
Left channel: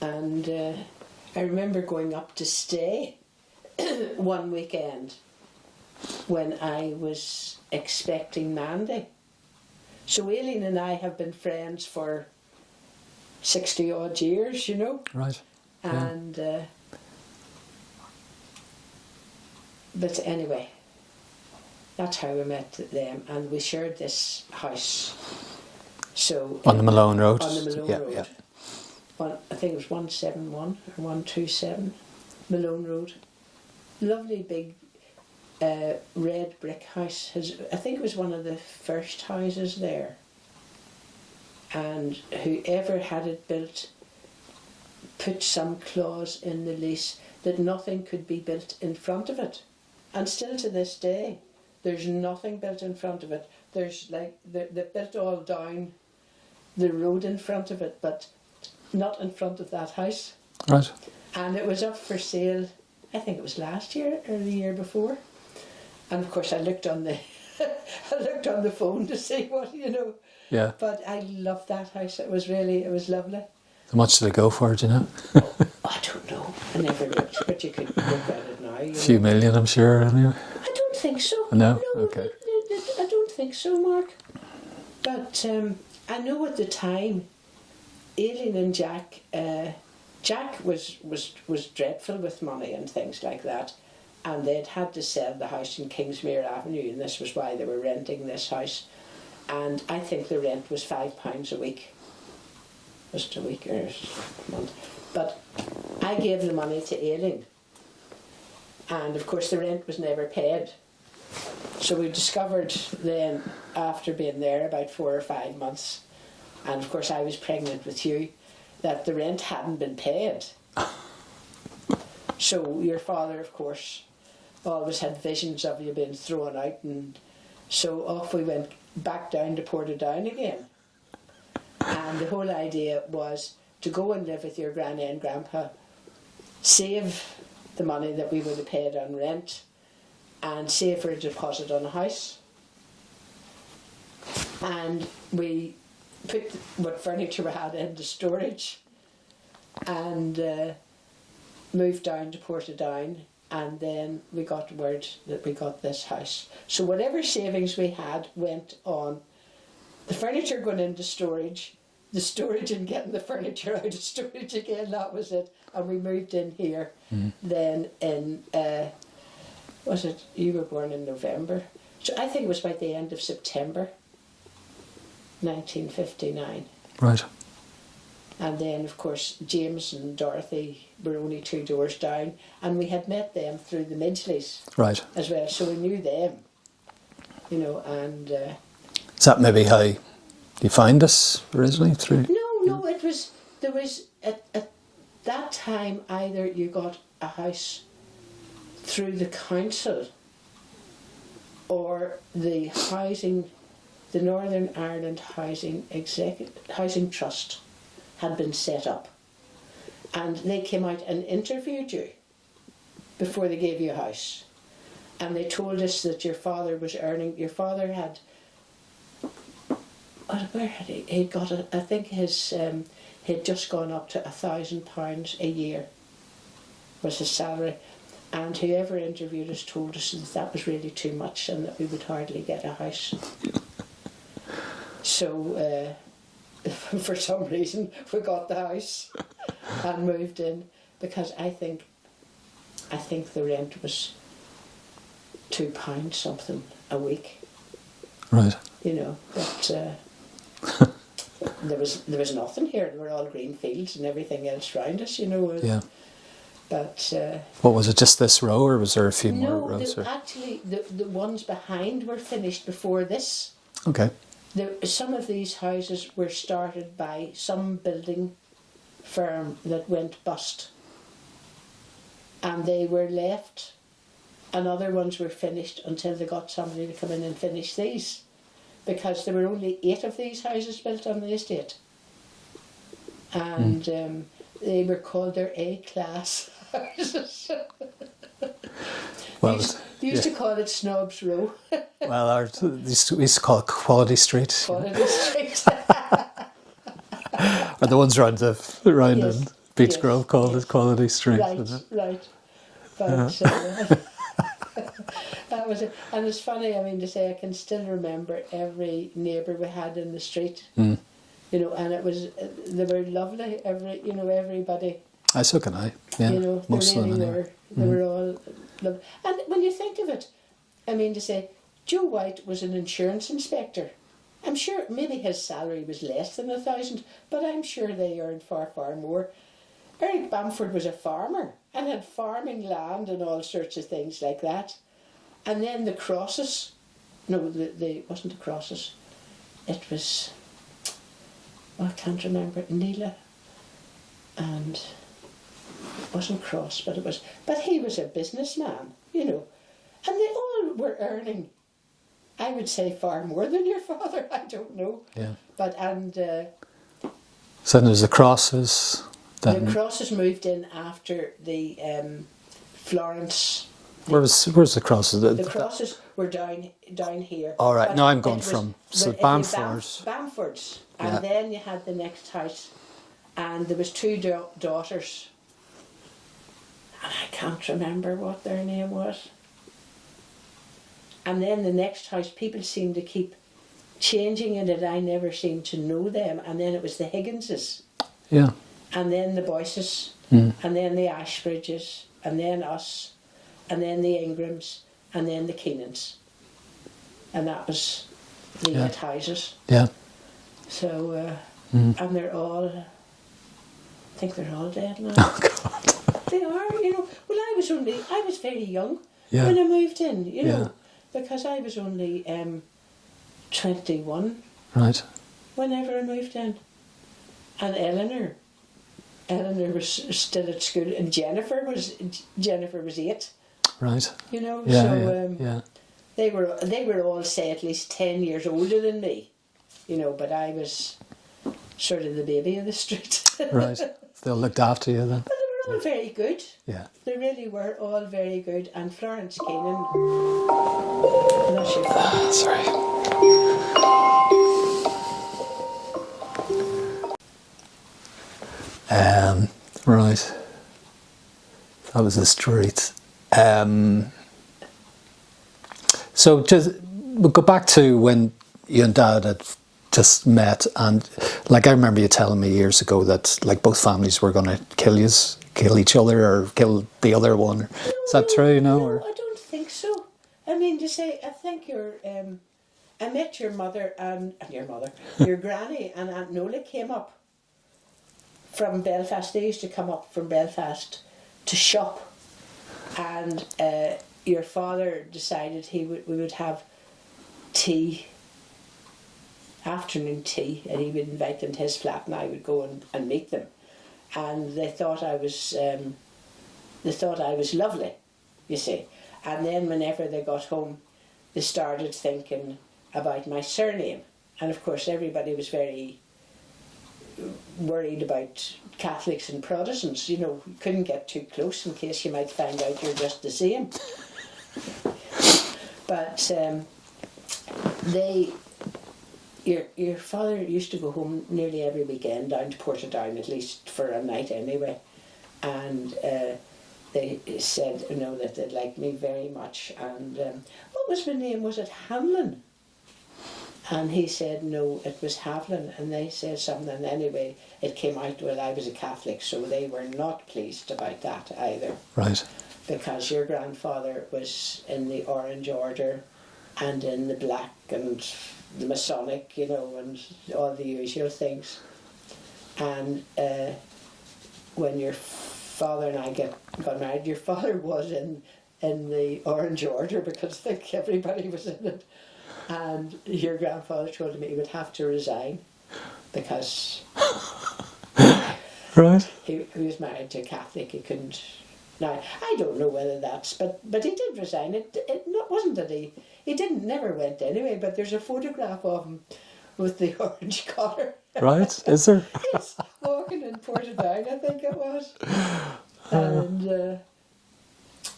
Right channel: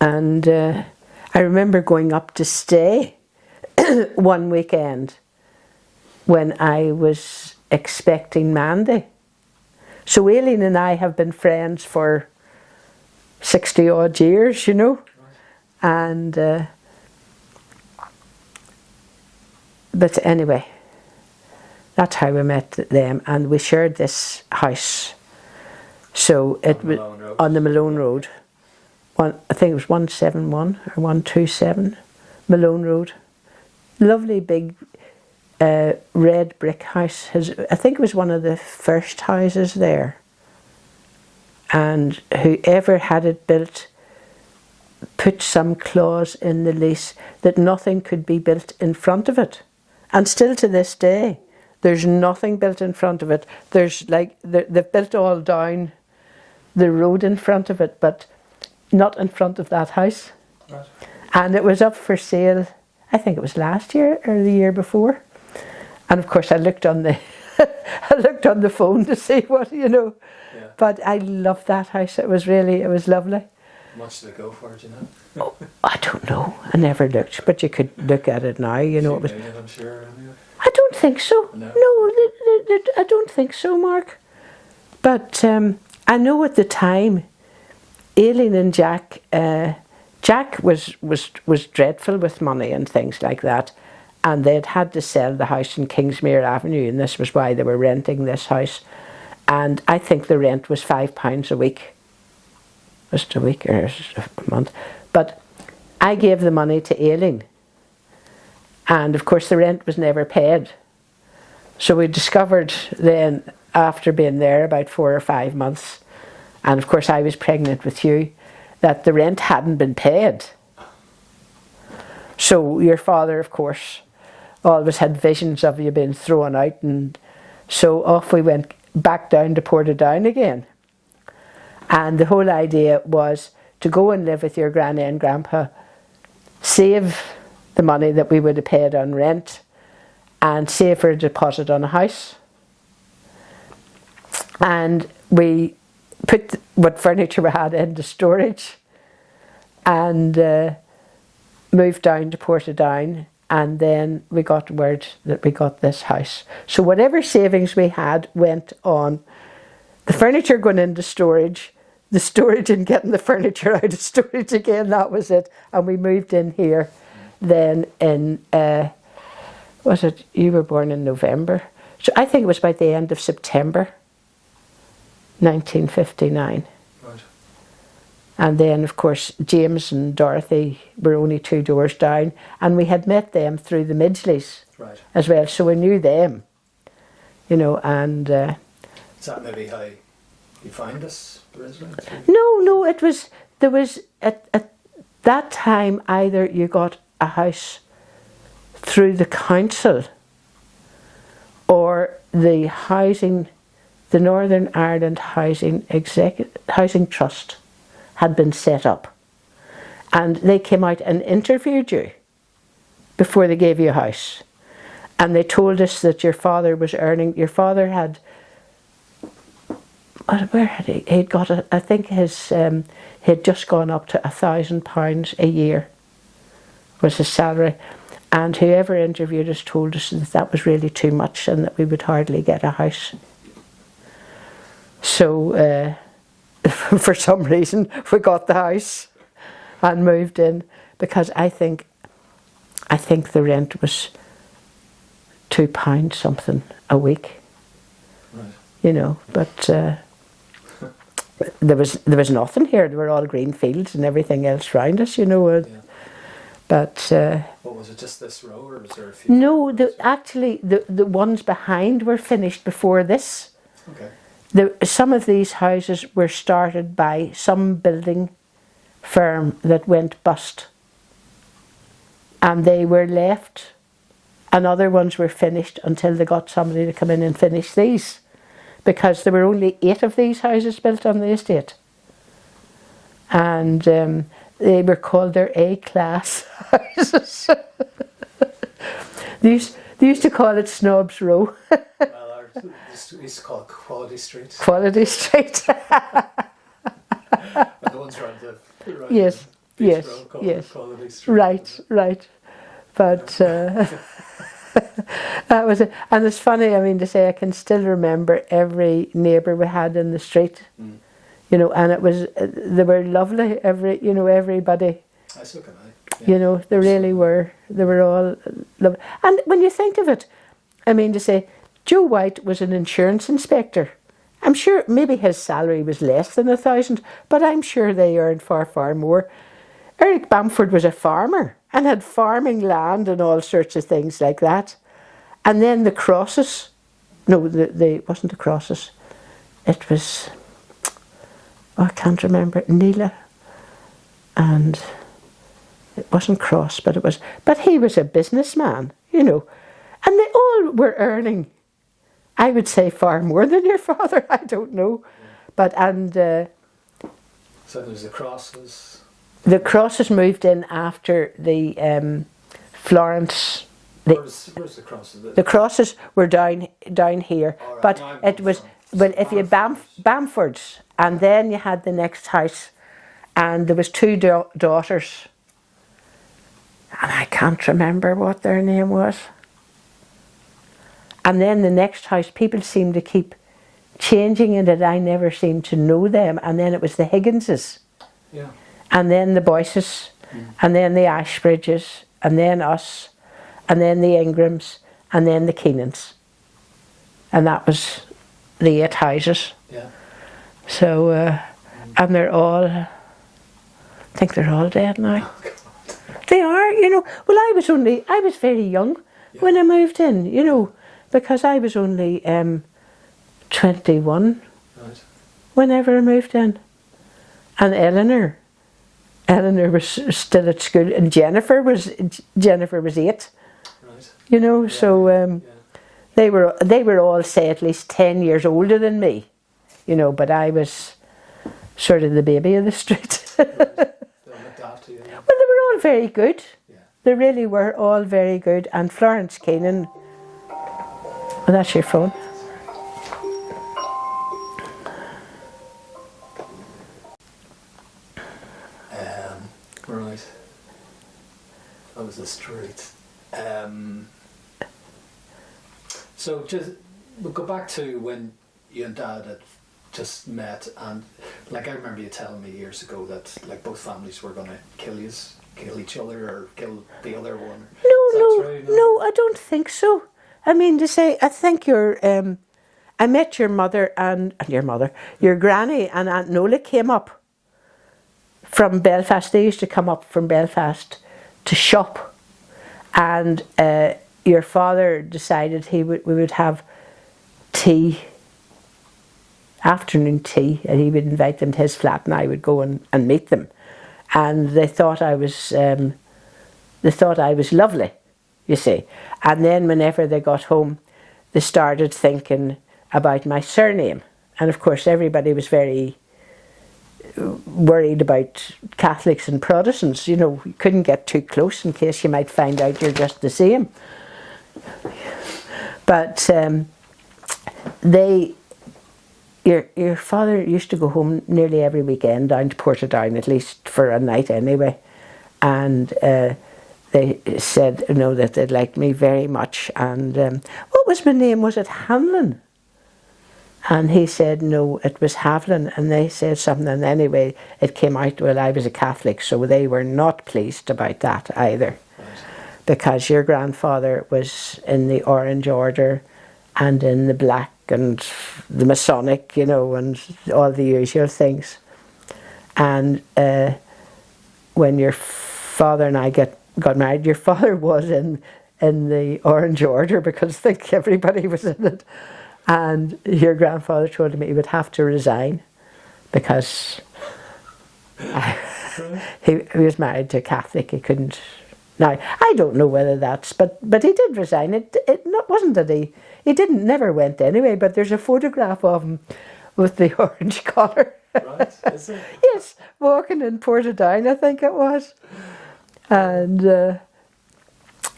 And I remember going up to stay one weekend when I was expecting Mandy. So Aileen and I have been friends for 60 odd years, you know. Right. And but anyway, that's how we met them, and we shared this house. So on the Malone Road. On the Malone Road. Yeah. I think it was 171 or 127 Malone Road. Lovely big red brick house. I think it was one of the first houses there. And whoever had it built put some clause in the lease that nothing could be built in front of it. And still to this day, there's nothing built in front of it. There's like, they've built all down the road in front of it, but not in front of that house. Right. And it was up for sale, I think it was last year or the year before. And of course I looked on the phone to see what, you know. Yeah. But I loved that house. It was lovely. How much did it go for, do you know? Oh, I don't know. I never looked, but you could look at it now, you know. A few million, I'm sure, anyway. I don't think so. No? No, Okay. I don't think so, Mark. But I know at the time, Aileen and Jack, Jack was dreadful with money and things like that, and they'd had to sell the house in Kingsmere Avenue, and this was why they were renting this house. And I think the rent was £5 a week. Was it a week or a month? But I gave the money to Aileen, and of course the rent was never paid. So we discovered then, after being there about 4 or 5 months, and of course I was pregnant with you, that the rent hadn't been paid. So your father, of course, always had visions of you being thrown out, and so off we went back down to Portadown again. And the whole idea was to go and live with your granny and grandpa, save the money that we would have paid on rent, and save for a deposit on a house. And we put what furniture we had into storage and moved down to Portadown, and then we got word that we got this house. So whatever savings we had went on the furniture going into storage, the storage and getting the furniture out of storage again, that was it. And we moved in here then in, was it, you were born in November? So I think it was about the end of September 1959. Right. And then, of course, James and Dorothy were only 2 doors down, and we had met them through the Midgeleys Right. as well, so we knew them, you know, and... Is that maybe how you find this originally? Through? No, it was, there was, at that time, either you got a house through the council or the housing, the Northern Ireland Housing Trust had been set up, and they came out and interviewed you before they gave you a house, and they told us that your father was earning, your father had, where had he? He'd got, I think his, he'd just gone up to £1,000 a year was his salary, and whoever interviewed us told us that that was really too much and that we would hardly get a house. So for some reason we got the house and moved in, because I think the rent was £2 something a week. Right. You know, but there was nothing here. There were all green fields and everything else round us, you know. Yeah. But what was it? Just this row, or was there a few? no, more rows, actually the ones behind were finished before this. Okay. Some of these houses were started by some building firm that went bust, and they were left, and other ones were finished until they got somebody to come in and finish these, because there were only 8 of these houses built on the estate, and they were called their A-class houses. They used to call it Snobs Row. Well, we used to call it Quality Street. Quality Street. Or the ones around Yes, in Beach yes, Grove called yes. it Quality Street. Right. But that was it. And it's funny, I mean, to say I can still remember every neighbour we had in the street. You know, and it was, they were lovely, everybody. So can I. Yeah, You know, they most of really them, were. They were all lovely. And when you think of it, I mean, to say, Joe White was an insurance inspector. I'm sure maybe his salary was less than 1,000, but I'm sure they earned far, far more. Eric Bamford was a farmer and had farming land and all sorts of things like that. And then the Crosses, no, it wasn't the Crosses. It was, I can't remember, Neela, and it wasn't Cross, but it was, but he was a businessman, you know, and they all were earning, I would say, far more than your father. I don't know, Yeah. but and So then there's the Crosses. the Crosses moved in after the Florence. Where's the Crosses? The Crosses were down here. All right, but now I'm going it was, from but if you Bamfords, and Yeah. then you had the next house, and there was 2 daughters, and I can't remember what their name was. And then the next house, people seemed to keep changing in it. I never seemed to know them. And then it was the Higginses, Yeah. and then the Boyces, and then the Ashbridges, and then us, and then the Ingrams, and then the Keenans. And that was the 8 houses. Yeah. So, and they're all, I think they're all dead now. Oh God. They are, you know. Well, I was very young Yeah. when I moved in, you know, Yeah. because I was only 21 Right. whenever I moved in. And Eleanor was still at school, and Jennifer was 8, Right. you know. Yeah, So yeah. they were all, say, at least 10 years older than me, you know. But I was sort of the baby of the street. Right. They all looked after you then. Well, they were all very good. Yeah. They really were all very good. And Florence Keenan, that's your phone. Sorry. Right. That was the street. So just we'll go back to when you and Dad had just met, and like I remember you telling me years ago that like both families were going to kill each other, or kill the other one. No, Is that true? No, I don't think so. I mean, to say, I think I met your mother and your granny and Aunt Nola came up from Belfast. They used to come up from Belfast to shop, and your father decided we would have tea, afternoon tea, and he would invite them to his flat, and I would go and meet them, and they thought I was lovely, you see. And then whenever they got home, they started thinking about my surname, and of course everybody was very worried about Catholics and Protestants. You know, you couldn't get too close in case you might find out you're just the same. But your father used to go home nearly every weekend down to Portadown, at least for a night anyway, and they said, you know, that they'd liked me very much. And what was my name? Was it Hanlon? And he said, no, it was Haviland. And they said something, and anyway, it came out, well, I was a Catholic, so they were not pleased about that either. Right. Because your grandfather was in the Orange Order and in the Black and the Masonic, you know, and all the usual things. And when your father and I got married, your father was in the Orange Order, because I think everybody was in it. And your grandfather told him he would have to resign because Right. he was married to a Catholic. He couldn't. Now, I don't know whether that's, but he did resign. It wasn't that he never went anyway, but there's a photograph of him with the orange collar. Right, is there? Yes, walking in Portadown, I think it was. And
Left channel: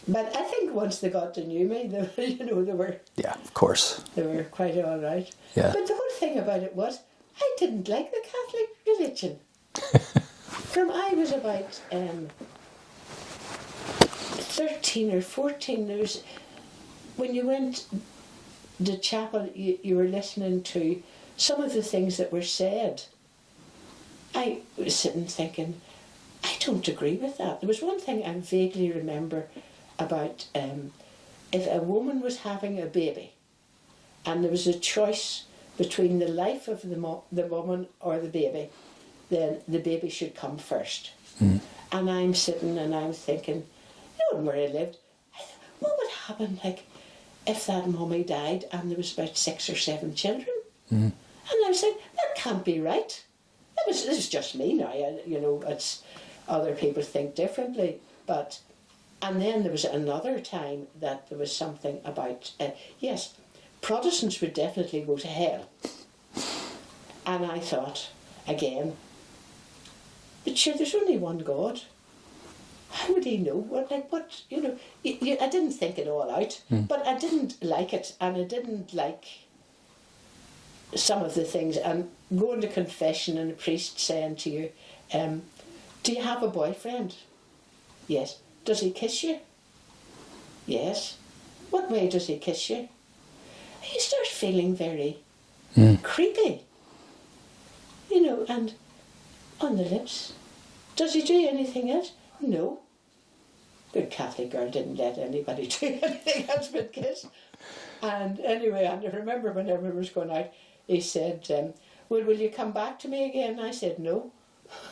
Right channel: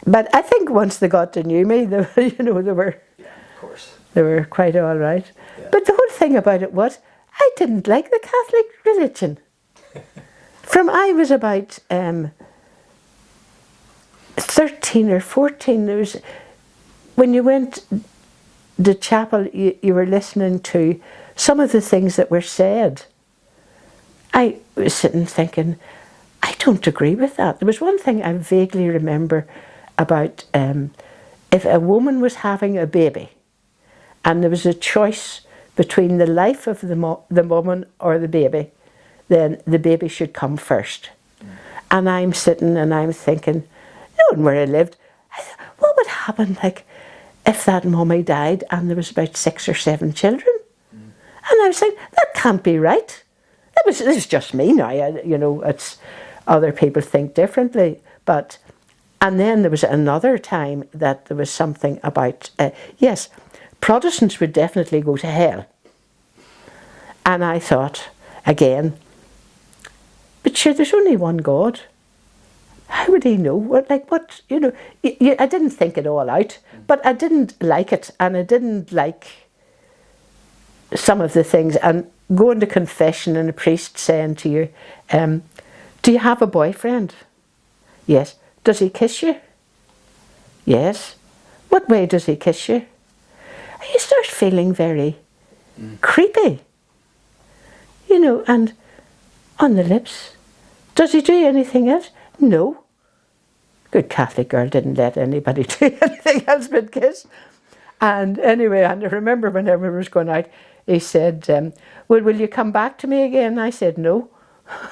but I think once they got to know me, they were Yeah, of course. they were quite all right. Yeah. But the whole thing about it was, I didn't like the Catholic religion. From I was about 13 or 14, there was, when you went to chapel, you were listening to some of the things that were said. I was sitting thinking, I don't agree with that. There was one thing I vaguely remember about if a woman was having a baby and there was a choice between the life of the woman or the baby, then the baby should come first. Mm. And I'm sitting and I'm thinking, knowing where I lived, what would happen like if that mummy died and there was about 6 or 7 children? Mm. And I was saying, that can't be right. This is just me now, it's other people think differently. But, and then there was another time that there was something about, yes, Protestants would definitely go to hell. And I thought, again, but sure, there's only one God. How would he know? I didn't think it all out, but I didn't like it, and I didn't like some of the things. And going to confession and a priest saying to you, do you have a boyfriend? Yes. Does he kiss you? Yes. What way does he kiss you? You start feeling very creepy, and on the lips. Does he do anything else? No. Good Catholic girl didn't let anybody do anything else but kiss. And anyway, and I remember when everyone was going out, he said, well, will you come back to me again? I said, no.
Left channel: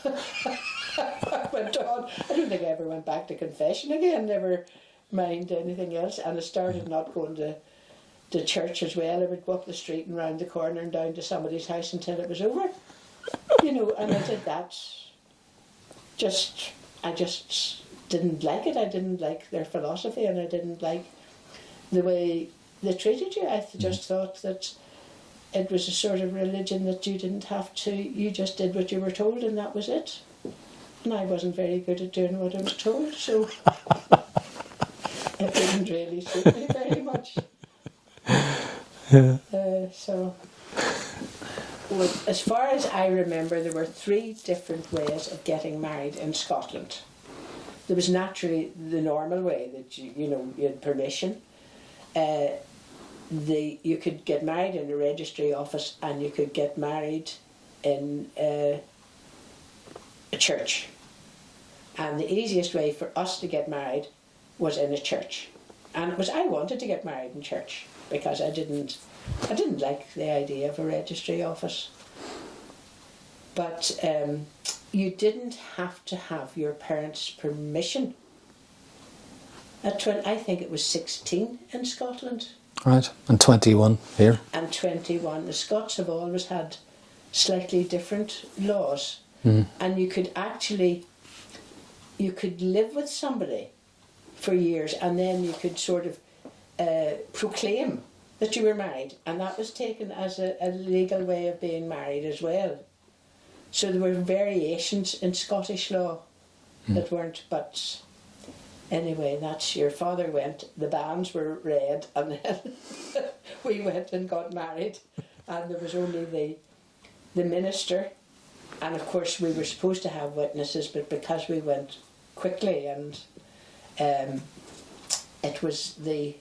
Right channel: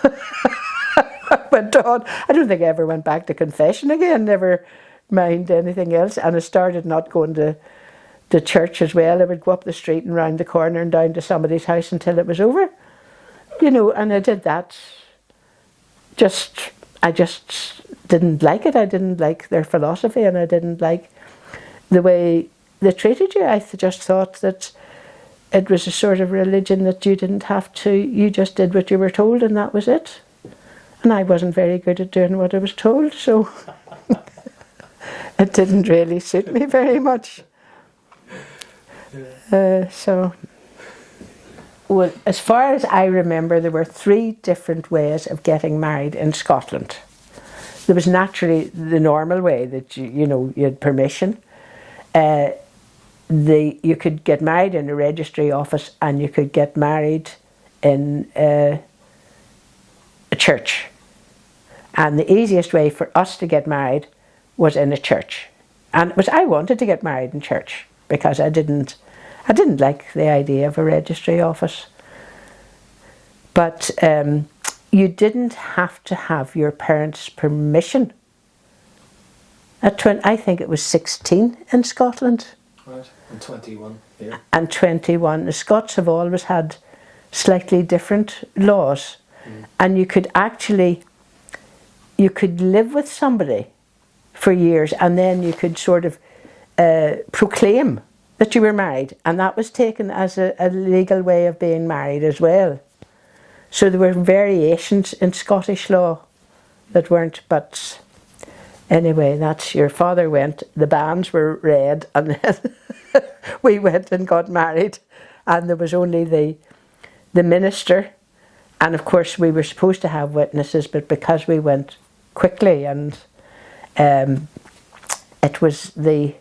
I went on. I don't think I ever went back to confession again, never mind anything else. And I started not going to church as well. I would go up the street and round the corner and down to somebody's house until it was over. And I did that. I just didn't like it. I didn't like their philosophy, and I didn't like the way they treated you. I just thought that it was a sort of religion that you didn't have to, you just did what you were told and that was it. And I wasn't very good at doing what I was told, so it didn't really suit me very much. So, well, as far as I remember, there were 3 different ways of getting married in Scotland. There was naturally the normal way that you had permission. You could get married in a registry office, and you could get married in a church. And the easiest way for us to get married was in a church. And I wanted to get married in church because I didn't like the idea of a registry office. But you didn't have to have your parents' permission. I think it was 16 in Scotland. Right, and 21 here. And 21. The Scots have always had slightly different laws. And you could live with somebody for years, and then you could sort of proclaim that you were married, and that was taken as a legal way of being married as well. So there were variations in Scottish law that weren't, but anyway, that's your father went, the banns were read, and then we went and got married, and there was only the minister, and of course we were supposed to have witnesses, but because we went quickly, and it was the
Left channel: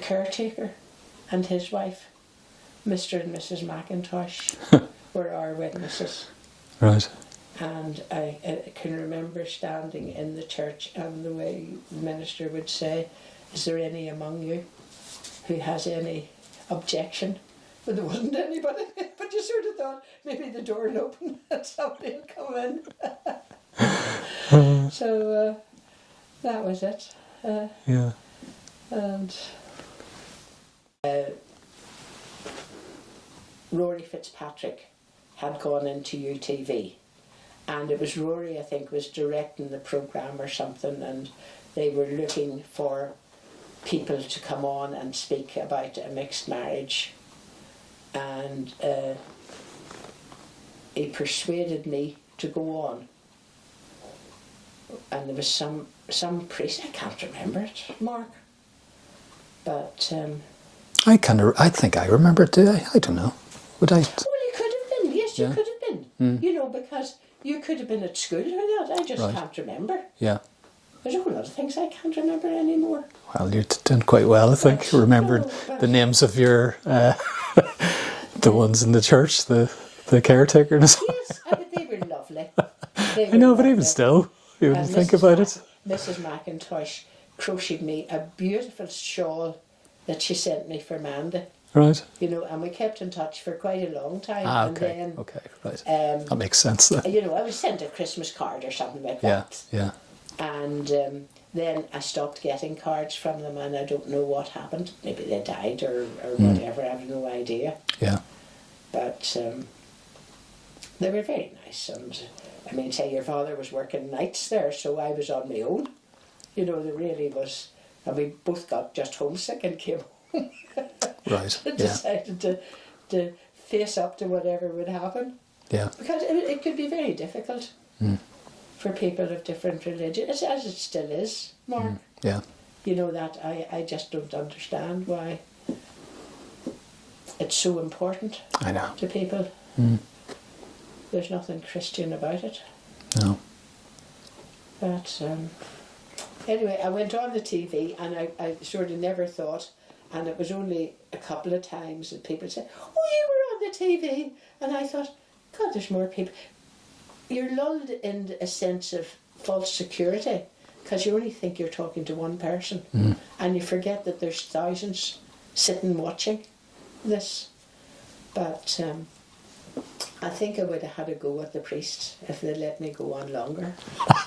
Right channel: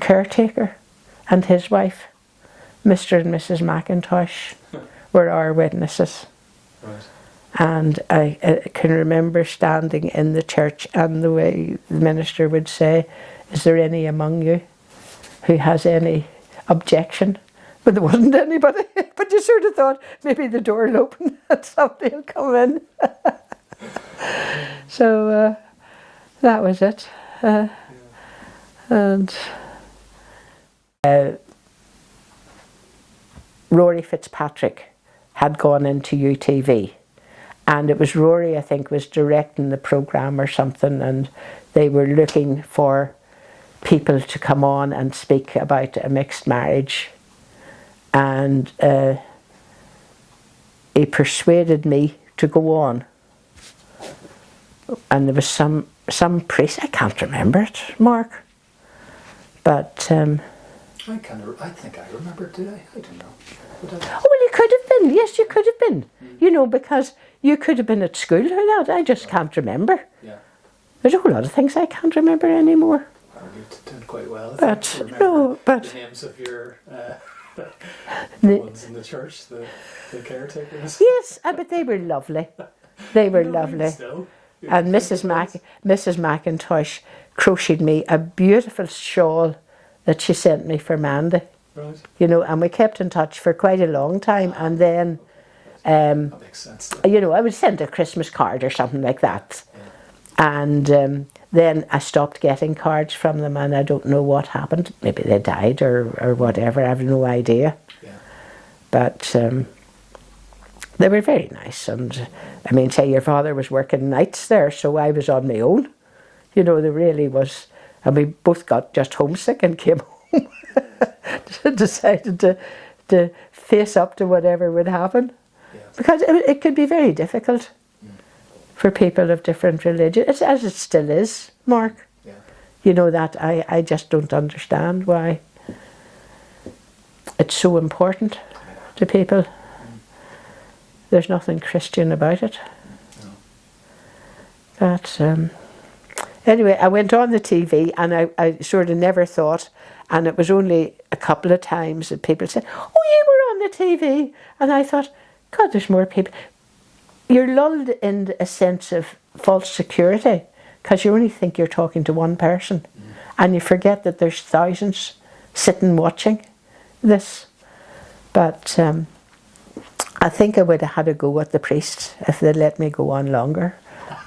caretaker and his wife, Mr. and Mrs. McIntosh, were our witnesses. Right. And I can remember standing in the church, and the way the minister would say, "Is there any among you who has any objection?" But there wasn't anybody. But you sort of thought maybe the door will open and somebody will come in. So that was it. Yeah. And Rory Fitzpatrick had gone into UTV, and it was Rory, I think, was directing the programme or something, and they were looking for people to come on and speak about a mixed marriage, and he persuaded me to go on, and there was some priest, I can't remember it, Mark, but I think I remember it, do I? I don't know. Would I? well, you could have been, yes, you could have been, because you could have been at school or that, I just can't remember. Yeah. There's a whole lot of things I can't remember anymore. Well, you're doing quite well, I think. But, Remember no, the names of your the ones in the church, the caretakers. Yes, but they were lovely. They were But lovely. even still, you And think about it. Mrs. McIntosh crocheted me a beautiful shawl that she sent me for Mandy. Right. And we kept in touch for quite a long time. And then, Okay, right. That makes sense. Then. I would send a Christmas card or something like that. Yeah. And then I stopped getting cards from them, and I don't know what happened. Maybe they died or whatever. I have no idea. Yeah. But they were very nice. And I mean, say your father was working nights there, so I was on my own. There really was. And we both got just homesick and came home. Right. Decided to face up to whatever would happen. Yeah. Because it could be very difficult for people of different religions, as it still is, Mark. Yeah. That I just don't understand why it's so important I know. to people. There's nothing Christian about it. No. But anyway, I went on the TV, and I sort of never thought, and it was only a couple of times that people said, "Oh, you were on the TV," and I thought, God, there's more people. You're lulled in a sense of false security because you only think you're talking to one person, and you forget that there's thousands sitting watching this. But I think I would have had a go at the priest if they'd let me go on longer.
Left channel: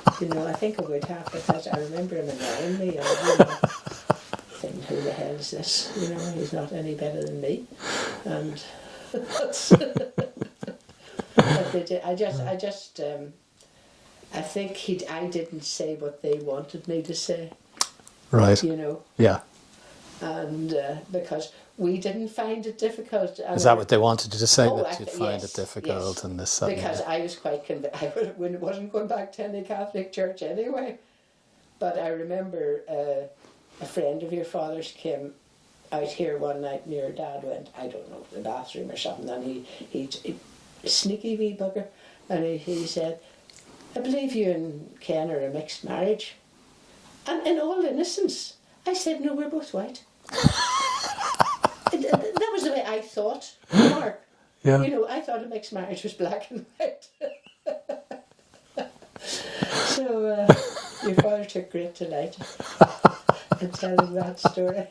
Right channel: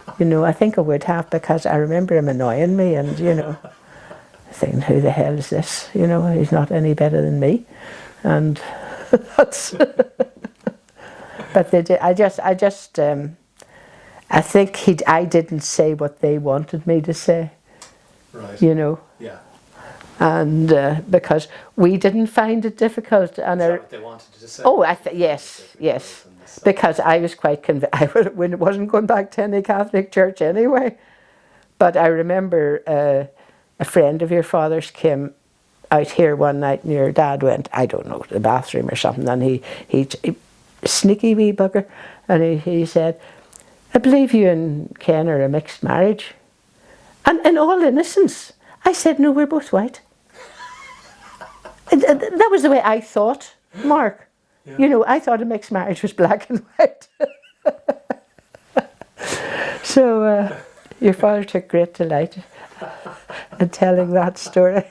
I think I would have, because I remember him annoying me, and thinking, who the hell is this? He's not any better than me, and that's. But they did. I think I didn't say what they wanted me to say. Right. Yeah. And because we didn't find it difficult. And Is that what they wanted you to say? Oh, that you find yes, it difficult yes. and this, Because I was quite convinced. I wasn't going back to any Catholic church anyway. But I remember a friend of your father's came out here one night, and your dad went, I don't know, to the bathroom or something, and he sneaky wee bugger, and he said, I believe you and Ken are a mixed marriage. And in all innocence, I said, no, we're both white. That was the way I thought, Mark. Yeah. You know, I thought a mixed marriage was black and white. So your father took great delight in telling that story.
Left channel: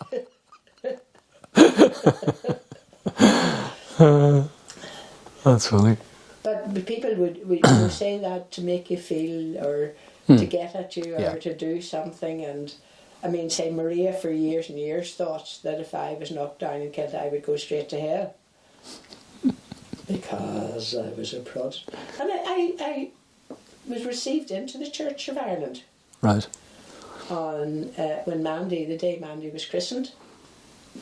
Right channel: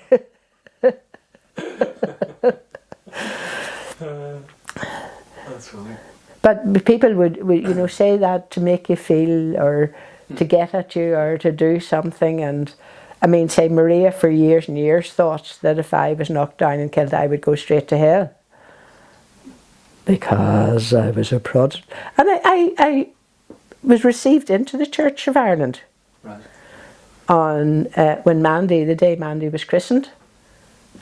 That's funny. But people would you know, say that to make you feel, or to get at you, or to do something. And I mean, say Maria for years and years thought that if I was knocked down and killed, I would go straight to hell. Because I was a Protestant. And I was received into the Church of Ireland. Right. On when Mandy, the day Mandy was christened,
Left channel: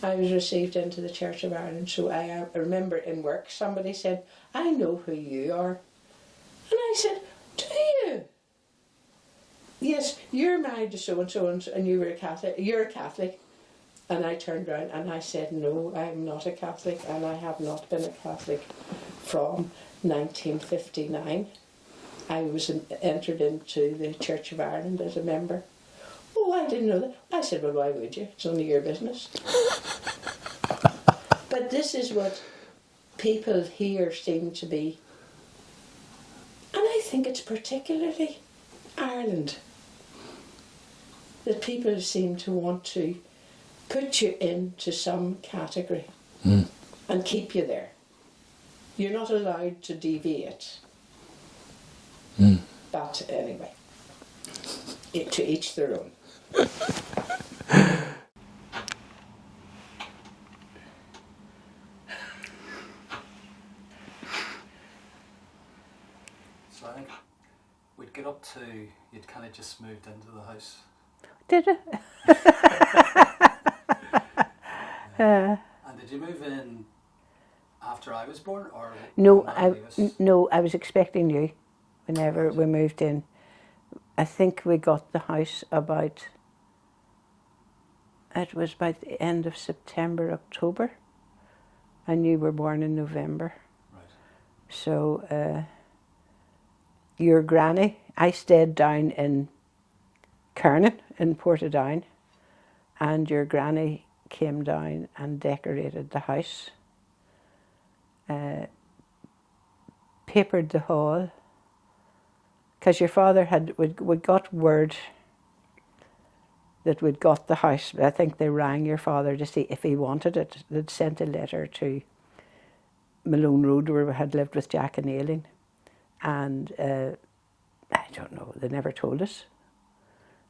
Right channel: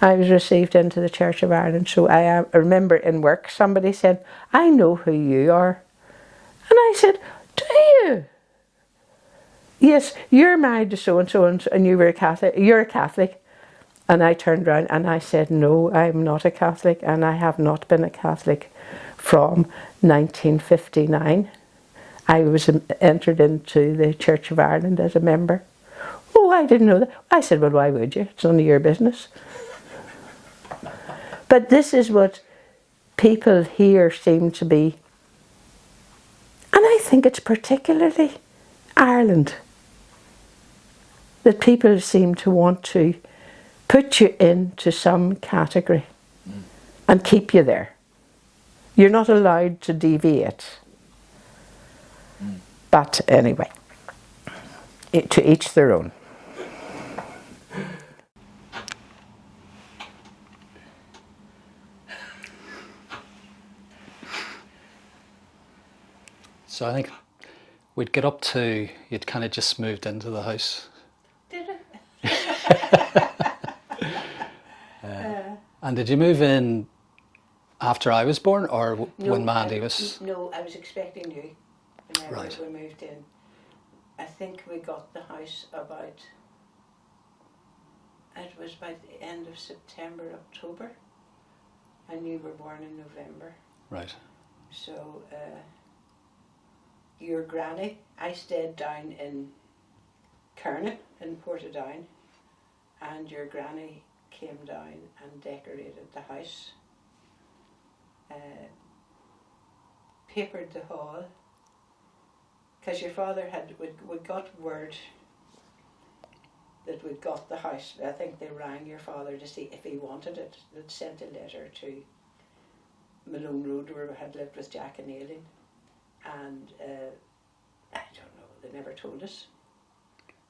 I was received into the Church of Ireland. So I remember in work somebody said, I know who you are. And I said, do you? Yes, you're married to so-and-so and you were a Catholic. You're a Catholic. And I turned around and I said, no, I'm not a Catholic, and I have not been a Catholic from 1959. I was entered into the Church of Ireland as a member. Oh, I didn't know that. I said, well, why would you? It's none of your business. But this is what people here seem to be. And I think it's particularly Ireland that people seem to want to put you into some category and keep you there. You're not allowed to deviate. But anyway, to each their own. So I think we'd get up to, you'd kind of just moved into the house. Did it? And did you move in after I was born, or No, when Mandy was? No, I was expecting you whenever Right. we moved in. I think we got the house about, it was by the end of September, October, and you were born in November. Right. So your granny, I stayed down in Kernan in Portadown, and your granny came down and decorated the house, papered the hall, because your father we'd got word that we'd got the house. I think they rang your father to see if he wanted it. They'd sent a letter to Malone Road, where we had lived with Jack and Aileen, and I don't know, they never told us.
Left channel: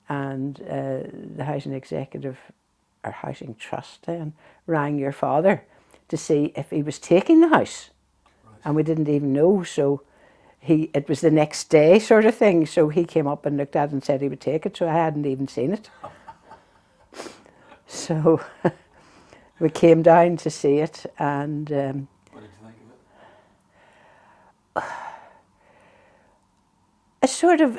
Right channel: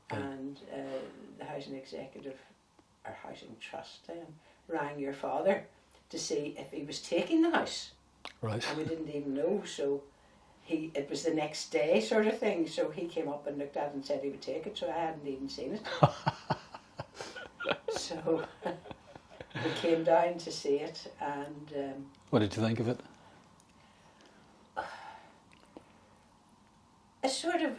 And the housing executive, or housing trust then, rang your father to see if he was taking the house. Right. And we didn't even know, so it was the next day sort of thing, so he came up and looked at it and said he would take it, so I hadn't even seen it. So we came down to see it, and What did you think of it? a sort of,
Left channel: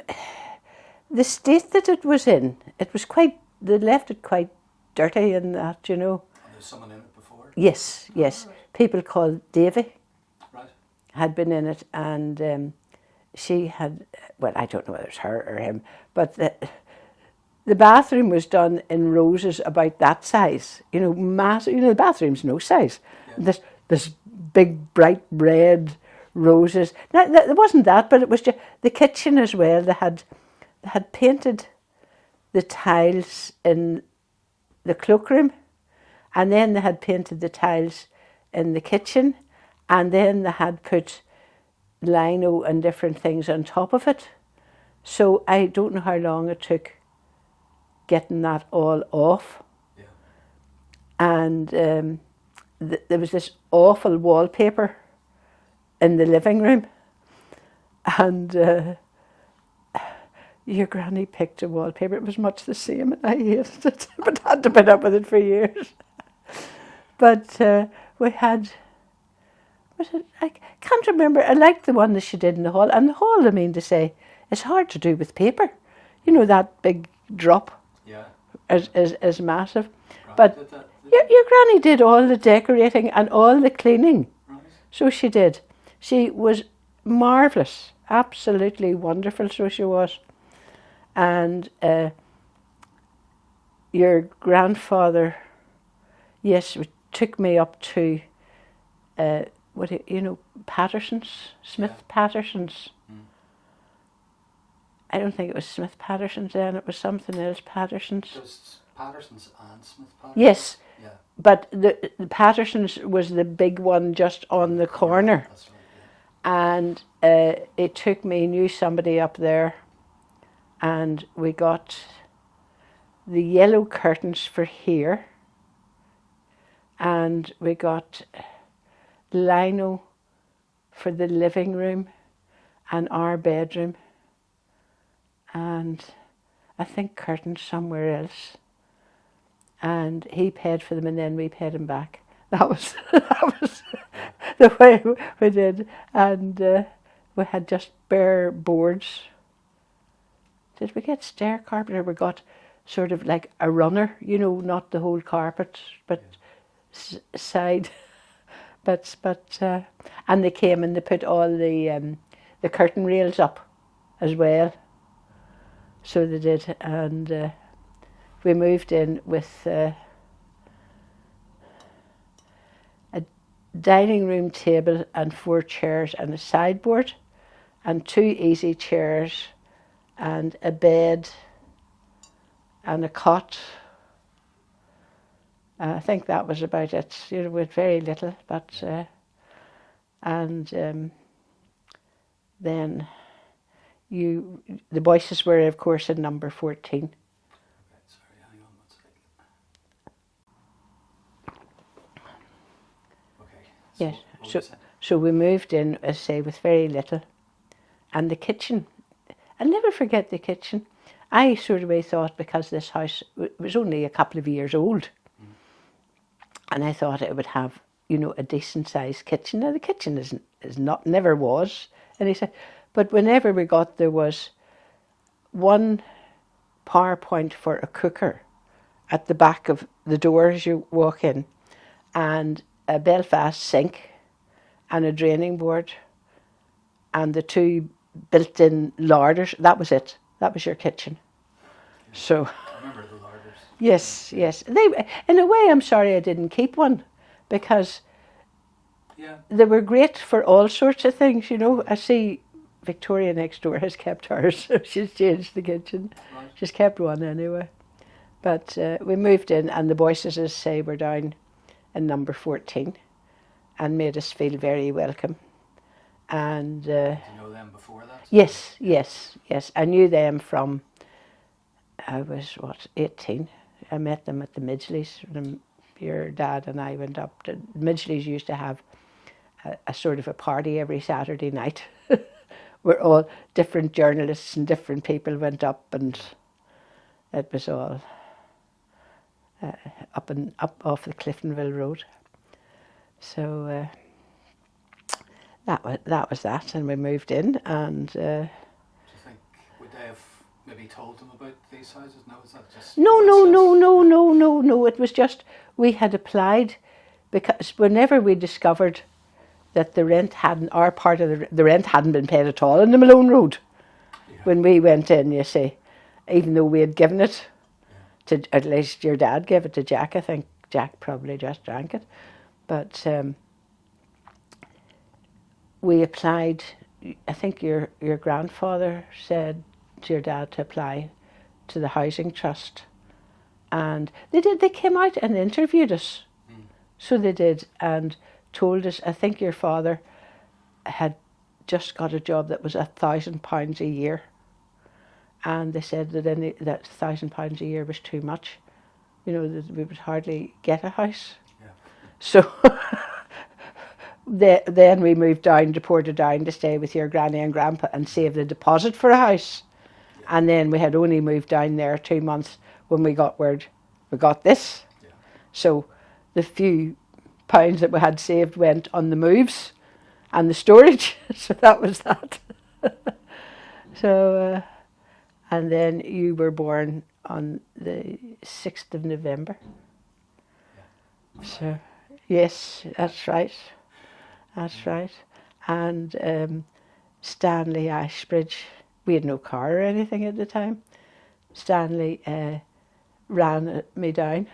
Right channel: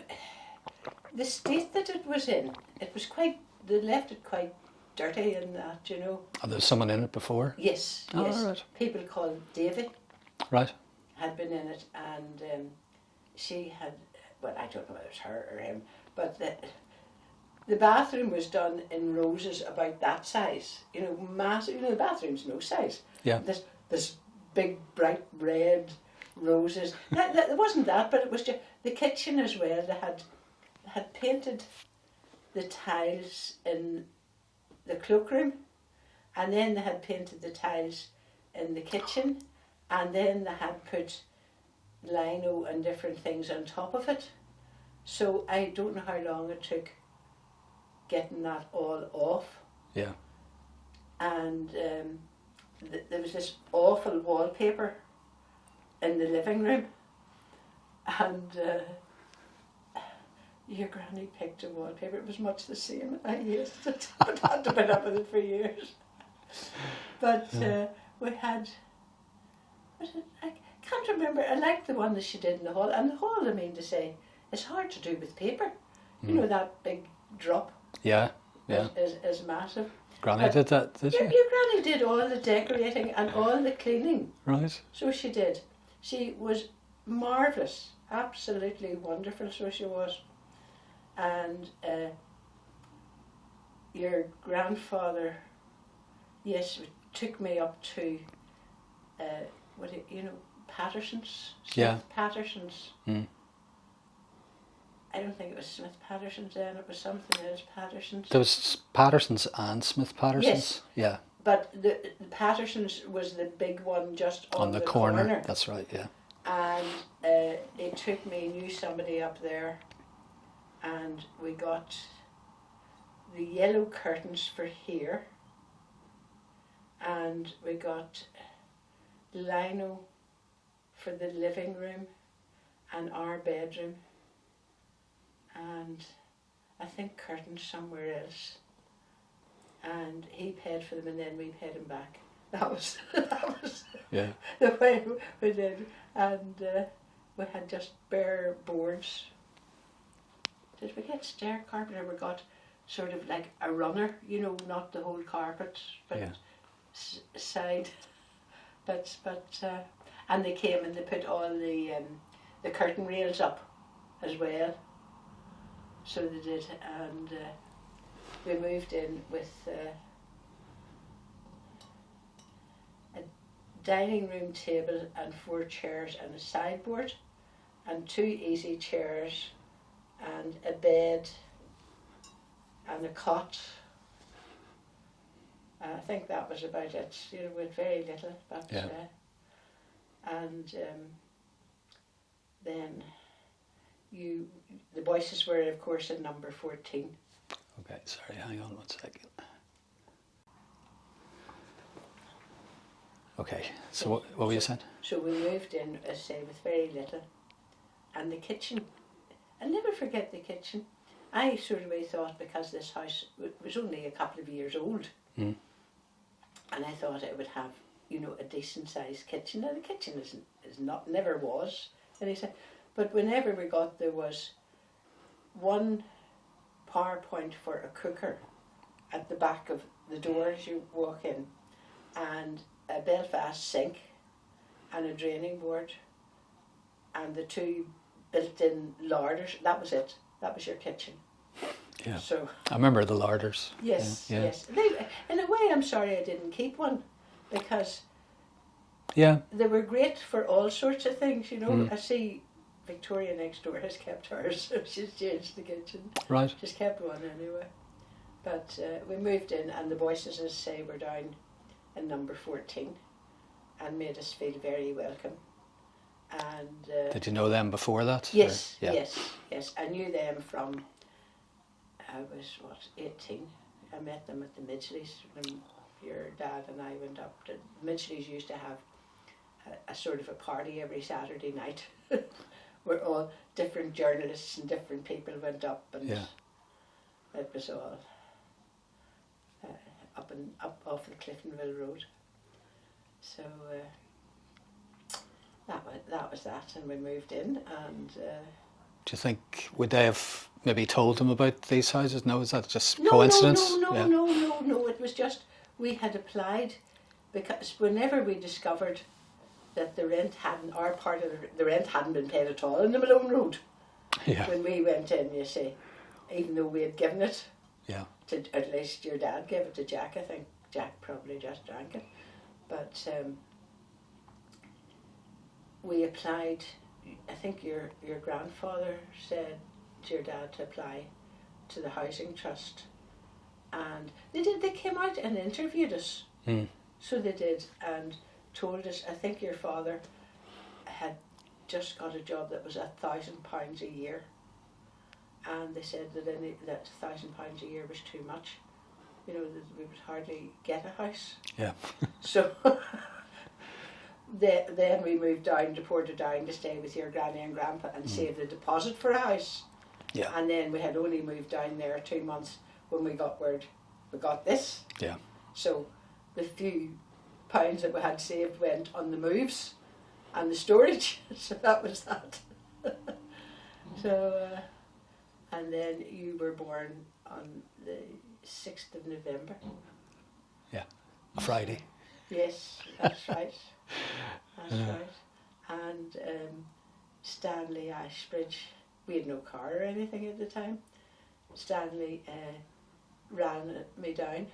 the state that it was in, it was quite, they left it quite dirty and that, you know. Oh, there was someone in it before? Yes, Oh, yes. right. People called Davy Right. had been in it, and she had, well, I don't know whether it's her or him, but the bathroom was done in roses about that size, you know, massive. You know, the bathroom's no size. Yeah. This big bright red roses. Now, it wasn't that, but it was just the kitchen as well. They had painted the tiles in the cloakroom, and then they had painted the tiles in the kitchen, and then they had put lino and different things on top of it. So I don't know how long it took getting that all off. Yeah. And there was this awful wallpaper in the living room, and your granny picked a wallpaper. It was much the same, and I hated it, but had to put up with it for years. But we had, I can't remember, I liked the one that she did in the hall. And the hall, I mean to say, it's hard to do with paper. You know, that big drop Yeah. is massive. Granny But did that, did your she? granny did all the decorating and all the cleaning. Right. So she did. She was marvellous, absolutely wonderful, so she was. And your grandfather, yes, took me up to, Patterson's, Smith Patterson's. Mm. I don't think it was Smith Patterson's then, it was something else, Patterson's. There was Patterson's and Smith Patterson's? Yes. Yeah. But the Patterson's was the big one just on the corner. That's right, yeah. And it took me, knew somebody up there, and we got the yellow curtains for here, and we got lino for the living room and our bedroom, and I think curtains somewhere else. And he paid for them, and then we paid him back. That was Yeah. the way we did. And we had just bare boards. Did we get stair carpet, or we got sort of like a runner, not the whole carpet, but side bits. But and they came and they put all the curtain rails up as well. So they did, and we moved in with a dining room table and 4 chairs and a sideboard and 2 easy chairs and a bed and a cot. I think that was about it, with very little, but then the voices were, of course, in number 14. Okay, sorry, hang on 1 second. Okay, so Yes. what were you saying? So we moved in, as I say, with very little. And the kitchen, I'll never forget the kitchen. I sort of thought, because this house was only a couple of years old, and I thought it would have, a decent sized kitchen. Now the kitchen never was. And he said, but whenever we got, there was one power point for a cooker at the back of the door as you walk in, and a Belfast sink and a draining board and the 2 built-in larders. That was it. That was your kitchen. Yeah. So I remember the larders. yes, Yeah. yes. In a way, I'm sorry I didn't keep one, because they were great for all sorts of things. I see Victoria next door has kept hers, so she's changed the kitchen. Right. She's kept one anyway. But we moved in, and the voices, as I say, were down in number 14 and made us feel very welcome. And did you know them before that? Yes, or, yeah. yes. I knew them from, I was, 18. I met them at the Midgeleys. Your dad and I went up to, the Midgeleys used to have a sort of a party every Saturday night where all different journalists and different people went up, and it was all up off the Cliftonville Road. So that was that, and we moved in. And do you think, would they have maybe told them about these houses? No, is that just no, coincidence? No. It was just, we had applied, because whenever we discovered that the rent hadn't, our part of the rent hadn't been paid at all in the Malone Road, when we went in, you see, even though we had given it to, at least your dad gave it to Jack. I think Jack probably just drank it. But we applied. I think your grandfather said to your dad to apply to the housing trust, and they did. They came out and interviewed us. So they did, and told us. I think your father had just got a job that was £1,000 a year, and they said that that £1,000 a year was too much. That we would hardly get a house. Yeah. So then we moved down to Portadown to stay with your granny and grandpa and save the deposit for a house. Yeah. And then we had only moved down there 2 months when we got word we got this. Yeah. So the few pounds that we had saved went on the moves and the storage. So that was that. So, and then you were born on the 6th of November. Yeah. A Friday. So, yes, that's right. That's right. And Stanley Ashbridge, we had no car or anything at the time. Stanley ran me down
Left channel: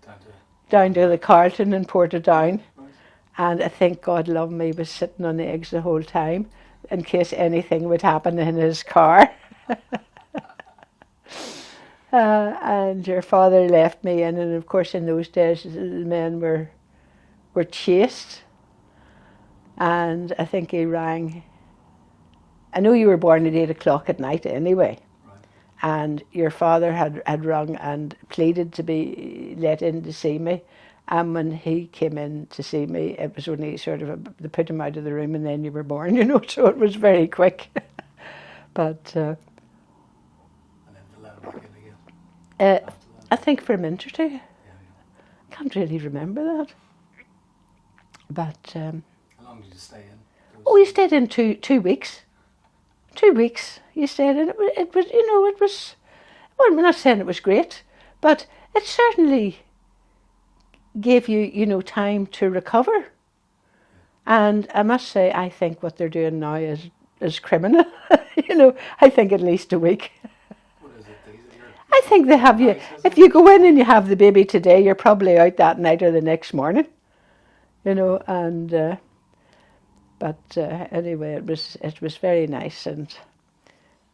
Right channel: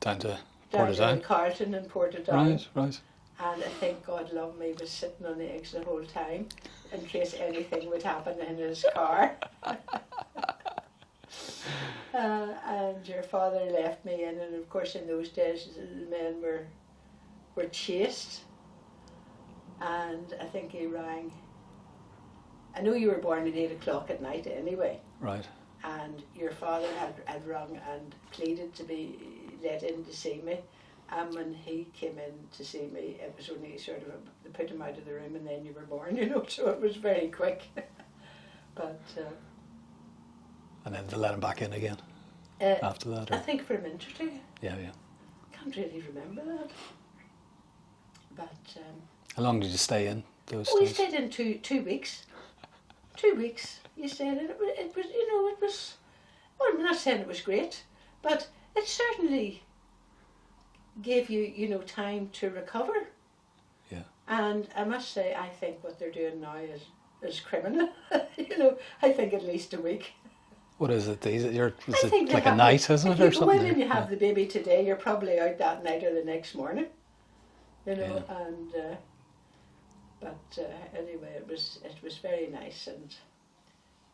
Down to the Carlton in Portadown. Right. And I think God love me was sitting on eggs the whole time in case anything would happen in his car. And your father left me in, and of course in those days the men were chased. And I think he rang. I know you were born at 8 o'clock at night anyway. Right. And your father had rung and pleaded to be let in to see me. And when he came in to see me, it was only sort of they put him out of the room and then you were born, you know, so it was very quick. But and then to let him back in again after that? I think for a minute or two. Yeah. I can't really remember that. But how long did you stay in? We stayed in 2 weeks. 2 weeks you stayed in. It was, you know, it was, well, I'm not saying it was great, but it certainly gave you, you know, time to recover. Yeah. And I must say, I think what they're doing now is criminal. You know, I think at least a week. What is it? I think they have night, if you go in and you have the baby today, you're probably out that night or the next morning. You know, yeah. And but anyway, it was very nice, and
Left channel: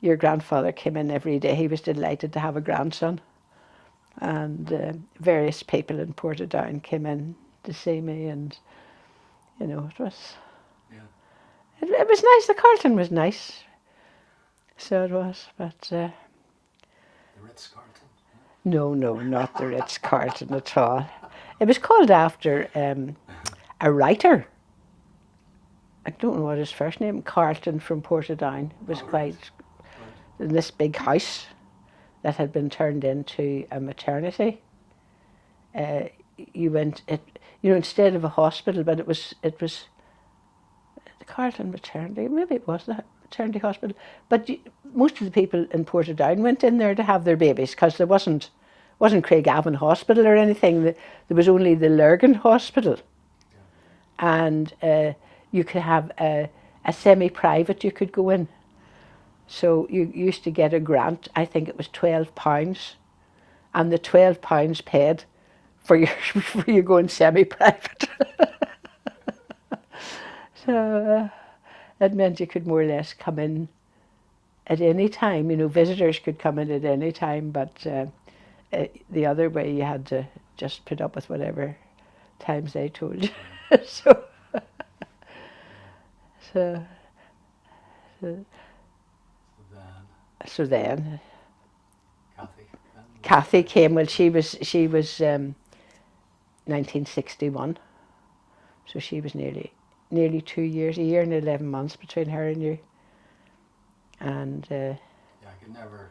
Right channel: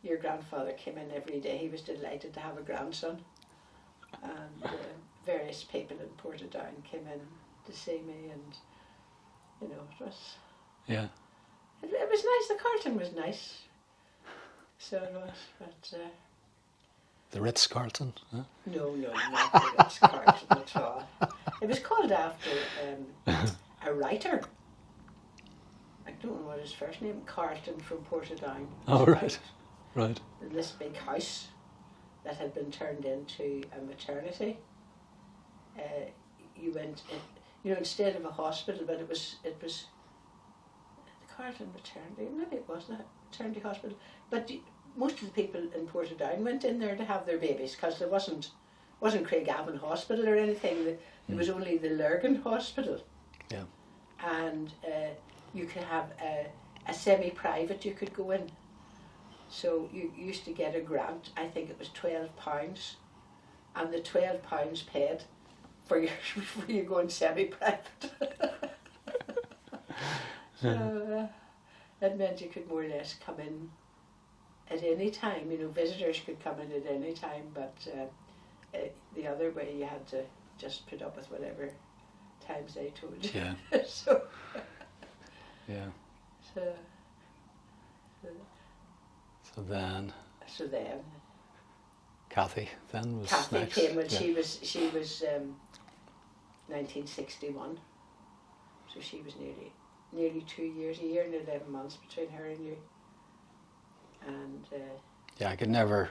your grandfather came in every day. He was delighted to have a grandson, and various people in Portadown came in to see me, and you know, it was it was nice. The Carlton was nice, so it was. But the Ritz-Carlton? Huh? No, not the Ritz-Carlton at all. It was called after a writer. I don't know what his first name, Carlton from Portadown. Right. In this big house that had been turned into a maternity. You went, instead of a hospital, but it was the Carlton maternity. Maybe it was the maternity hospital. But most of the people in Portadown went in there to have their babies because there wasn't Craigavon Hospital or anything. There was only the Lurgan Hospital. Yeah. And you could have a semi-private you could go in. So you used to get a grant, I think it was £12, and the £12 paid for you going semi-private. So it meant you could more or less come in at any time. You know, visitors could come in at any time, but the other way you had to just put up with whatever times they told you. Yeah. So. Yeah. So then. Kathy then. Kathy came. Well, she was 1961. So she was nearly 2 years, a year and 11 months between her and you. And yeah, I could never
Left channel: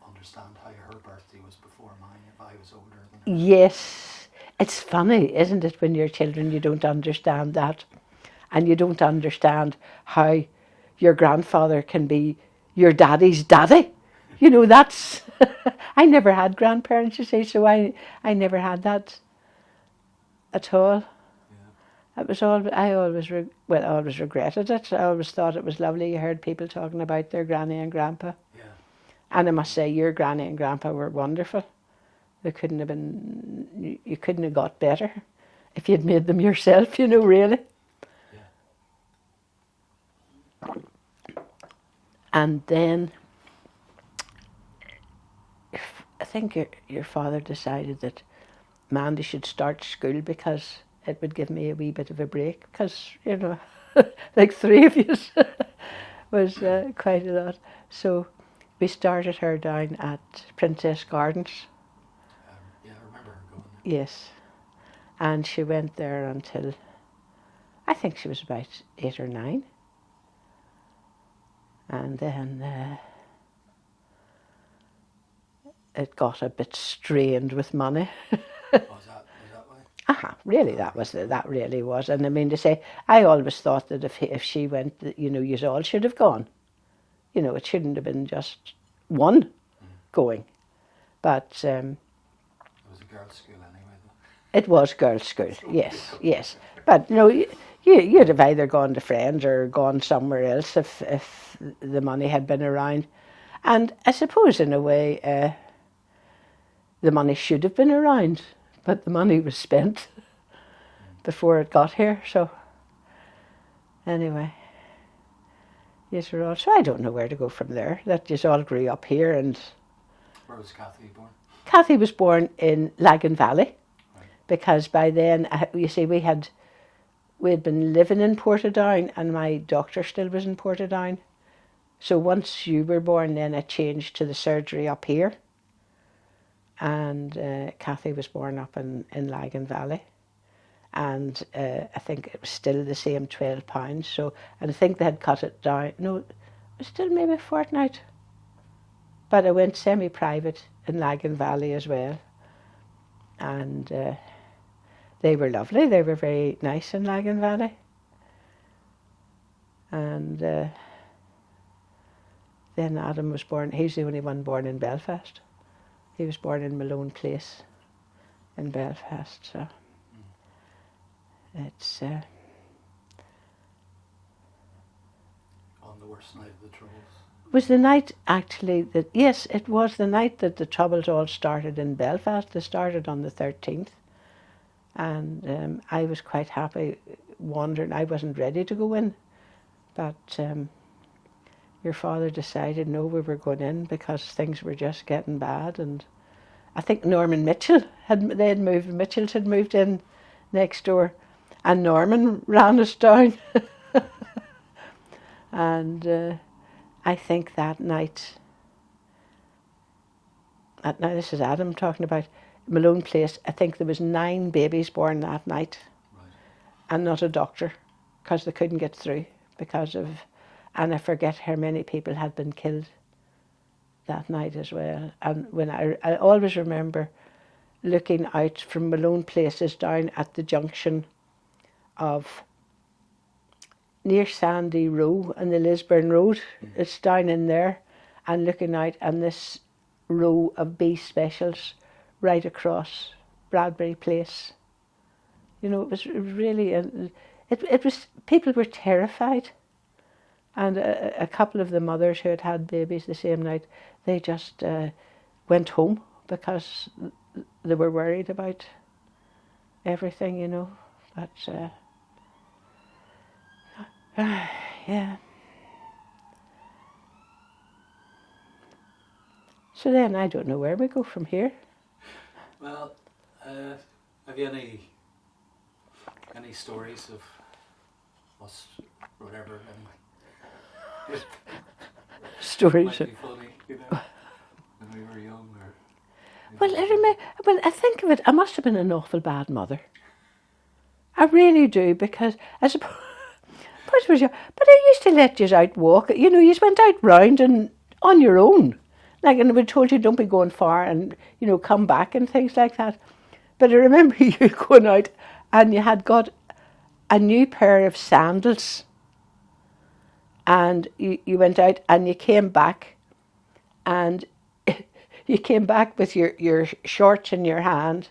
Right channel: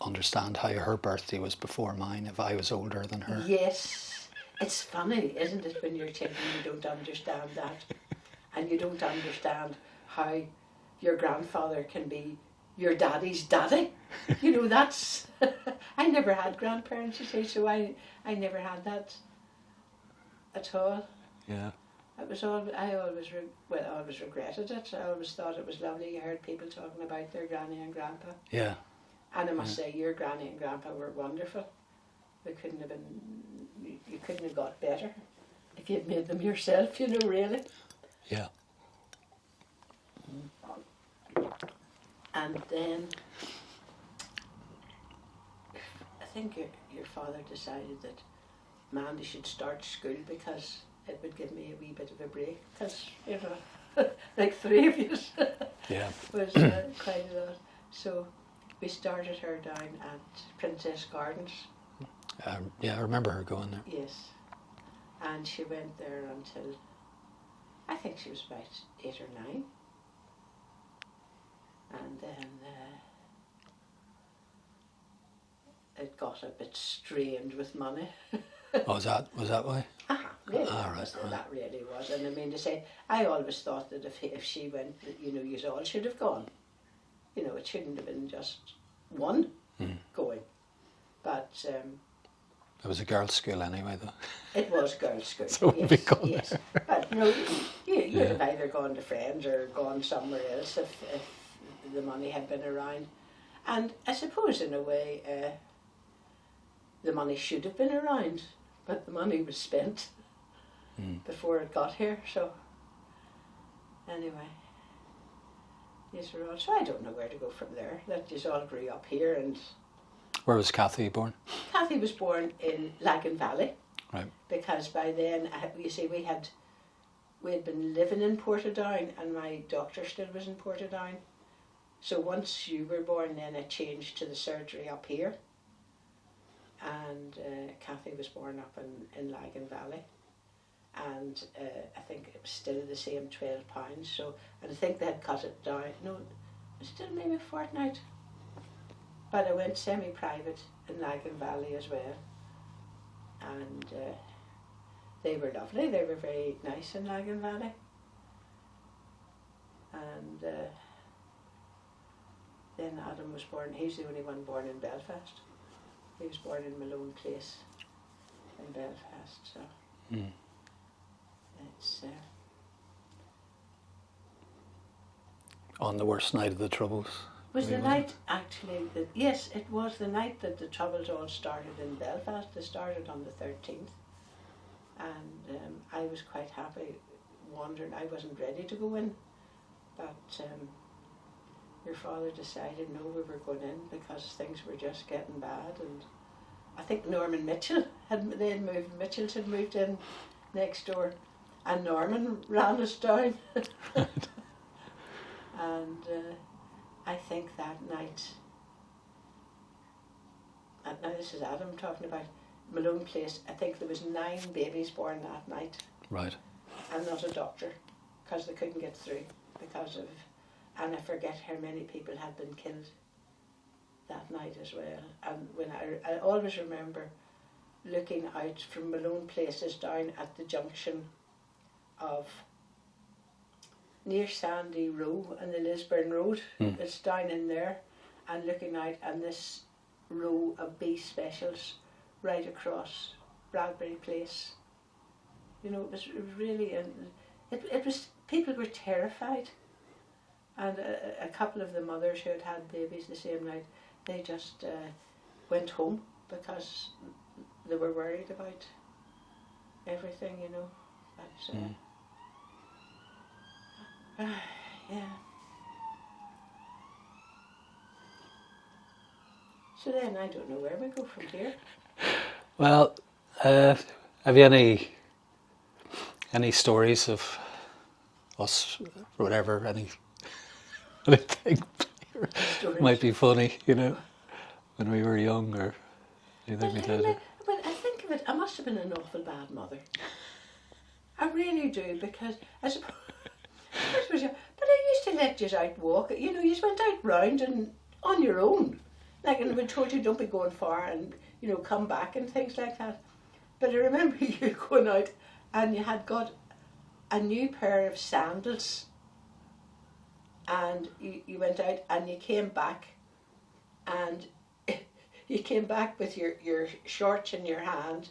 understand how her birthday was before mine if I was older than her. Yes, it's funny, isn't it, when you're children you don't understand that, and you don't understand how your grandfather can be your daddy's daddy. You know, that's I never had grandparents, you see, so I never had that at all. Yeah. It was all. I always regretted it. I always thought it was lovely. You heard people talking about their granny and grandpa. Yeah. And I must say, your granny and grandpa were wonderful. They couldn't have been. You couldn't have got better if you'd made them yourself. You know, really. Yeah. And then, I think your father decided that Mandy should start school because it would give me a wee bit of a break, because, you know, like 3 of you was quite a lot. So we started her down at Princess Gardens. Yeah, I remember her going there. Yes. And she went there until, I think she was about 8 or 9. And then it got a bit strained with money. Oh, was that why? Really, Right. that really was. And I mean to say, I always thought that if she went, that, you know, you all should have gone. You know, it shouldn't have been just one going. But It was a girls' school anyway, though. it was girls' school, So it would be yes, gone yes. But you know, you'd have either gone to Friends or gone somewhere else if the money had been around. And I suppose in a way, the money should have been around, but the money was spent before it got here. So anyway, yes, we're all. So I don't know where to go from there. That just all grew up here, and Where was Kathy born? Kathy was born in Lagan Valley. Right. Because by then, you see, we had been living in Portadown, and my doctor still was in Portadown. So once you were born, then it changed to the surgery up here. And Kathy was born up in Lagan Valley. And I think it was still the same £12. So, and I think they had cut it down. No, it was still maybe a fortnight. But I went semi-private in Lagan Valley as well. And they were lovely. They were very nice in Lagan Valley. And then Adam was born. He's the only one born in Belfast. He was born in Malone Place in Belfast. So it's On the worst night of the Troubles. was the night actually that, yes, it was the night that the Troubles all started in Belfast. They started on the 13th. And I was quite happy wandering. I wasn't ready to go in. But your father decided, no, we were going in because things were just getting bad. And I think Norman Mitchell, Mitchells had moved in next door. And Norman ran us down. And I think that night, now this is Adam talking about Malone Place, I think there was 9 babies born that night. Right. And not a doctor, because they couldn't get through because of, and I forget how many people had been killed that night as well. And when I always remember looking out from Malone Places down at the junction of near Sandy Row and the Lisburn Road. It's down in there, and looking out, and this row of B specials right across Bradbury Place. You know, it was really, it was, people were terrified. And a couple of the mothers who had babies the same night, they just went home because they were worried about everything, you know. But, yeah. So then I don't know where we go from here. Well, have you any stories of us, or whatever, anything Stories. might be funny, you know, when we were young, or Well, anything like that? well, I think of it, I must have been an awful bad mother. I really do, because I suppose, but I used to let you out walk. You know, you went out round and on your own. Like, and we told you don't be going far and, you know, come back and things like that. But I remember you going out and you had got a new pair of sandals, and you went out and you came back, and you came back with your shorts in your hand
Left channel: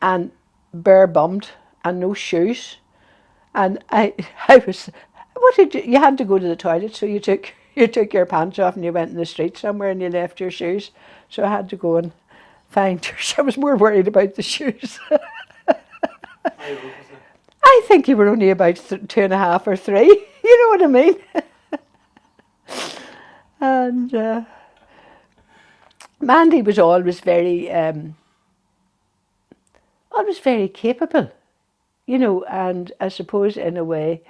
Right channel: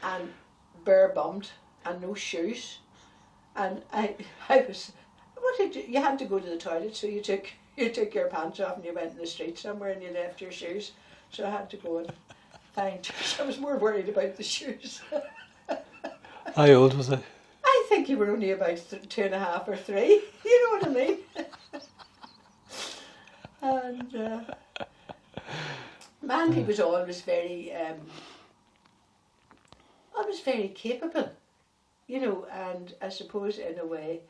and bare bummed and no shoes. And I was, what did you had to go to the toilet, so you took your pants off and you went in the street somewhere and you left your shoes. So I had to go and find yours. I was more worried about the shoes. How old was I? I think you were only about 2.5 or 3. You know what I mean? And Mandy was always very capable, you know, and I suppose in a way,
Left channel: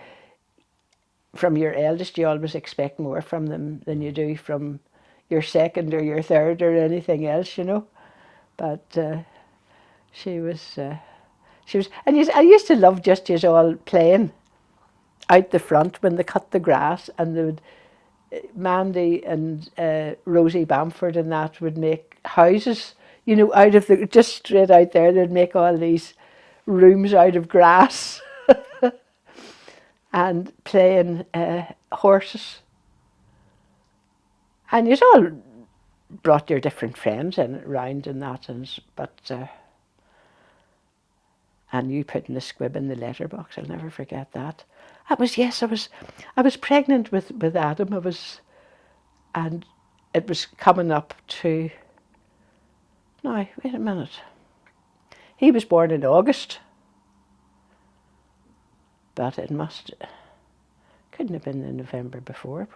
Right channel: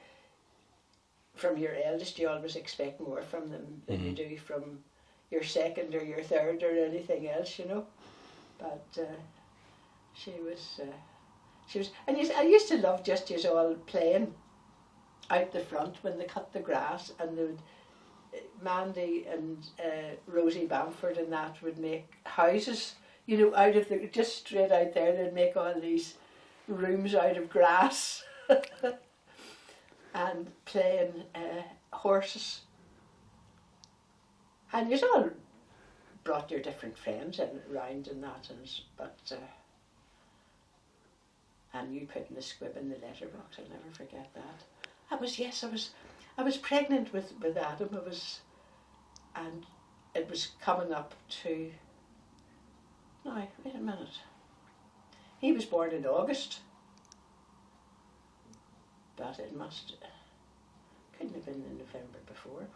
from your eldest, you always expect more from them than you do from your second or your third or anything else, you know. But she was, and I used to love just you all playing out the front when they cut the grass, and they would Mandy and Rosie Bamford and that would make houses, you know, out of the, just straight out there, they'd make all these rooms out of grass and playing horses. And you'd all brought your different friends in round and that, and you putting the squib in the letterbox, I'll never forget that. I was pregnant with Adam. And it was coming up to, now, wait a minute. He was born in August. But it couldn't have been in November before.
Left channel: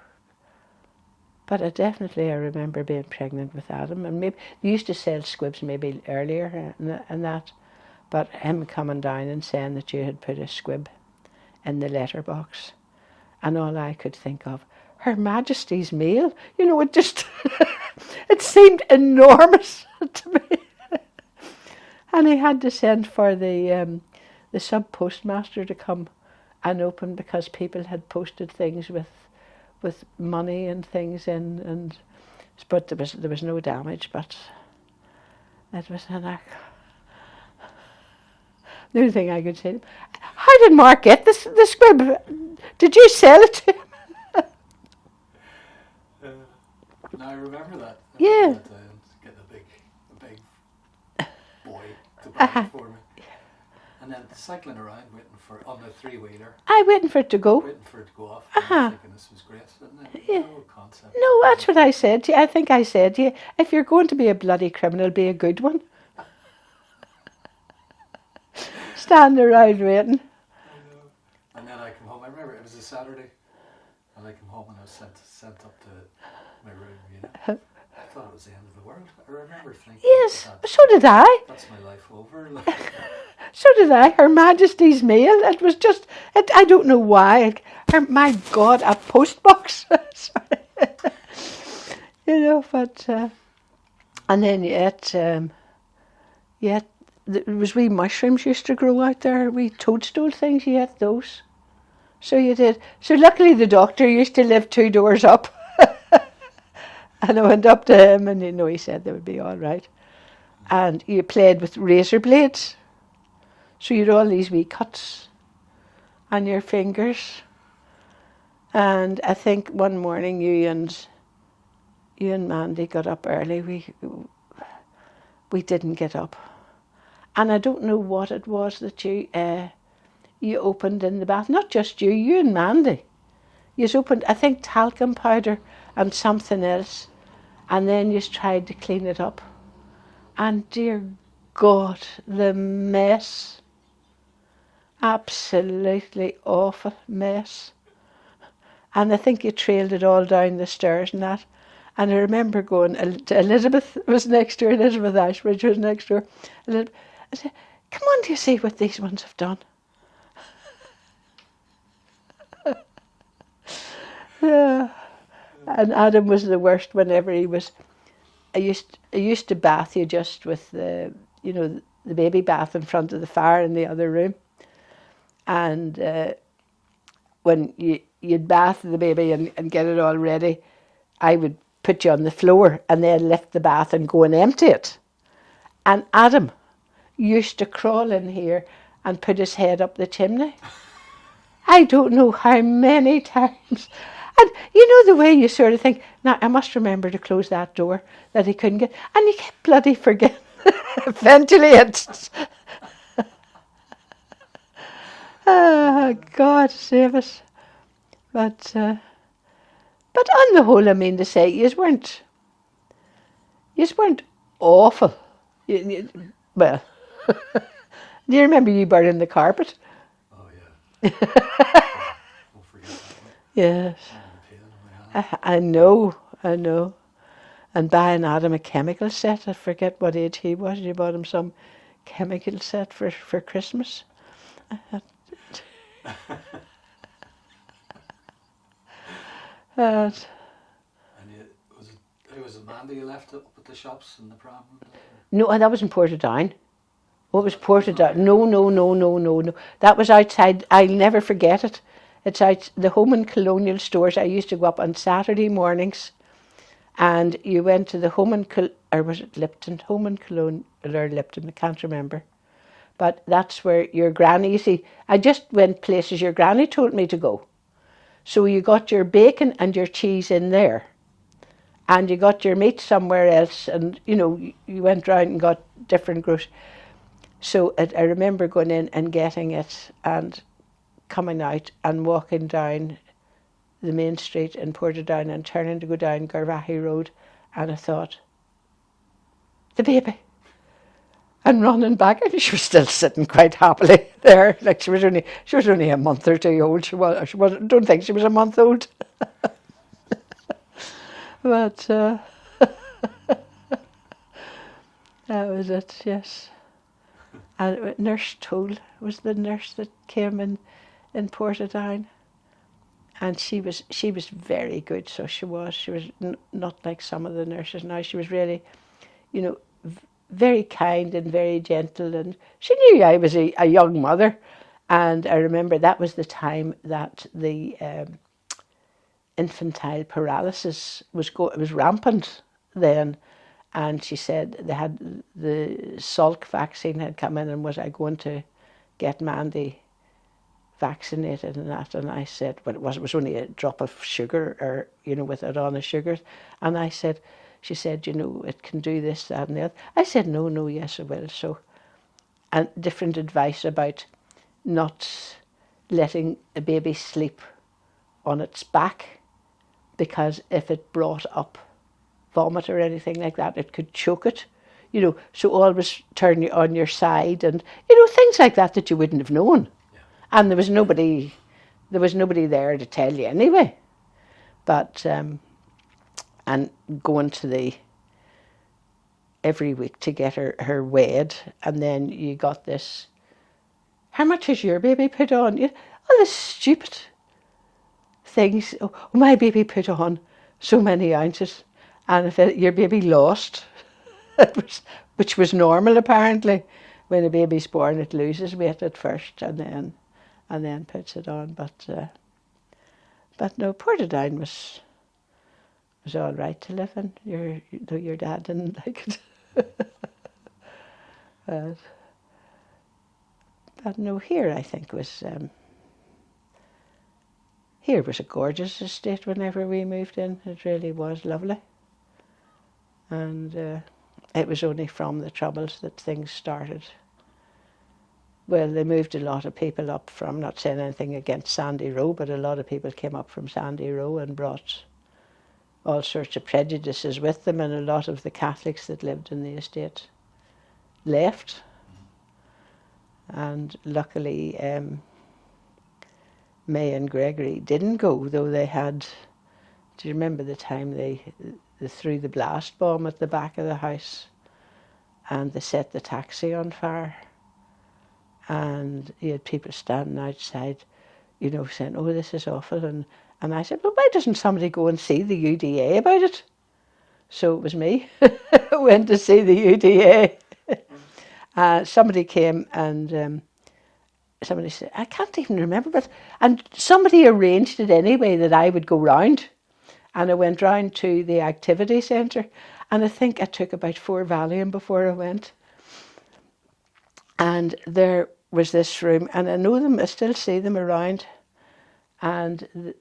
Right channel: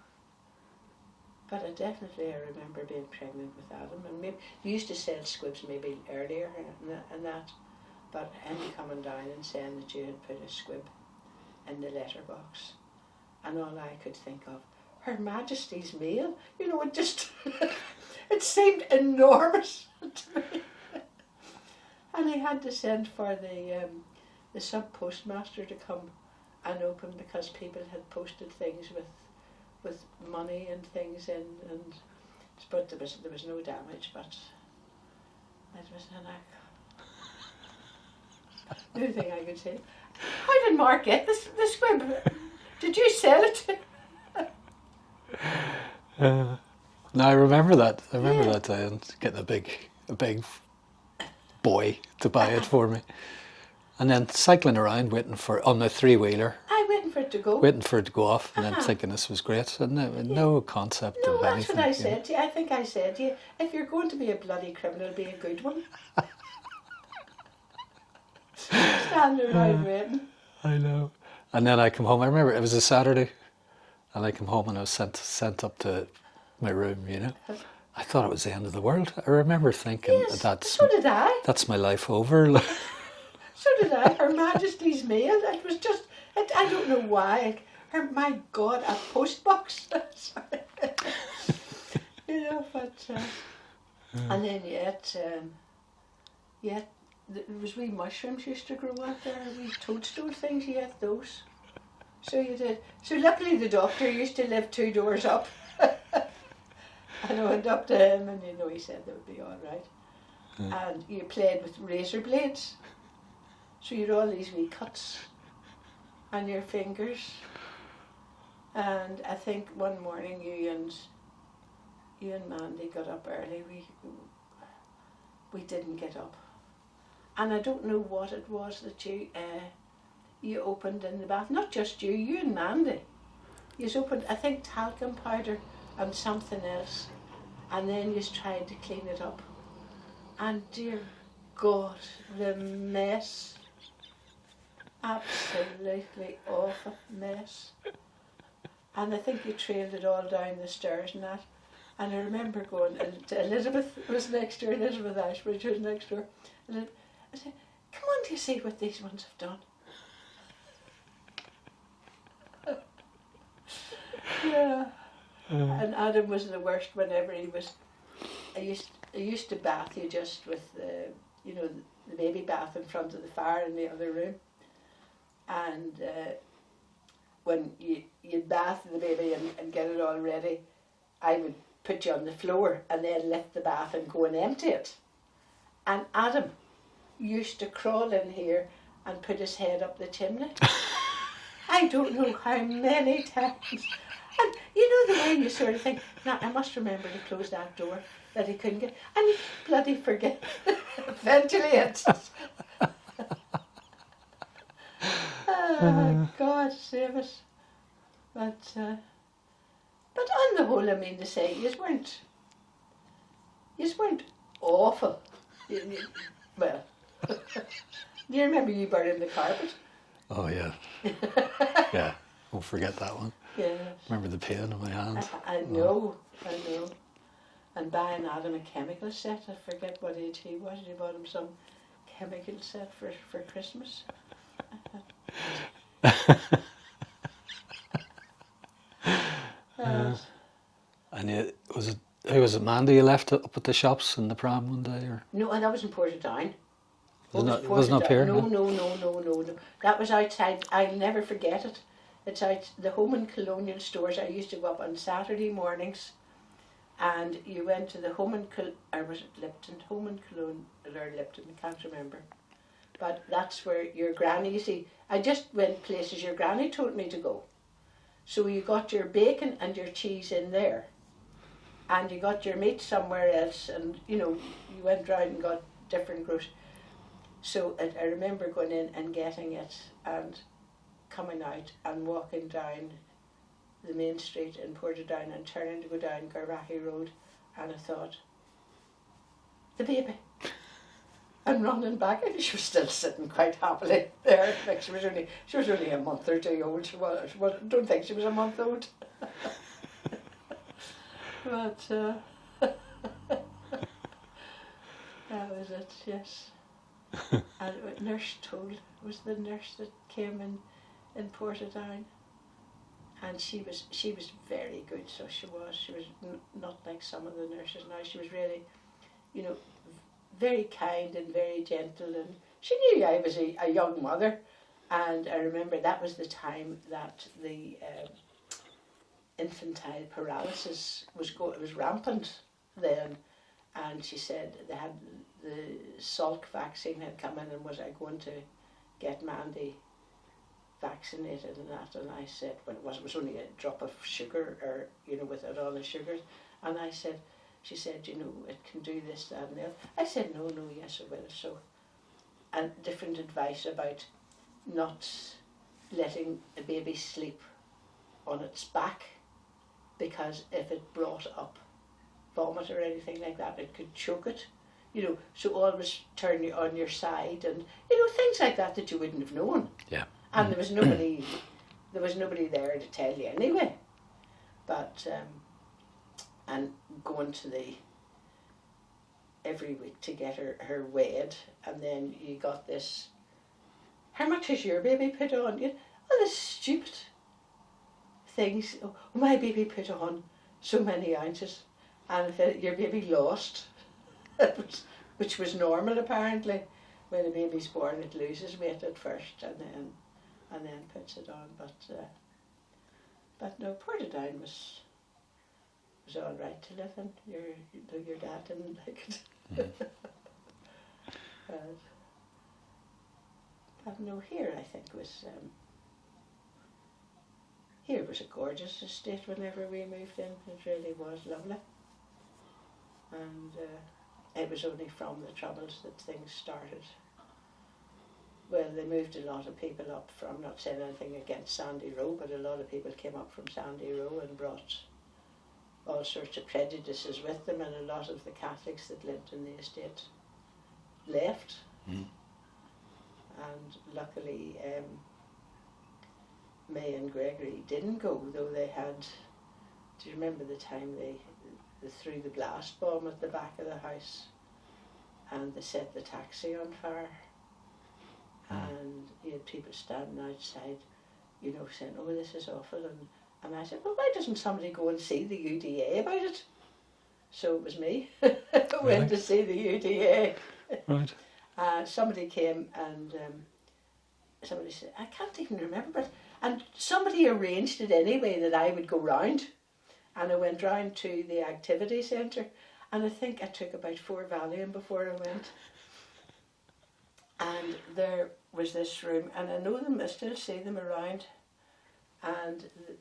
But I remember being pregnant with Adam. And maybe, they used to sell squibs maybe earlier and that. But him coming down and saying that you had put a squib in the letterbox. And all I could think of, Her Majesty's Mail. You know, it just, it seemed enormous to me. And he had to send for the sub-postmaster to come and open, because people had posted things with money and things in, but there was no damage, but it was an act. The only thing I could say, how did Mark get the squib? Did you sell it to him? No, I remember that. I remember that day and getting a big boy to buy it for me. And then cycling around on the three-wheeler. Waiting for it to go. Waiting for it to go off, and then thinking this was great. No concept. No, that's what I said to you. I think I said to you, if you're going to be a bloody criminal, be a good one. Stand around waiting. I know. And then I come home. I remember it was a Saturday, and I come home and I was sent up to my room. You know, I thought it was the end of the world. I remember thinking, yes, so did I. That's my life over. So did I. Her Majesty's Mail. It was just, I don't know why. My God, a post box. You know, but, and then yet, there was wee mushrooms used to grow out there, wee toadstool things, you ate those. So you did. So luckily the doctor used to live 2 doors up. And I went up to him and, you know, he said they would be all right. And you played with razor blades. So you had all these wee cuts on your fingers. And I think one morning you and Mandy got up early. We didn't get up. And I don't know what it was that you opened in the bath. Not just you and Mandy. You opened, I think, talcum powder and something else. And then you tried to clean it up. And dear God, the mess. Absolutely awful mess. And I think you trailed it all down the stairs and that. And I remember going to Elizabeth was next door, Elizabeth Ashbridge was next door. I said, come on, do you see what these ones have done? Yeah. And Adam was the worst whenever he was. I used to bath you just with the baby bath in front of the fire in the other room. And when you'd bath the baby and get it all ready, I would put you on the floor and then lift the bath and go and empty it. And Adam used to crawl in here and put his head up the chimney. I don't know how many times. And you know the way you sort of think, now I must remember to close that door that he couldn't get. And he kept bloody forget ventilate. God save us. But on the whole, I mean to say, you weren't awful. Well, do you remember you burning the carpet? Oh yeah. Yeah, won't forget that one. Yes. Remember the pain in my hands. I know. And buying Adam a chemical set. I forget what age he was. You bought him some chemical set for Christmas. And who was it, Mandy you left up at the shops in the pram one day? Or? No, that was in Portadown. What was Wasn't up Portadown? here, No. That was outside. I'll never forget it. It's out the Home and Colonial stores. I used to go up on Saturday mornings, and you went to the Home and or was it Lipton? Home and Colonial or Lipton? I can't remember. But that's where your granny, you see, I just went places your granny told me to go. So you got your bacon and your cheese in there. And you got your meat somewhere else. And, you know, you went round and got different groceries. So I remember going in and getting it and coming out and walking down the main street in Portadown and turning to go down Garvaghey Road. And I thought, the baby. And running back, and she was still sitting quite happily there. Like she was only a month or two old. She was. Don't think she was a month old. But that was it. Yes. And Nurse Toll was the nurse that came in Portadown, and she was very good. So she was not like some of the nurses now. She was really, you know, very kind and very gentle, and she knew I was a young mother. And I remember that was the time that the infantile paralysis was rampant then, and she said they had the Salk vaccine had come in, and was I going to get Mandy vaccinated and that? And I said, well, it was only a drop of sugar, or you know, with it on the sugars. And I said, she said, you know, it can do this, that and the other. I said, no, yes it will. So, and different advice about not letting a baby sleep on its back, because if it brought up vomit or anything like that, it could choke it. You know, so always turn you on your side, and you know, things like that you wouldn't have known. Yeah. And there was nobody there to tell you anyway. But and going to every week to get her weighed, and then you got this, how much has your baby put on? All this stupid things. Oh, my baby put on so many ounces, and if your baby lost, which was normal apparently. When a baby's born, it loses weight at first, and then puts it on. But no, Portadown was all right to live in. Though your dad didn't like it. But no, here I think was here was a gorgeous estate whenever we moved in. It really was lovely. And it was only from the Troubles that things started. Well, they moved a lot of people up from, not saying anything against Sandy Row, but a lot of people came up from Sandy Row and brought all sorts of prejudices with them, and a lot of the Catholics that lived in the estate left. Mm. And luckily May and Gregory didn't go, though they had, do you remember the time they threw the blast bomb at the back of the house and they set the taxi on fire? And you had people standing outside, you know, saying, oh, this is awful. And I said, well, why doesn't somebody go and see the UDA about it? So it was me who went to see the UDA. Right. Somebody came and somebody said, I can't even remember, but and somebody arranged it anyway that I would go round. And I went round to the activity centre, and I think I took about 4 Valium before I went. And there was this room, and I know them, I still see them around. And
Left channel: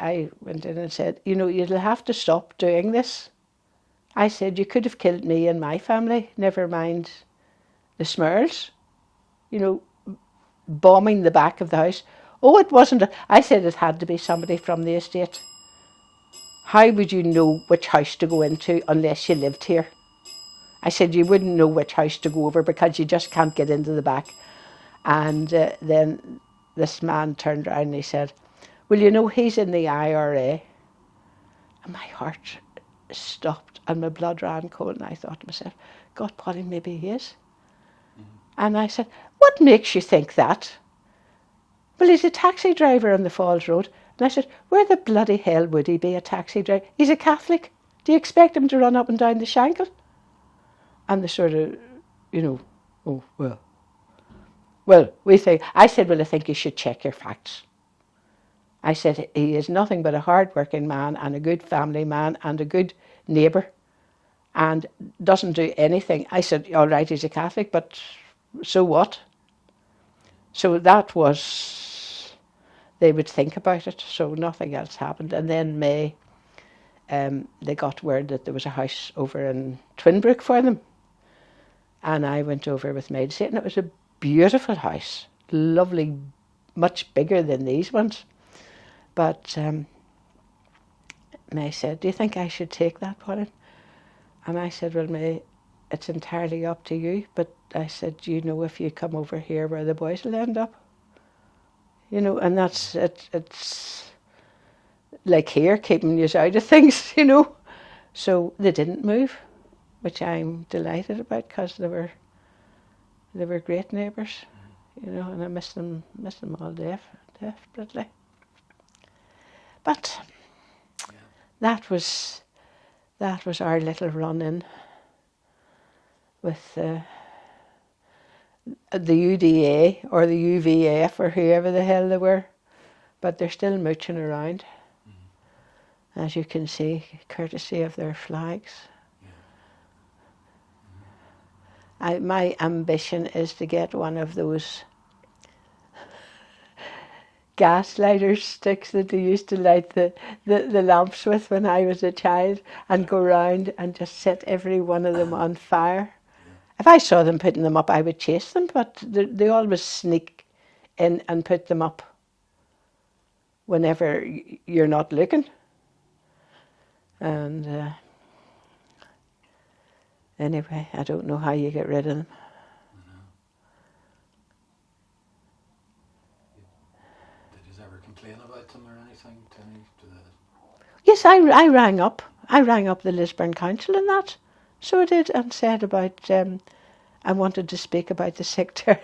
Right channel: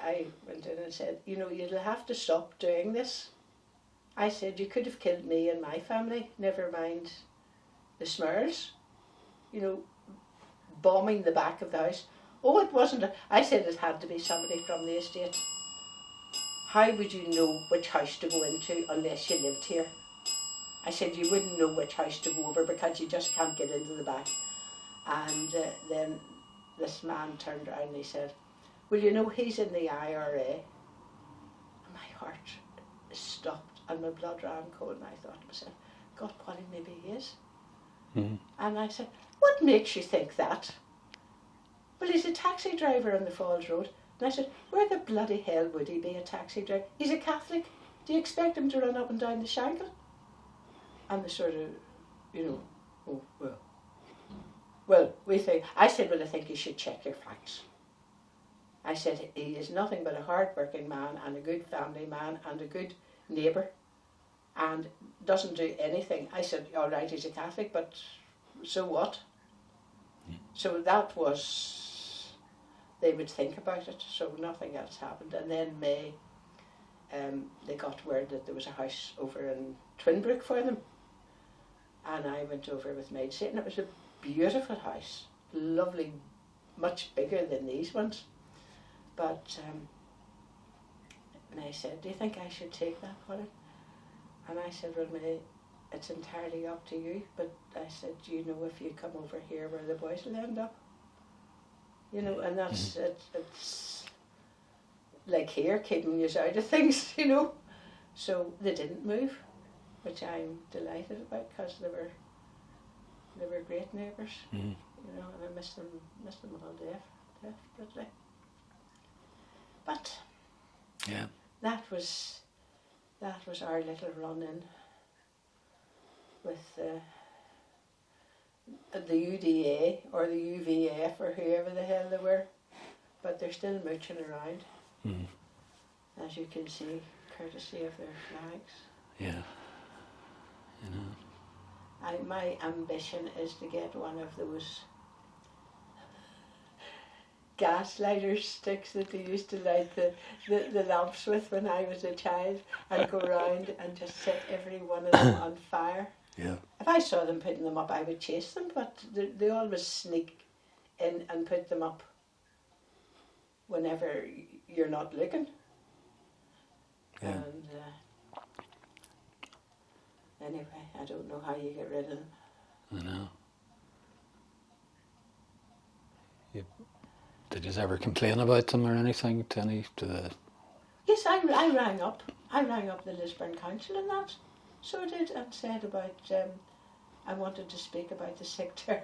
I went in and said, you know, you'll have to stop doing this. I said, you could have killed me and my family, never mind the Smurls. You know, bombing the back of the house. Oh, it wasn't. I said it had to be somebody from the estate. How would you know which house to go into unless you lived here? I said you wouldn't know which house to go over because you just can't get into the back. And then this man turned around and he said, well, you know, he's in the IRA. And my heart stopped and my blood ran cold, and I thought to myself, God, Polly, maybe he is. Mm-hmm. And I said, what makes you think that? Well, he's a taxi driver on the Falls Road. And I said, where the bloody hell would he be a taxi driver? He's a Catholic. Do you expect him to run up and down the Shankill? And they sort of, you know, oh, well, we think, I said, well, I think you should check your facts. I said, he is nothing but a hard-working man and a good family man and a good neighbour and doesn't do anything. I said, all right, he's a Catholic, but so what? So that was, they would think about it, so nothing else happened. And then May, they got word that there was a house over in Twinbrook for them. And I went over with May to see it, and it was a beautiful house, lovely, much bigger than these ones. But May said, do you think I should take that, Pauline? And I said, well, May, it's entirely up to you. But I said, do you know if you come over here where the boys will end up? You know, and that's, it's like here, keeping you out of things, you know. So they didn't move, which I'm delighted about, because they were great neighbours, you know, and I miss them all desperately. But Yeah. that was our little run-in with the UDA or the UVF or whoever the hell they were, but they're still mooching around, as you can see, courtesy of their flags. Yeah. My ambition is to get one of those gas lighter sticks that they used to light the lamps with when I was a child, and go round and just set every one of them on fire. Yeah. If I saw them putting them up, I would chase them, but they always sneak in and put them up whenever you're not looking. And anyway, I don't know how you get rid of them. I know. Did you ever complain about them or anything to the? Yes, I rang up. I rang up the Lisburn Council and that. So I did, and said about I wanted to speak about the sectarian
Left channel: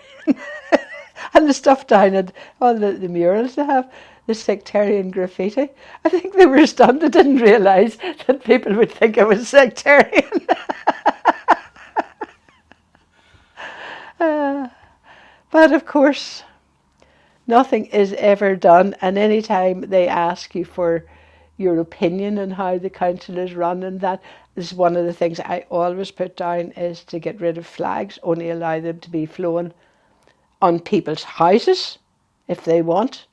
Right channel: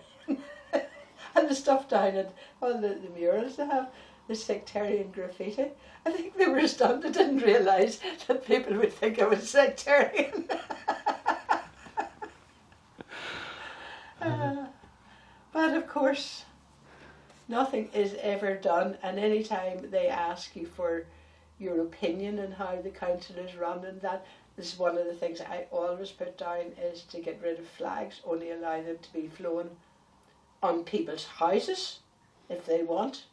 and the stuff down at all the murals they have, the sectarian graffiti. I think they were stunned. They didn't realise that people would think I was sectarian. But of course, nothing is ever done, and any time they ask you for your opinion on how the council is run, and that is one of the things I always put down, is to get rid of flags, only allow them to be flown on people's houses if they want,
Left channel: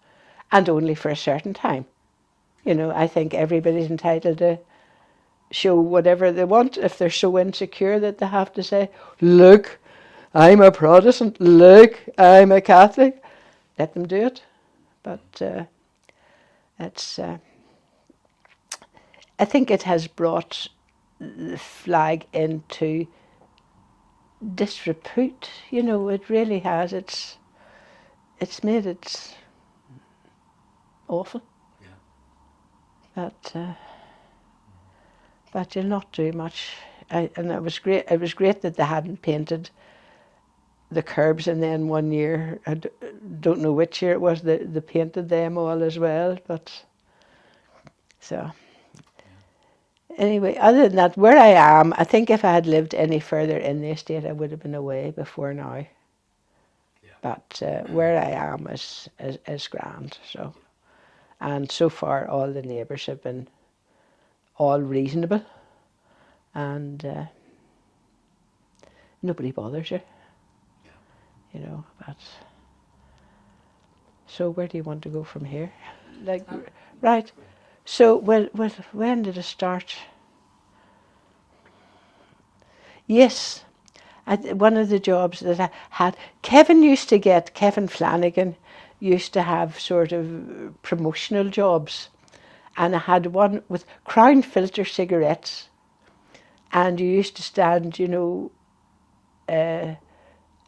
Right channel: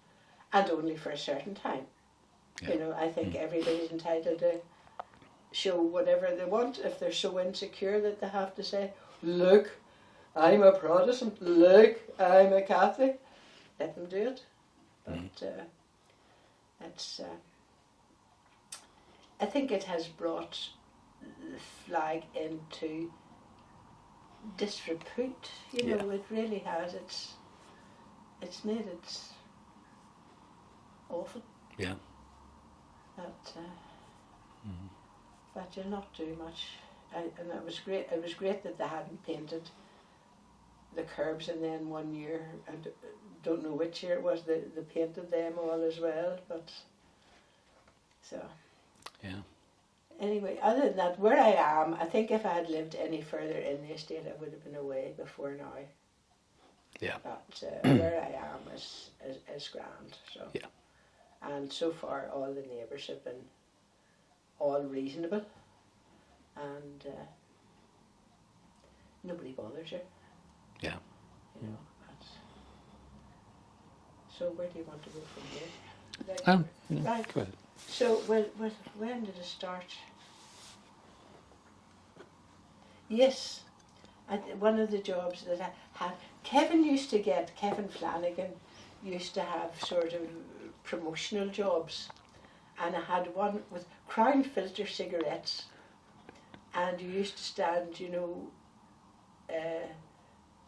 and only for a certain time. You know, I think everybody's entitled to show whatever they want. If they're so insecure that they have to say, look, I'm a Protestant, look, I'm a Catholic, let them do it. But it's I think it has brought the flag into disrepute, you know. It really has. It's made it awful. Yeah. But you'll not do much. And it was great. It was great that they hadn't painted the curbs, and then one year, I don't know which year it was, they painted them all as well. But so. Anyway, other than that, where I am, I think if I had lived any further in the estate, I would have been away before now. Yeah. But where I am is grand. So. Yeah. And so far, all the neighbours have been all reasonable, and nobody bothers you. Yeah. You know, but so where do you want to go from here? Like, right. Good. So, well, when did it start? Yes, one of the jobs that I had, Kevin Flanagan used to have sort of promotional jobs, and I had one with Crown filter cigarettes, and you used to stand, you know, and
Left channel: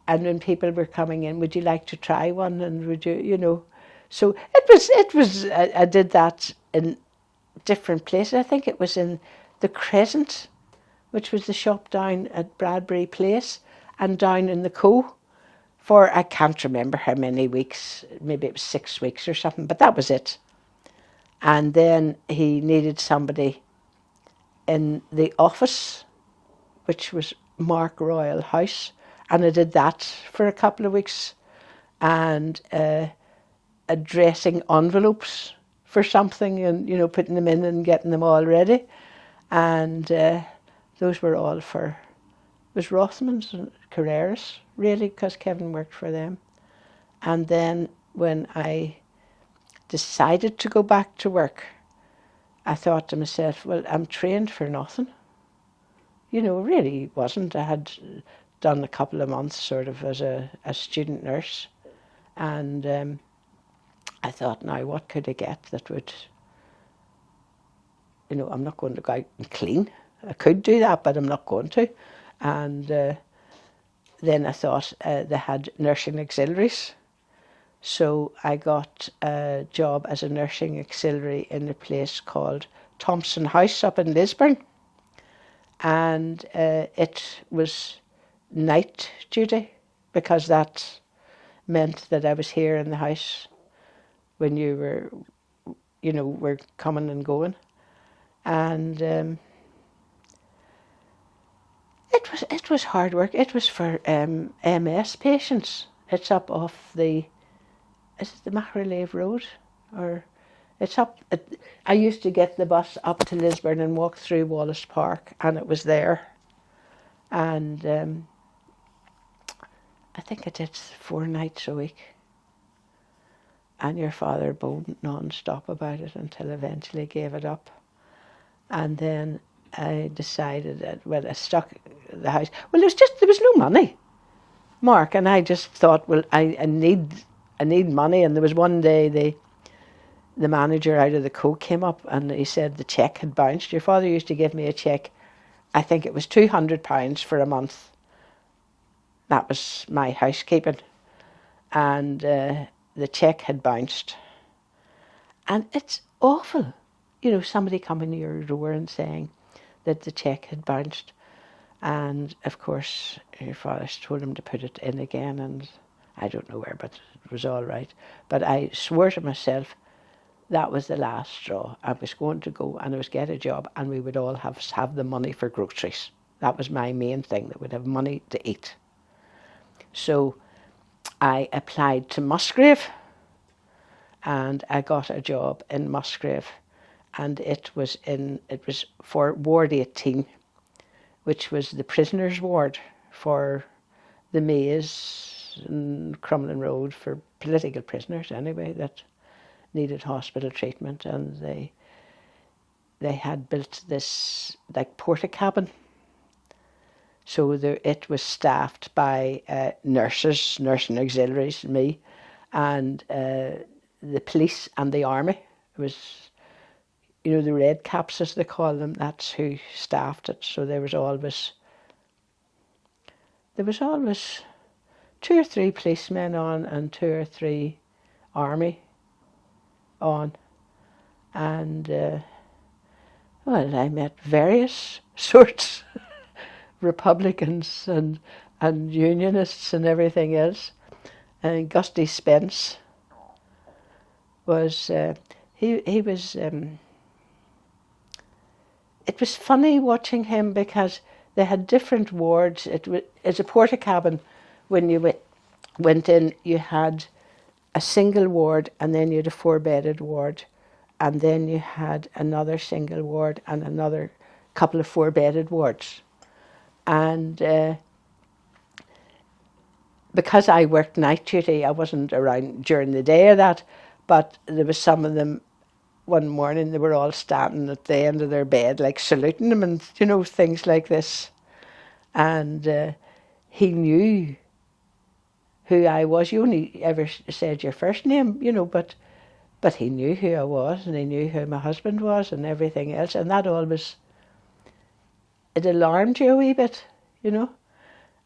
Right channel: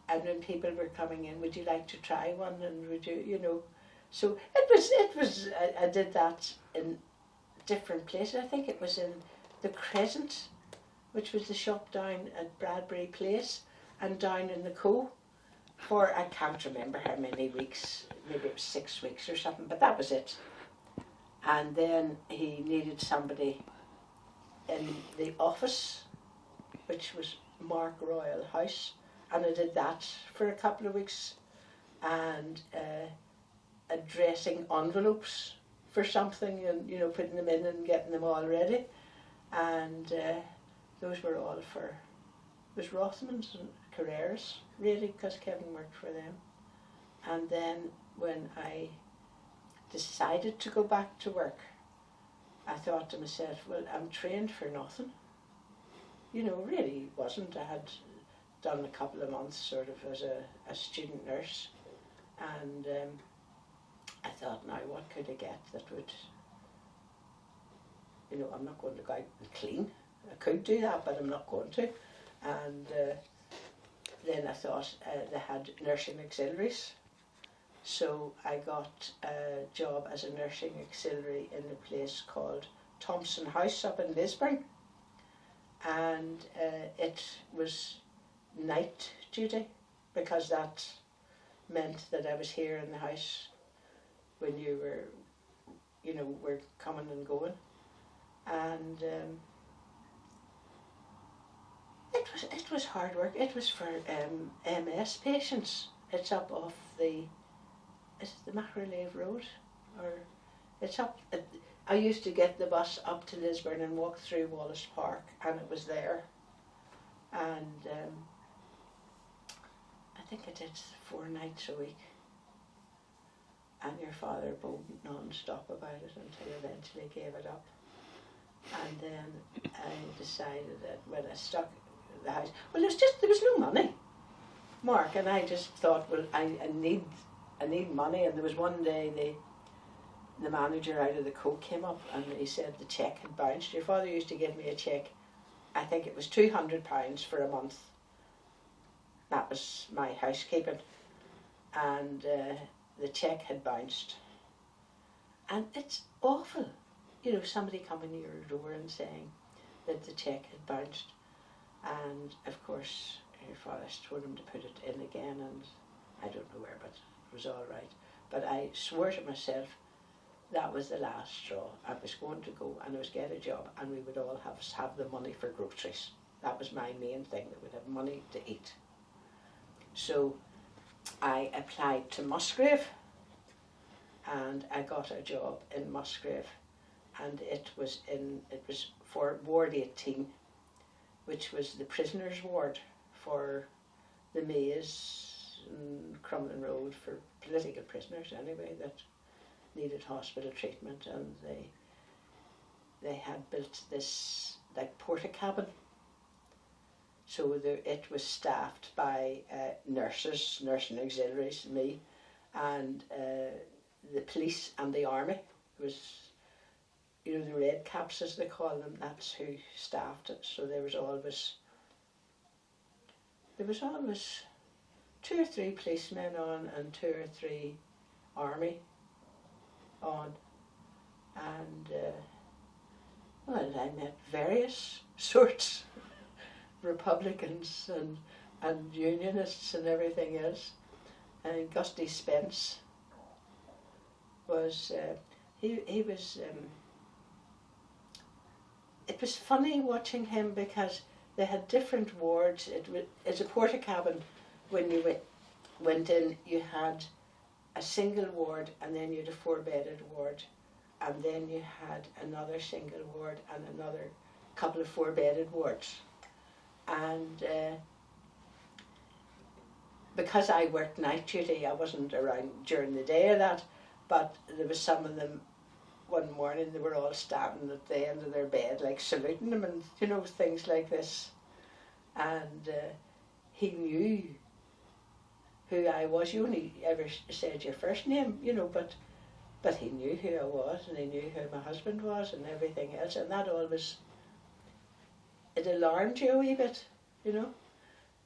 when people were coming in, would you like to try one, and would you, you know, so it was I did that in different places. I think it was in the Crescent, which was the shop down at Bradbury Place, and down in the Co, for I can't remember how many weeks, maybe it was 6 weeks or something, but that was it. And then he needed somebody in the office, which was Mark Royal House, and I did that for a couple of weeks, and addressing envelopes for something and, you know, putting them in and getting them all ready. And those were all for, it was Rothmans and Carreras, really, because Kevin worked for them. And then when I decided to go back to work, I thought to myself, well, I'm trained for nothing. You know, really wasn't. I had done a couple of months sort of as a student nurse. And I thought, now what could I get that would, you know, I'm not going to go out and clean. I could do that, but I'm not going to. And then I thought they had nursing auxiliaries. So I got a job as a nursing auxiliary in a place called Thompson House up in Lisburn. And it was night duty, because that meant that I was here in the house when you were, you know, were coming and going. And it was hard work. It was for MS patients. It's up off the, is it the Macrolave Road? Or it's up, I used to get the bus up to Lisburn and walk through Wallace Park, and it was there. And I think I did 4 nights a week. And your father bowed non-stop about it until eventually gave it up. And then I decided that, well, I stuck the house. Well, there was no money, Mark, and I just thought, well, I need money. And there was one day the manager out of the Co came up and he said the cheque had bounced. Your father used to give me a cheque, I think it was £200 for a month. That was my housekeeping. And the cheque had bounced. And it's awful, you know, somebody coming to your door and saying that the cheque had bounced. And of course, your father told him to put it in again, and I don't know where, but it was all right. But I swore to myself that was the last straw. I was going to go and I was get a job, and we would all have the money for groceries. That was my main thing, that we'd have money to eat. So I applied to Musgrave, and I got a job in Musgrave, and it was for Ward 18, which was the prisoners' ward for the Maze and Crumlin Road, for political prisoners anyway that needed hospital treatment. And they had built this like porta-cabin. So it was staffed by nurses, nursing auxiliaries, me, and the police and the army. It was, you know, the red caps as they call them, that's who staffed it. So there was always 2 or 3 policemen on and 2 or 3 army on. And well, I met various sorts, Republicans and Unionists and everything else. And Gusty Spence was, he was, it was funny watching him because they had different wards. It's a porta-cabin. When you went in, you had a single ward, and then you had a 4-bedded ward, and then you had another single ward and another couple of 4-bedded wards. And because I worked night duty, I wasn't around during the day of that, but there was some of them, one morning they were all standing at the end of their bed, like saluting them and, you know, things like this. And he knew who I was. You only ever said your first name, you know, but he knew who I was, and he knew who my husband was and everything else. And that always, it alarmed you a wee bit, you know.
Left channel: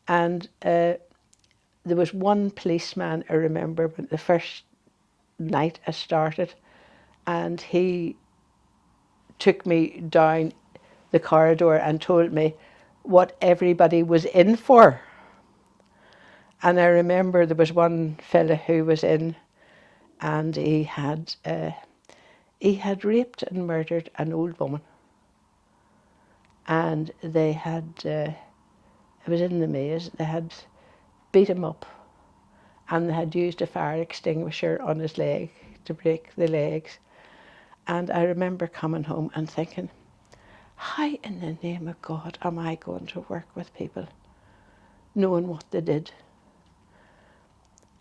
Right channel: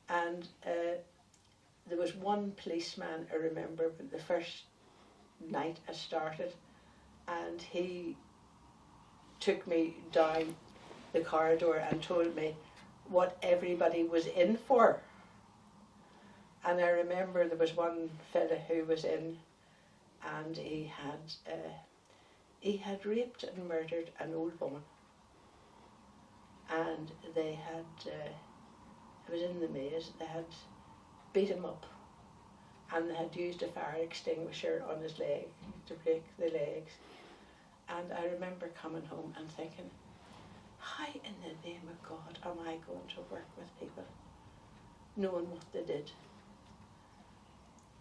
And there was one policeman, I remember, but the first night I started, and he took me down the corridor and told me what everybody was in for. And I remember there was one fella who was in, and he had raped and murdered an old woman. And they had, it was in the Maze, they had beat him up, and they had used a fire extinguisher on his leg to break the legs. And I remember coming home and thinking, how in the name of God am I going to work with people knowing what they did?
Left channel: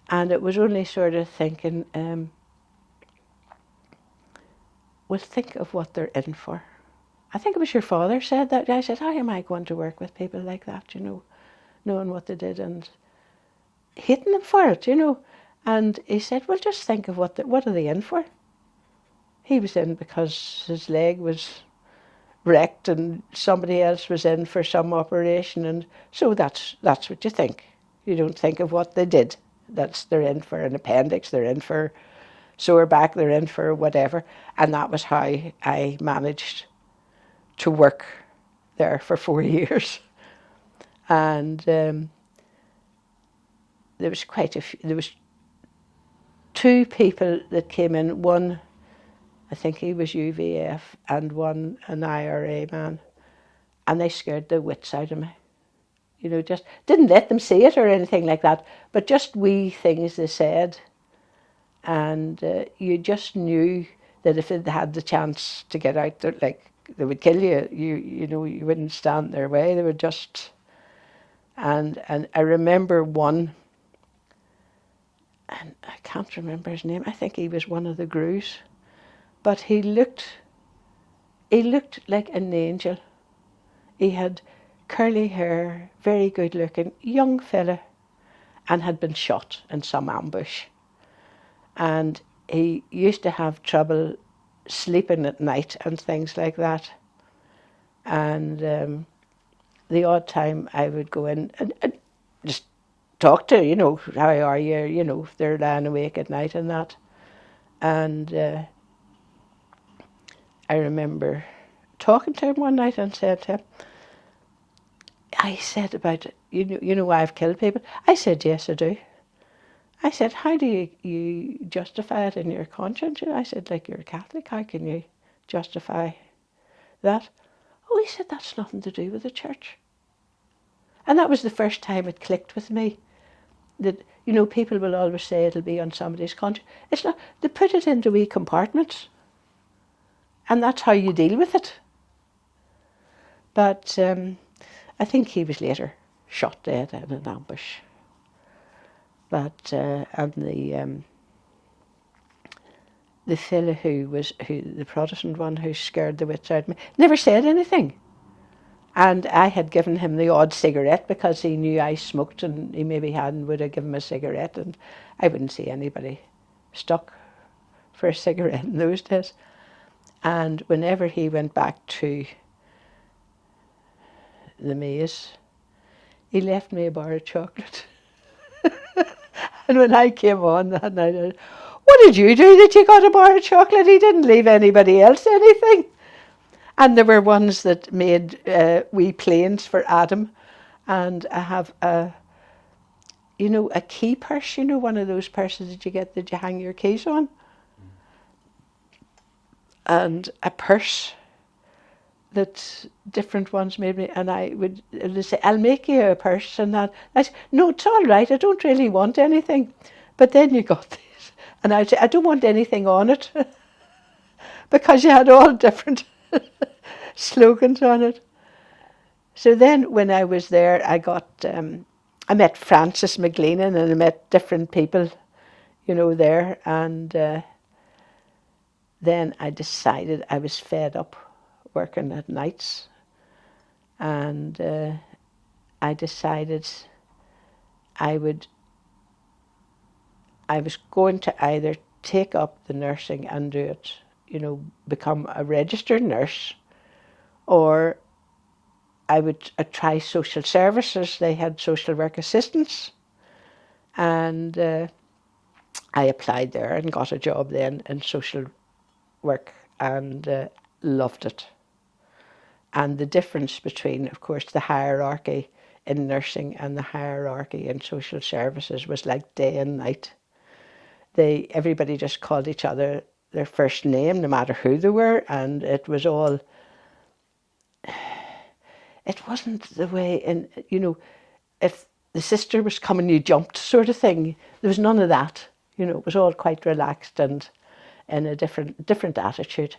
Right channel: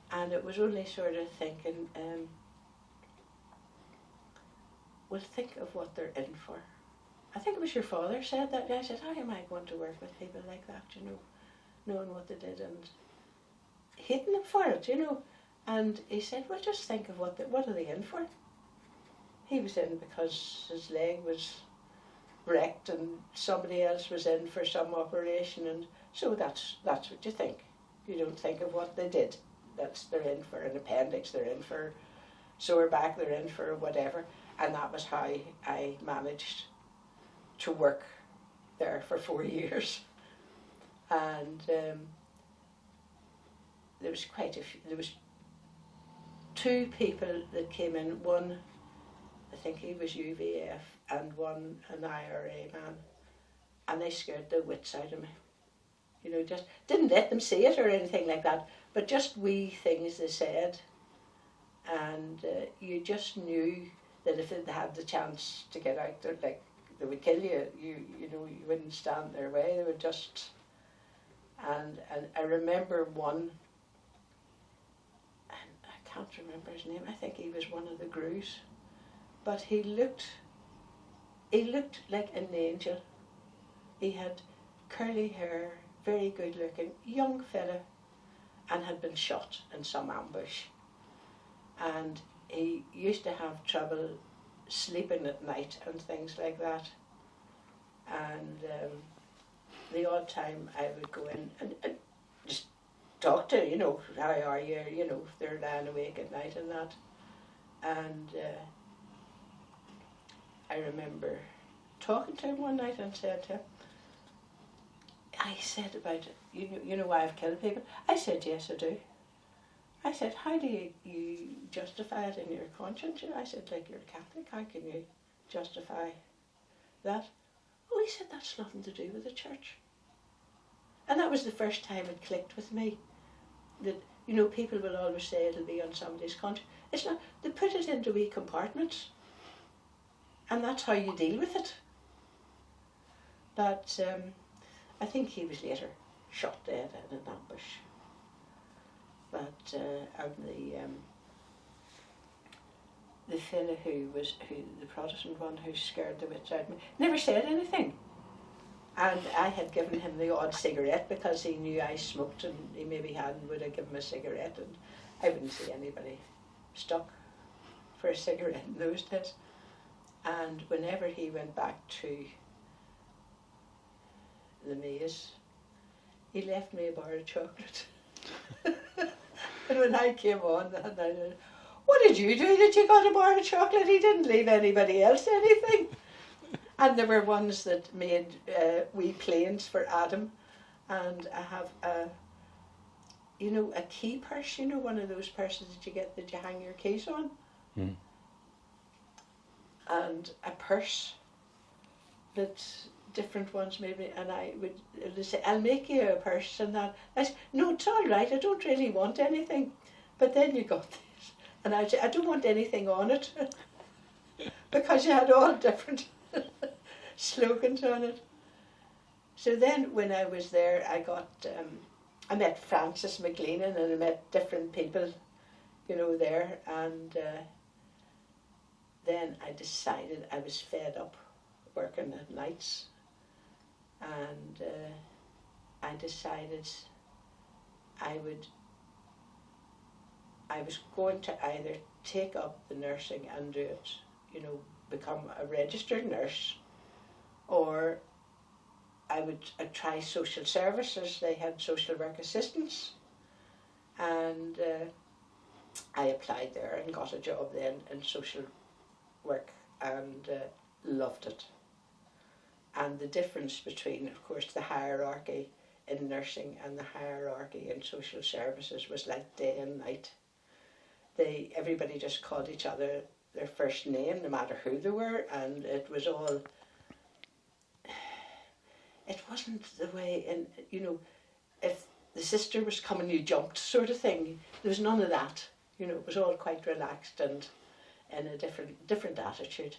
And it was only sort of thinking, well, think of what they're in for. I think it was your father said that. I said, how am I going to work with people like that, knowing what they did and hating them for it, And he said, well, just think of what are they in for? He was in because his leg was wrecked and somebody else was in for some operation, and so that's what you think. You don't think of what they did. They're in for an appendix, they're in for sore back, they're in for whatever. And that was how I managed to work there for 4 years. And there was quite a few. There was 2 people that came in. One, I think he was UVF, and one an IRA man, and they scared the wits out of me. Just didn't let them see it or anything like that, but just wee things they said, and you just knew that if they had the chance to get out there, like, they would kill you. You wouldn't stand in their way. They would just. And I remember one, and I can't remember his name. I think he was one of the Grews, but he looked like an angel. He had curly hair, very good looking, young fella, and had been shot in some ambush. And he used to have trouble sleeping at night and things like that. And the odd time I would go in and just talk to, how are you, if they're lying awake at night and that. And I remember talking to him one night and said to him, I said about, why I've killed people? I said, yes, I do. I said, how do you justify it in your conscience? I said, like, you're a Catholic, how can you justify that? Oh, he said, that's nothing to do with the church. And that was the first time it clicked with me that, people will always say it'll be on somebody's conscience. It's not. They put it into wee compartments, and that's how you deal with it. But I think he was later shot dead in an ambush. But and the fellow who the Protestant one who scared the wits out of me never said anything. And I had given him the odd cigarette because he knew I smoked, and he maybe would have given me a cigarette, and I wouldn't see anybody stuck for a cigarette in those days. And whenever he went back to the maze, he left me a bar of chocolate. And when I came on that night, I said, what did you do that you got a bar of chocolate? He didn't leave anybody else anything. And there were ones that made wee planes for Adam. And I have a key purse, one of those purses that you hang your keys on. Mm. And a purse that different ones made me, and they say, I'll make you a purse and that. I said, no, it's all right, I don't really want anything. But then you got this, and I said, I don't want anything on it. Because you had all different slogans on it. So then when I was there, I met Francis McLeanan, and I met different people, there. And then I decided I was fed up working at nights, and I decided I was going to either take up the nursing and do it, become a registered nurse, or I would try social services. They had social work assistants, and I applied there and got a job then in social work, and loved it. And the difference between, of course, the hierarchy in nursing and the hierarchy in social services was like day and night. Everybody just called each other their first name, no matter who they were, and it was all. It wasn't the way if the sister was coming, you jumped, sort of thing. There was none of that. It was all quite relaxed, and in a different attitude.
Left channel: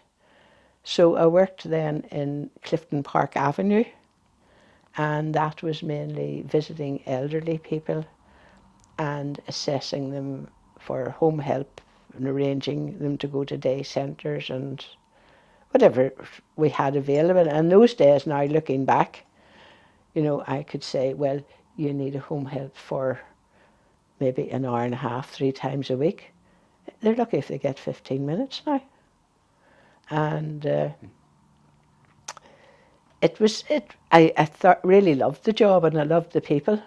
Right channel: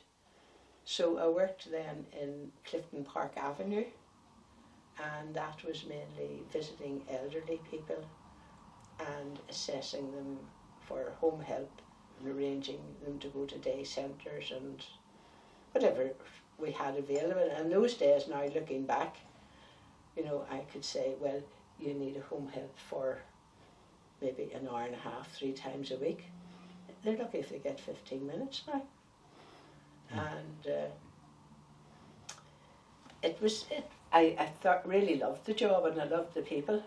So I worked then in Clifton Park Avenue, and that was mainly visiting elderly people and assessing them for home help and arranging them to go to day centres and whatever we had available. And those days, now looking back, you know, I could say, well, you need a home help for maybe an hour and a half, 3 times a week. They're lucky if they get 15 minutes now. And I thought, really loved the job, and I loved the people.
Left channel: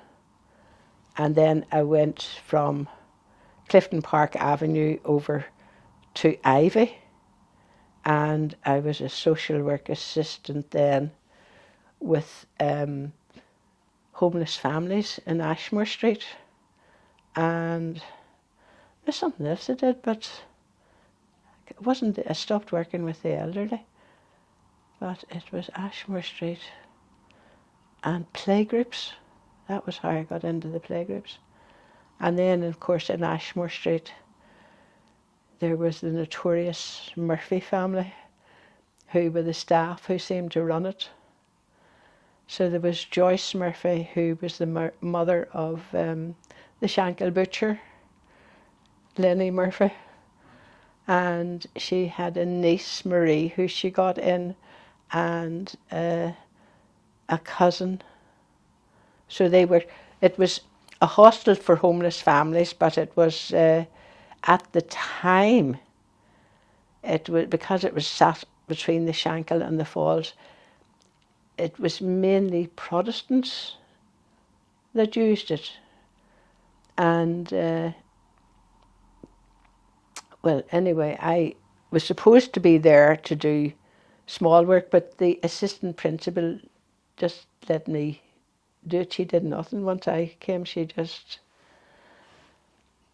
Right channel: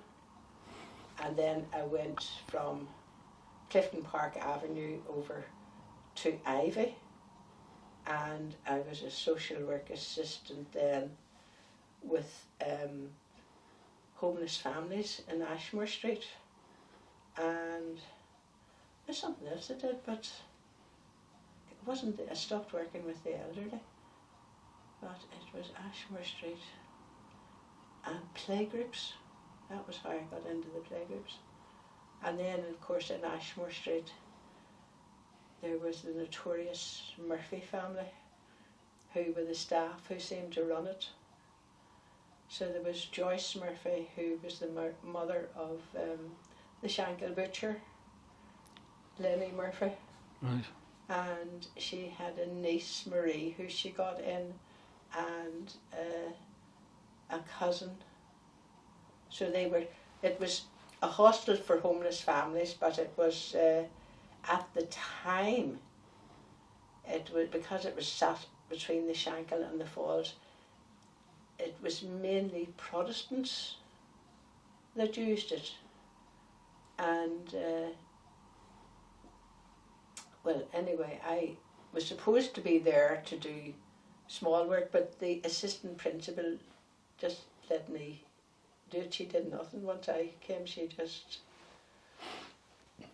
And then I went from Clifton Park Avenue over to Ivy, and I was a social work assistant then with homeless families in Ashmore Street. And there's something else I did, but I stopped working with the elderly. But it was Ashmore Street and playgroups. That was how I got into the playgroups. And then, of course, in Ashmore Street, there was the notorious Murphy family, who were the staff who seemed to run it. So there was Joyce Murphy, who was the mother of the Shankill butcher, Lenny Murphy. Right. And she had a niece, Marie, who she got in, and a cousin. So it was a hostel for homeless families, but it was, at the time, because it was sat between the Shankill and the Falls, it was mainly Protestants that used it. And, well, anyway, I was supposed to be there to do small work, but the assistant principal just let me do it. She did nothing. Once I came, she just...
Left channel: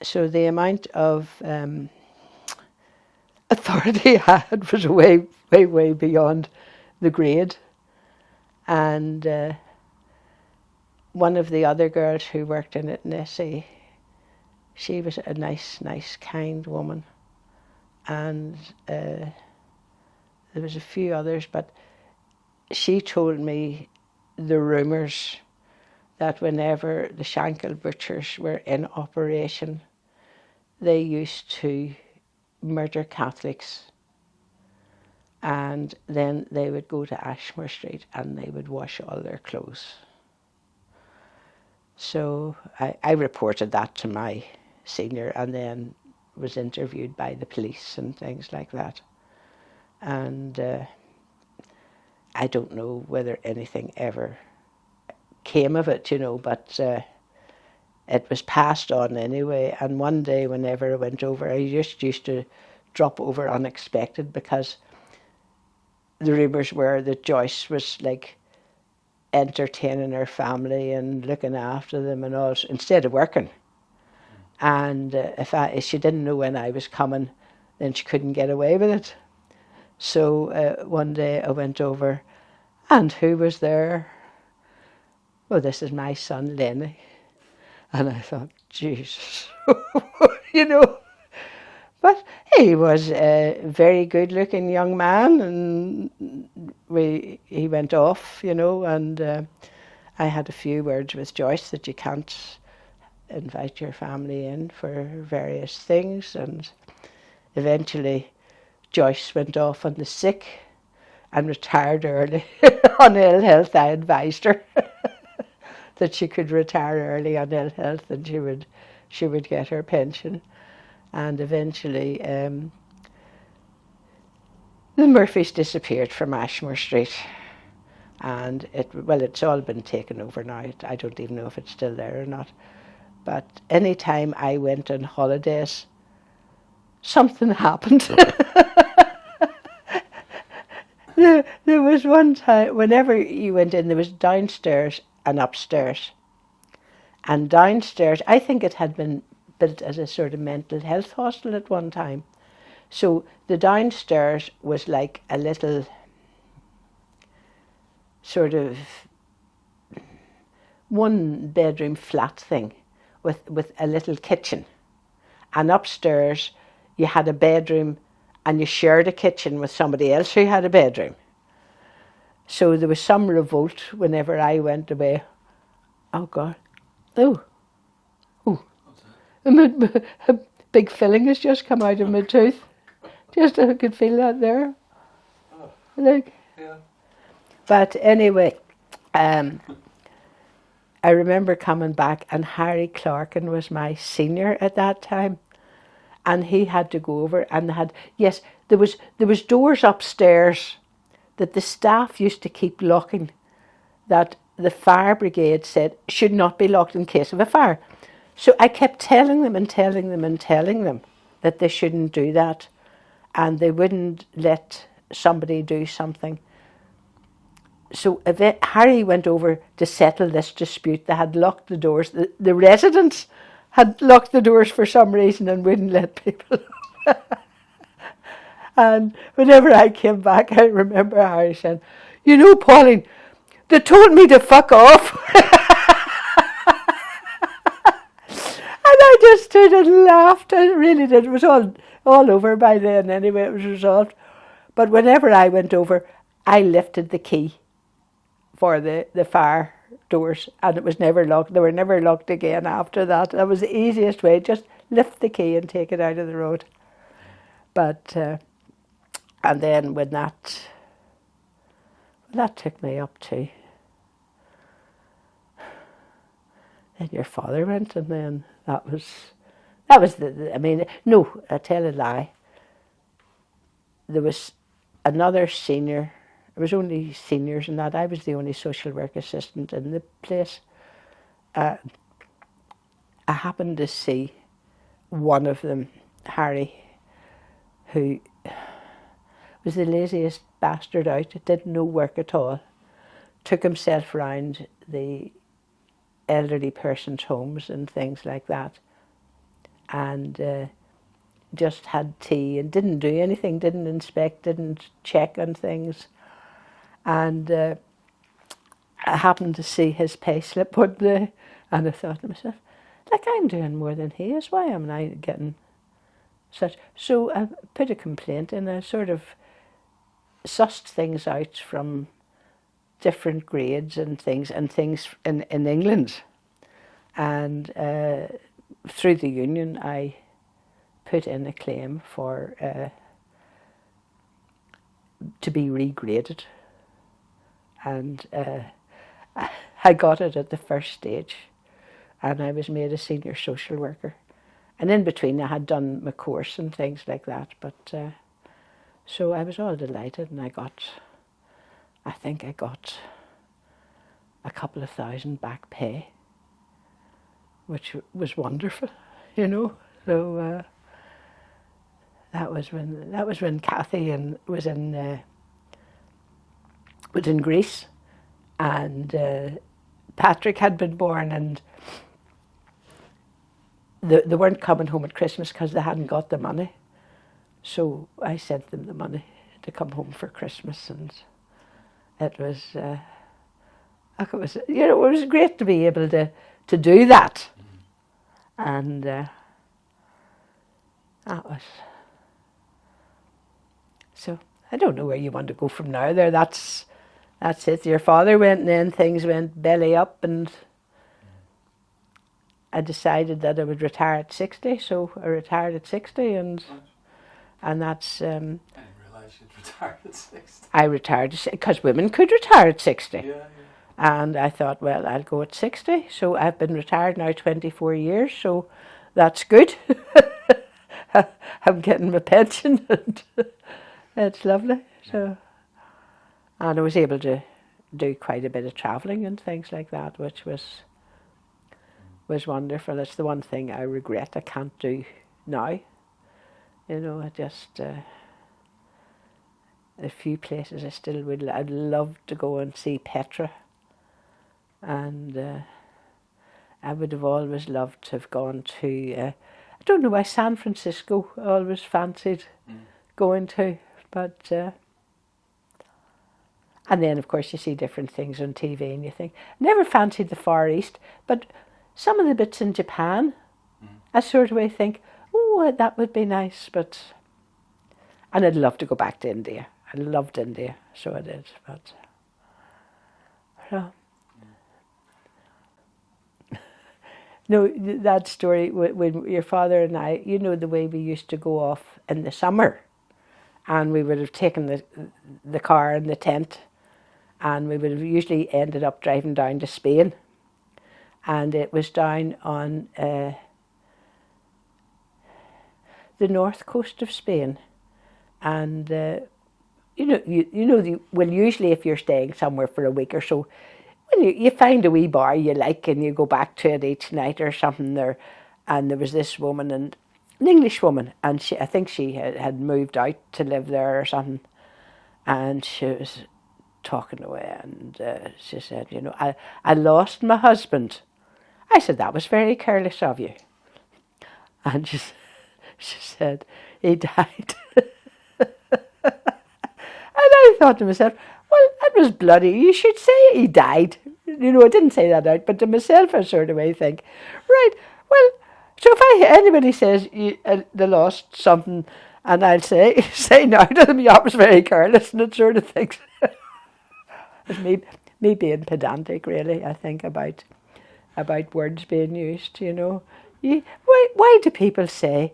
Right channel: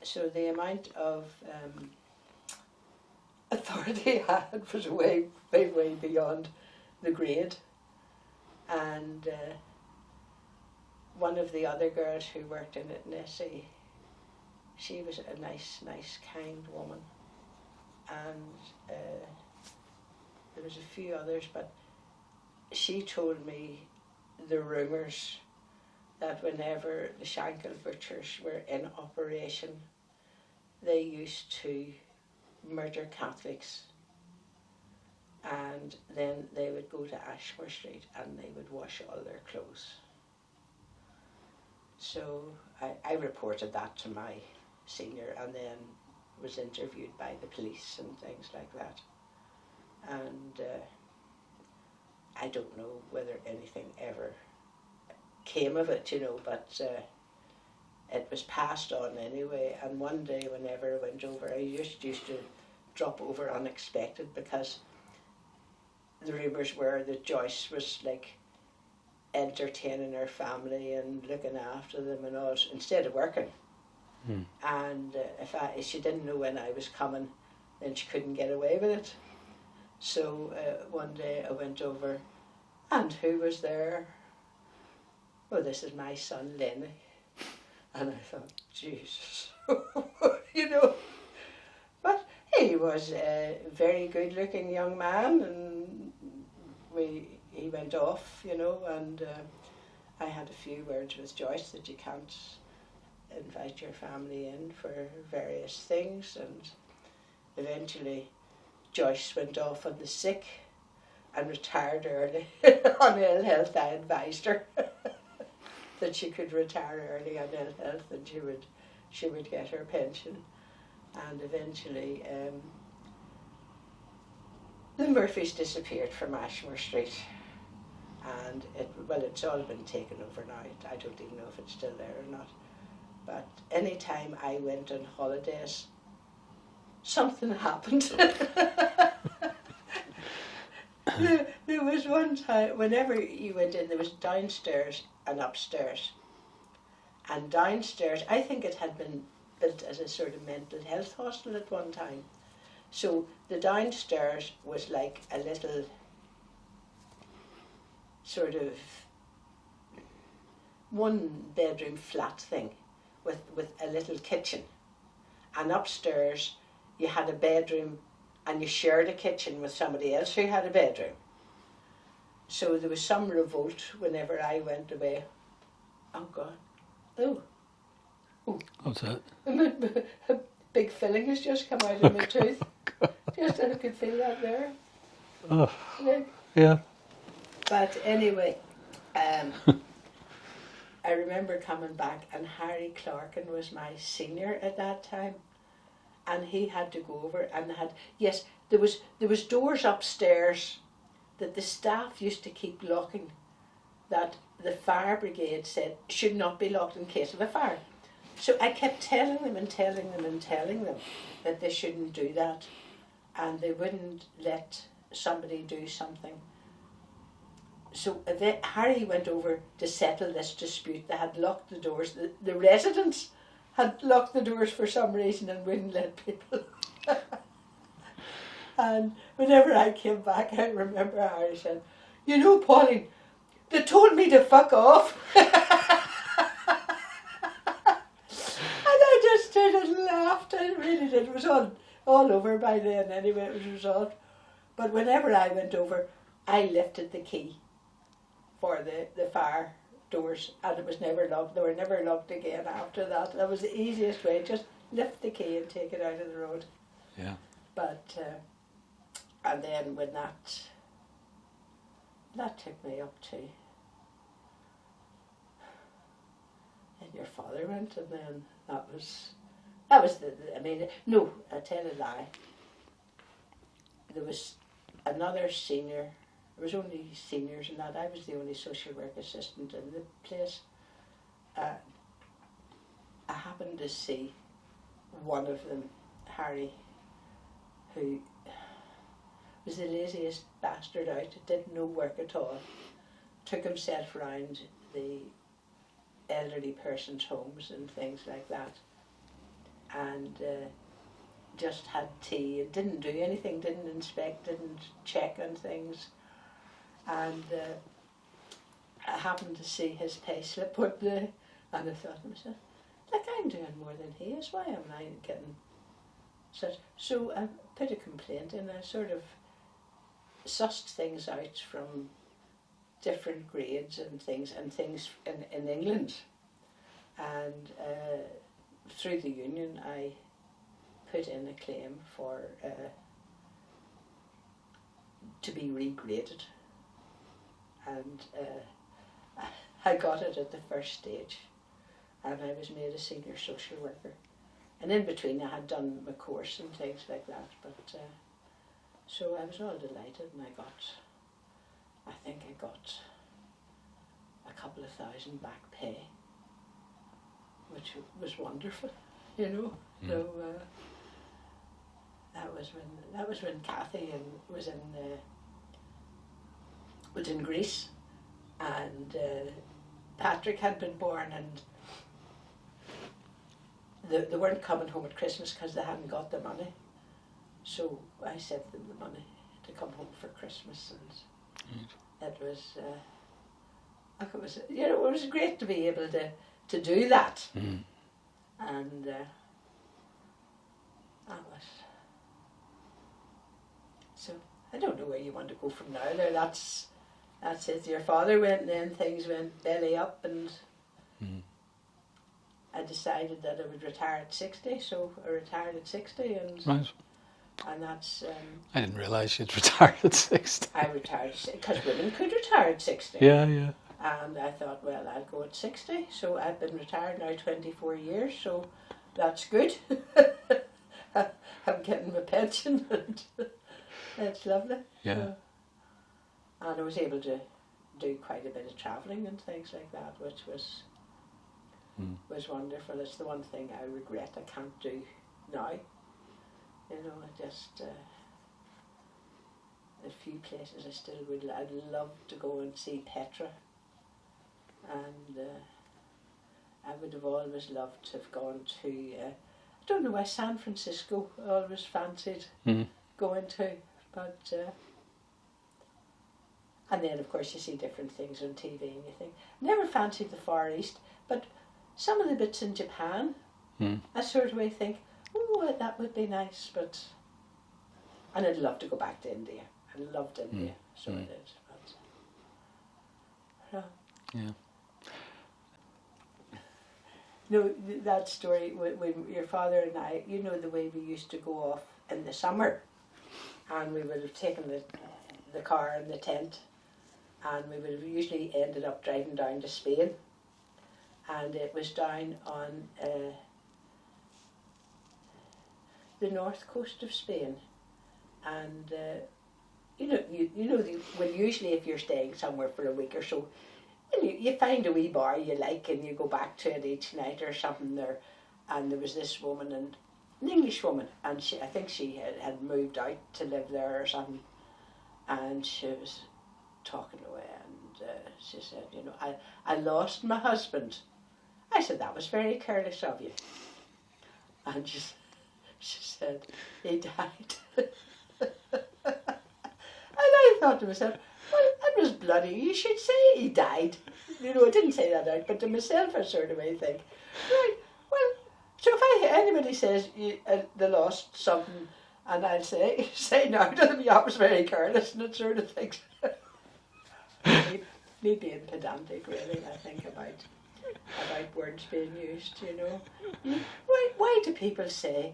So the amount of authority I had was way, way, way beyond the grade. And one of the other girls who worked in it, Nessie, she was a nice, kind woman. And there was a few others, but she told me the rumours that whenever the Shankill butchers were in operation, they used to murder Catholics, and then they would go to Ashmore Street and they would wash all their clothes. So I reported that to my senior, and then was interviewed by the police and things like that. And I don't know whether anything ever came of it, you know, but it was passed on anyway. And one day, whenever I went over, I just used to drop over unexpected, because the rumours were that Joyce was like entertaining her family and looking after them and all, instead of working. And if she didn't know when I was coming, then she couldn't get away with it. So one day I went over, and who was there? Well, this is my son, Lenny. And I thought, Jesus, you know. But he was a very good-looking young man, and he went off, you know, and I had a few words with Joyce that you can't invite your family in for various things, and eventually Joyce went off on the sick and retired early on ill health. I advised her that she could retire early on ill health, and she would get her pension. And eventually the Murphys disappeared from Ashmore Street, and it's all been taken over now. I don't even know if it's still there or not. But any time I went on holidays, something happened. There was one time, whenever you went in, there was downstairs and upstairs. And downstairs, I think it had been built as a sort of mental health hostel at one time. So the downstairs was like a little sort of 1-bedroom flat thing with a little kitchen. And upstairs you had a bedroom and you shared a kitchen with somebody else who had a bedroom. So there was some revolt whenever I went away. Oh God. Oh. What's that? A big filling has just come out of my tooth. Just I could feel that there. Oh, Like, yeah. but anyway, I remember coming back, and Harry Clarkin was my senior at that time, and he had to go over and there was doors upstairs that the staff used to keep locking, that the fire brigade said should not be locked in case of a fire. So I kept telling them that they shouldn't do that, and they wouldn't let somebody do something. So Harry went over to settle this dispute. They had locked the doors. The residents had locked the doors for some reason and wouldn't let people. And whenever I came back, I remember Harry saying, "You know, Pauline, they told me to fuck off." And I just stood and laughed. I really did. It was all over by then anyway. It was resolved. But whenever I went over, I lifted the key for the fire doors, and it was never locked. They were never locked again after that. That was the easiest way. Just lift the key and take it out of the road. Yeah. But and then when that took me up to, then your father went, and then that was I mean, no, I tell a lie. There was another senior. There was only seniors in that. I was the only social work assistant in the place. I happened to see one of them, Harry, who was the laziest bastard out. Did no work at all. Took himself round the elderly persons' homes and things like that, and just had tea and didn't do anything, didn't inspect, didn't check on things. And I happened to see his pay slip one day, and I thought to myself, like, I'm doing more than he is. Why am I getting such? So I put a complaint in. I sort of sussed things out from different grades and things in England. And through the union, I put in a claim for to be regraded. And I got it at the first stage, and I was made a senior social worker. And in between I had done my course and things like that, but so I was all delighted, and I think I got a couple of thousand back pay, which was wonderful, you know. So that was when Kathy was in Greece, and Patrick had been born, and they weren't coming home at Christmas because they hadn't got the money. So I sent them the money to come home for Christmas, and it was it was great to be able to do that, and that was. So I don't know where you want to go from now. That's it. Your father went, and then things went belly up, and I decided that I would retire at 60. So I retired at 60, and Right. and that's. I didn't realise you'd retired at 60. I retired because women could retire at 60. Yeah. And I thought, well, I'll go at 60. So I've been retired now 24 years. So that's good. I'm getting my pension, and it's lovely. Yeah. So, and I was able to do quite a bit of travelling and things like that, which was wonderful. It's the one thing I regret I can't do now. You know, I just a few places I still would. I'd love to go and see Petra, and I would have always loved to have gone to. I don't know why San Francisco I always fancied going to, but. And then, of course, you see different things on TV and you think, never fancied the Far East, but some of the bits in Japan, I sort of think, oh, that would be nice, but And I'd love to go back to India. I loved India, so I did. But so. Yeah. No, that story when your father and I, you know, the way we used to go off in the summer, and we would have taken the car and the tent, and we would have usually ended up driving down to Spain, and it was down on the north coast of Spain, and well, usually if you're staying somewhere for a week or so, when you find a wee bar you like and you go back to it each night or something there, and there was this woman, and an English woman, and I think she had moved out to live there or something, and she was talking away, and she said, you know, I lost my husband. I said, that was very careless of you. And she said, he died. And I thought to myself, well, that was bloody. You should say he died. You know, I didn't say that out, but to myself, I sort of way think, right, well, so if anybody says they lost something, and I'll say now to them, yeah, it was very careless, and it sort of thinks, me being pedantic, really, I think about words being used, you know. Why do people say,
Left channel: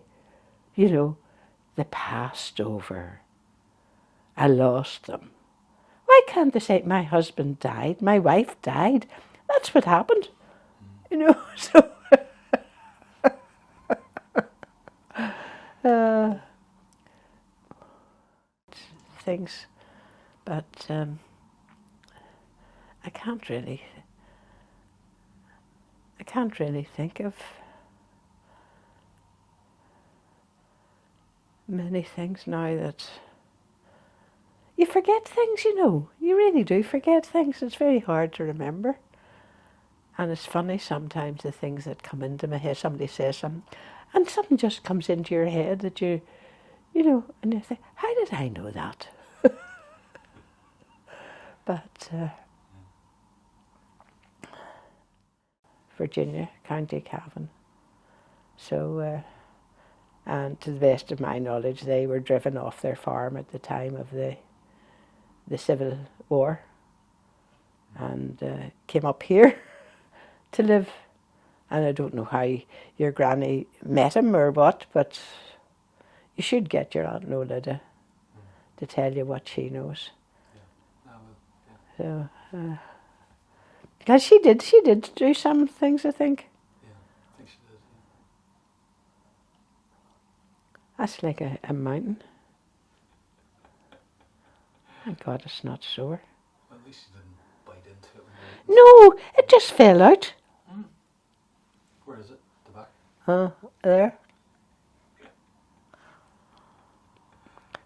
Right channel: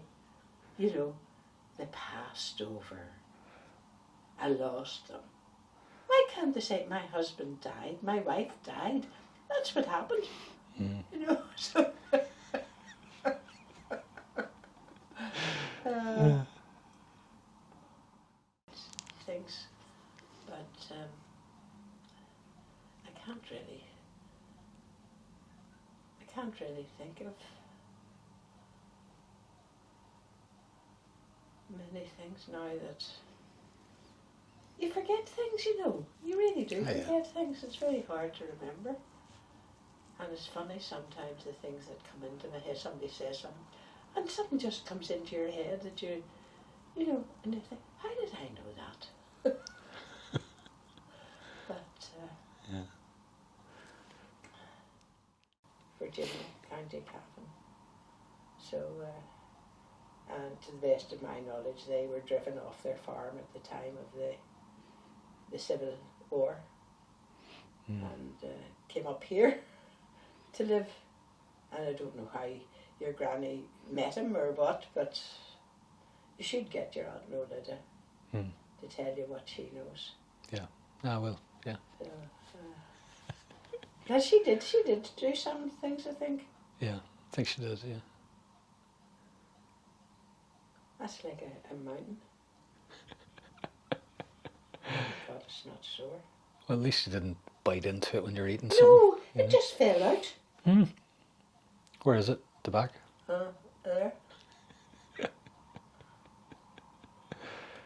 you know, they passed over, I lost them? Why can't they say, my husband died, my wife died? That's what happened. You know, so... things, but I can't really think of many things now that you forget things, you know. You really do forget things. It's very hard to remember. And it's funny sometimes the things that come into my head. Somebody says something, and something just comes into your head that you know, and you think, how did I know that? But Virginia, County Cavan. So, and to the best of my knowledge, they were driven off their farm at the time of the Civil War, and came up here to live. And I don't know how your granny met him or what, but you should get your Aunt Nola to tell you what she knows. Yeah, I will. Yeah. So, because she did do some things, I think. Yeah, I think she did. Yeah. That's like a mountain. Oh God, it's not sore. Well, at least you didn't bite into it when you're eating. No, it just fell out. Where is it? The back? There.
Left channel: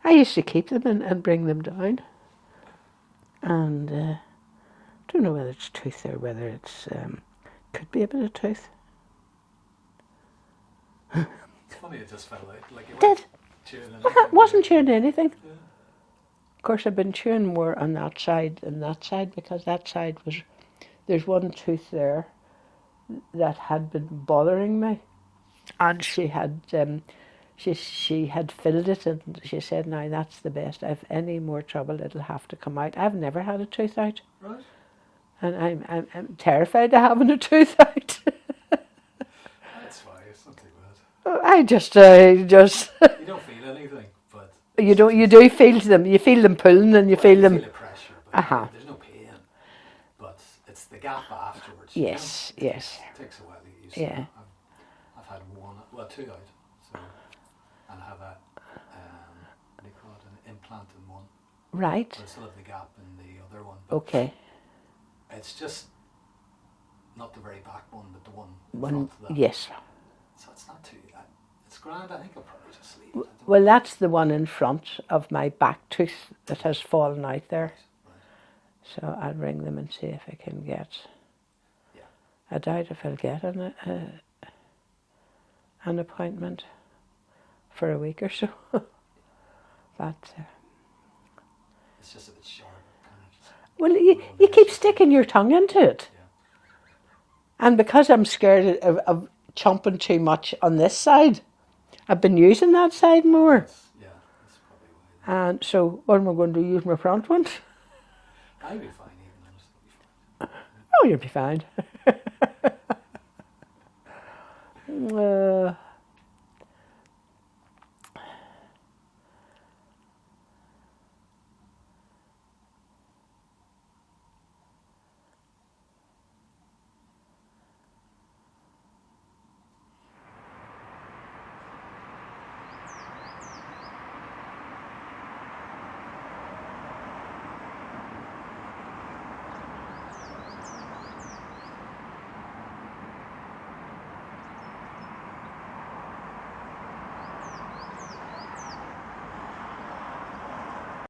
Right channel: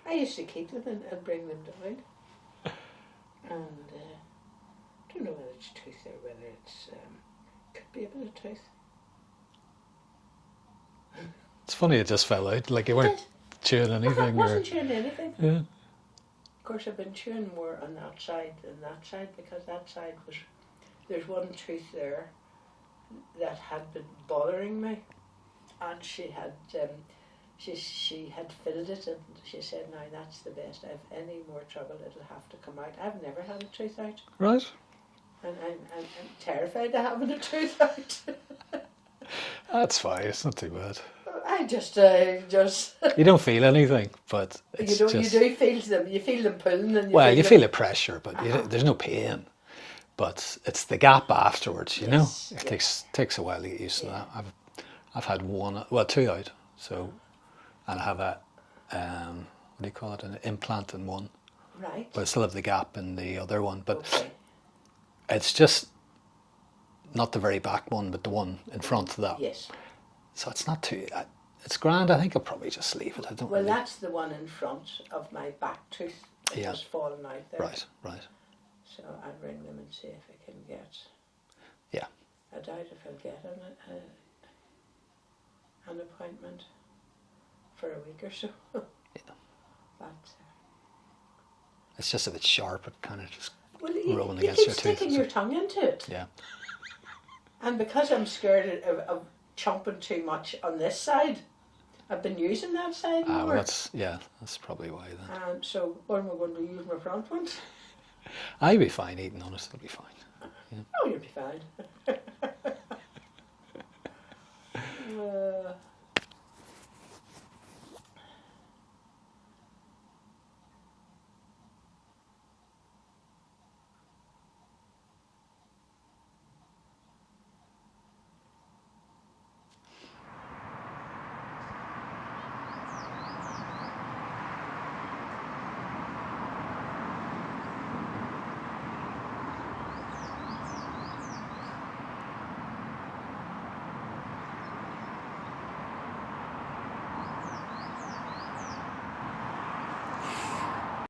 I used to keep them and bring them down. And don't know whether it's tooth or whether it's could be a bit of tooth. It's funny it just fell out. Like you weren't chewing anything. I wasn't chewing anything. Yeah. Of course, I've been chewing more on that side than that side, because that side was, there's one tooth there that had been bothering me, and she had she had filled it, and she said, now that's the best. If any more trouble, it'll have to come out. I've never had a tooth out. Right. And I'm terrified of having a tooth out. That's fine. It's not too bad. I just You don't feel anything, but you don't. You do feel them. You feel them pulling, and you feel them. feel the pressure, but there's no pain. But it's the gap afterwards. You know, it takes a while to get used to that. I've had two out. So, and I have a what do you call it? An implant in one. Right. But I still have the gap in the other one. But okay. It's just not the very back one, but the one in front of that. Yes. So it's not too. It's grand. I think I'll probably just leave it. Well, that's the one in front of my back tooth that has fallen out there. Right. So I'll ring them and see if I can get. Yeah. I doubt if I'll get an appointment for a week or so. But it's just if it's sharp, it kind of just. Well, you keep sticking your tongue into it. Yeah. And because I'm scared of chomping too much on this side, I've been using that side more. That's probably why then. And so what am I going to use my front one? I'd be fine eating on it, I'll be fine. Oh, you'll be fine.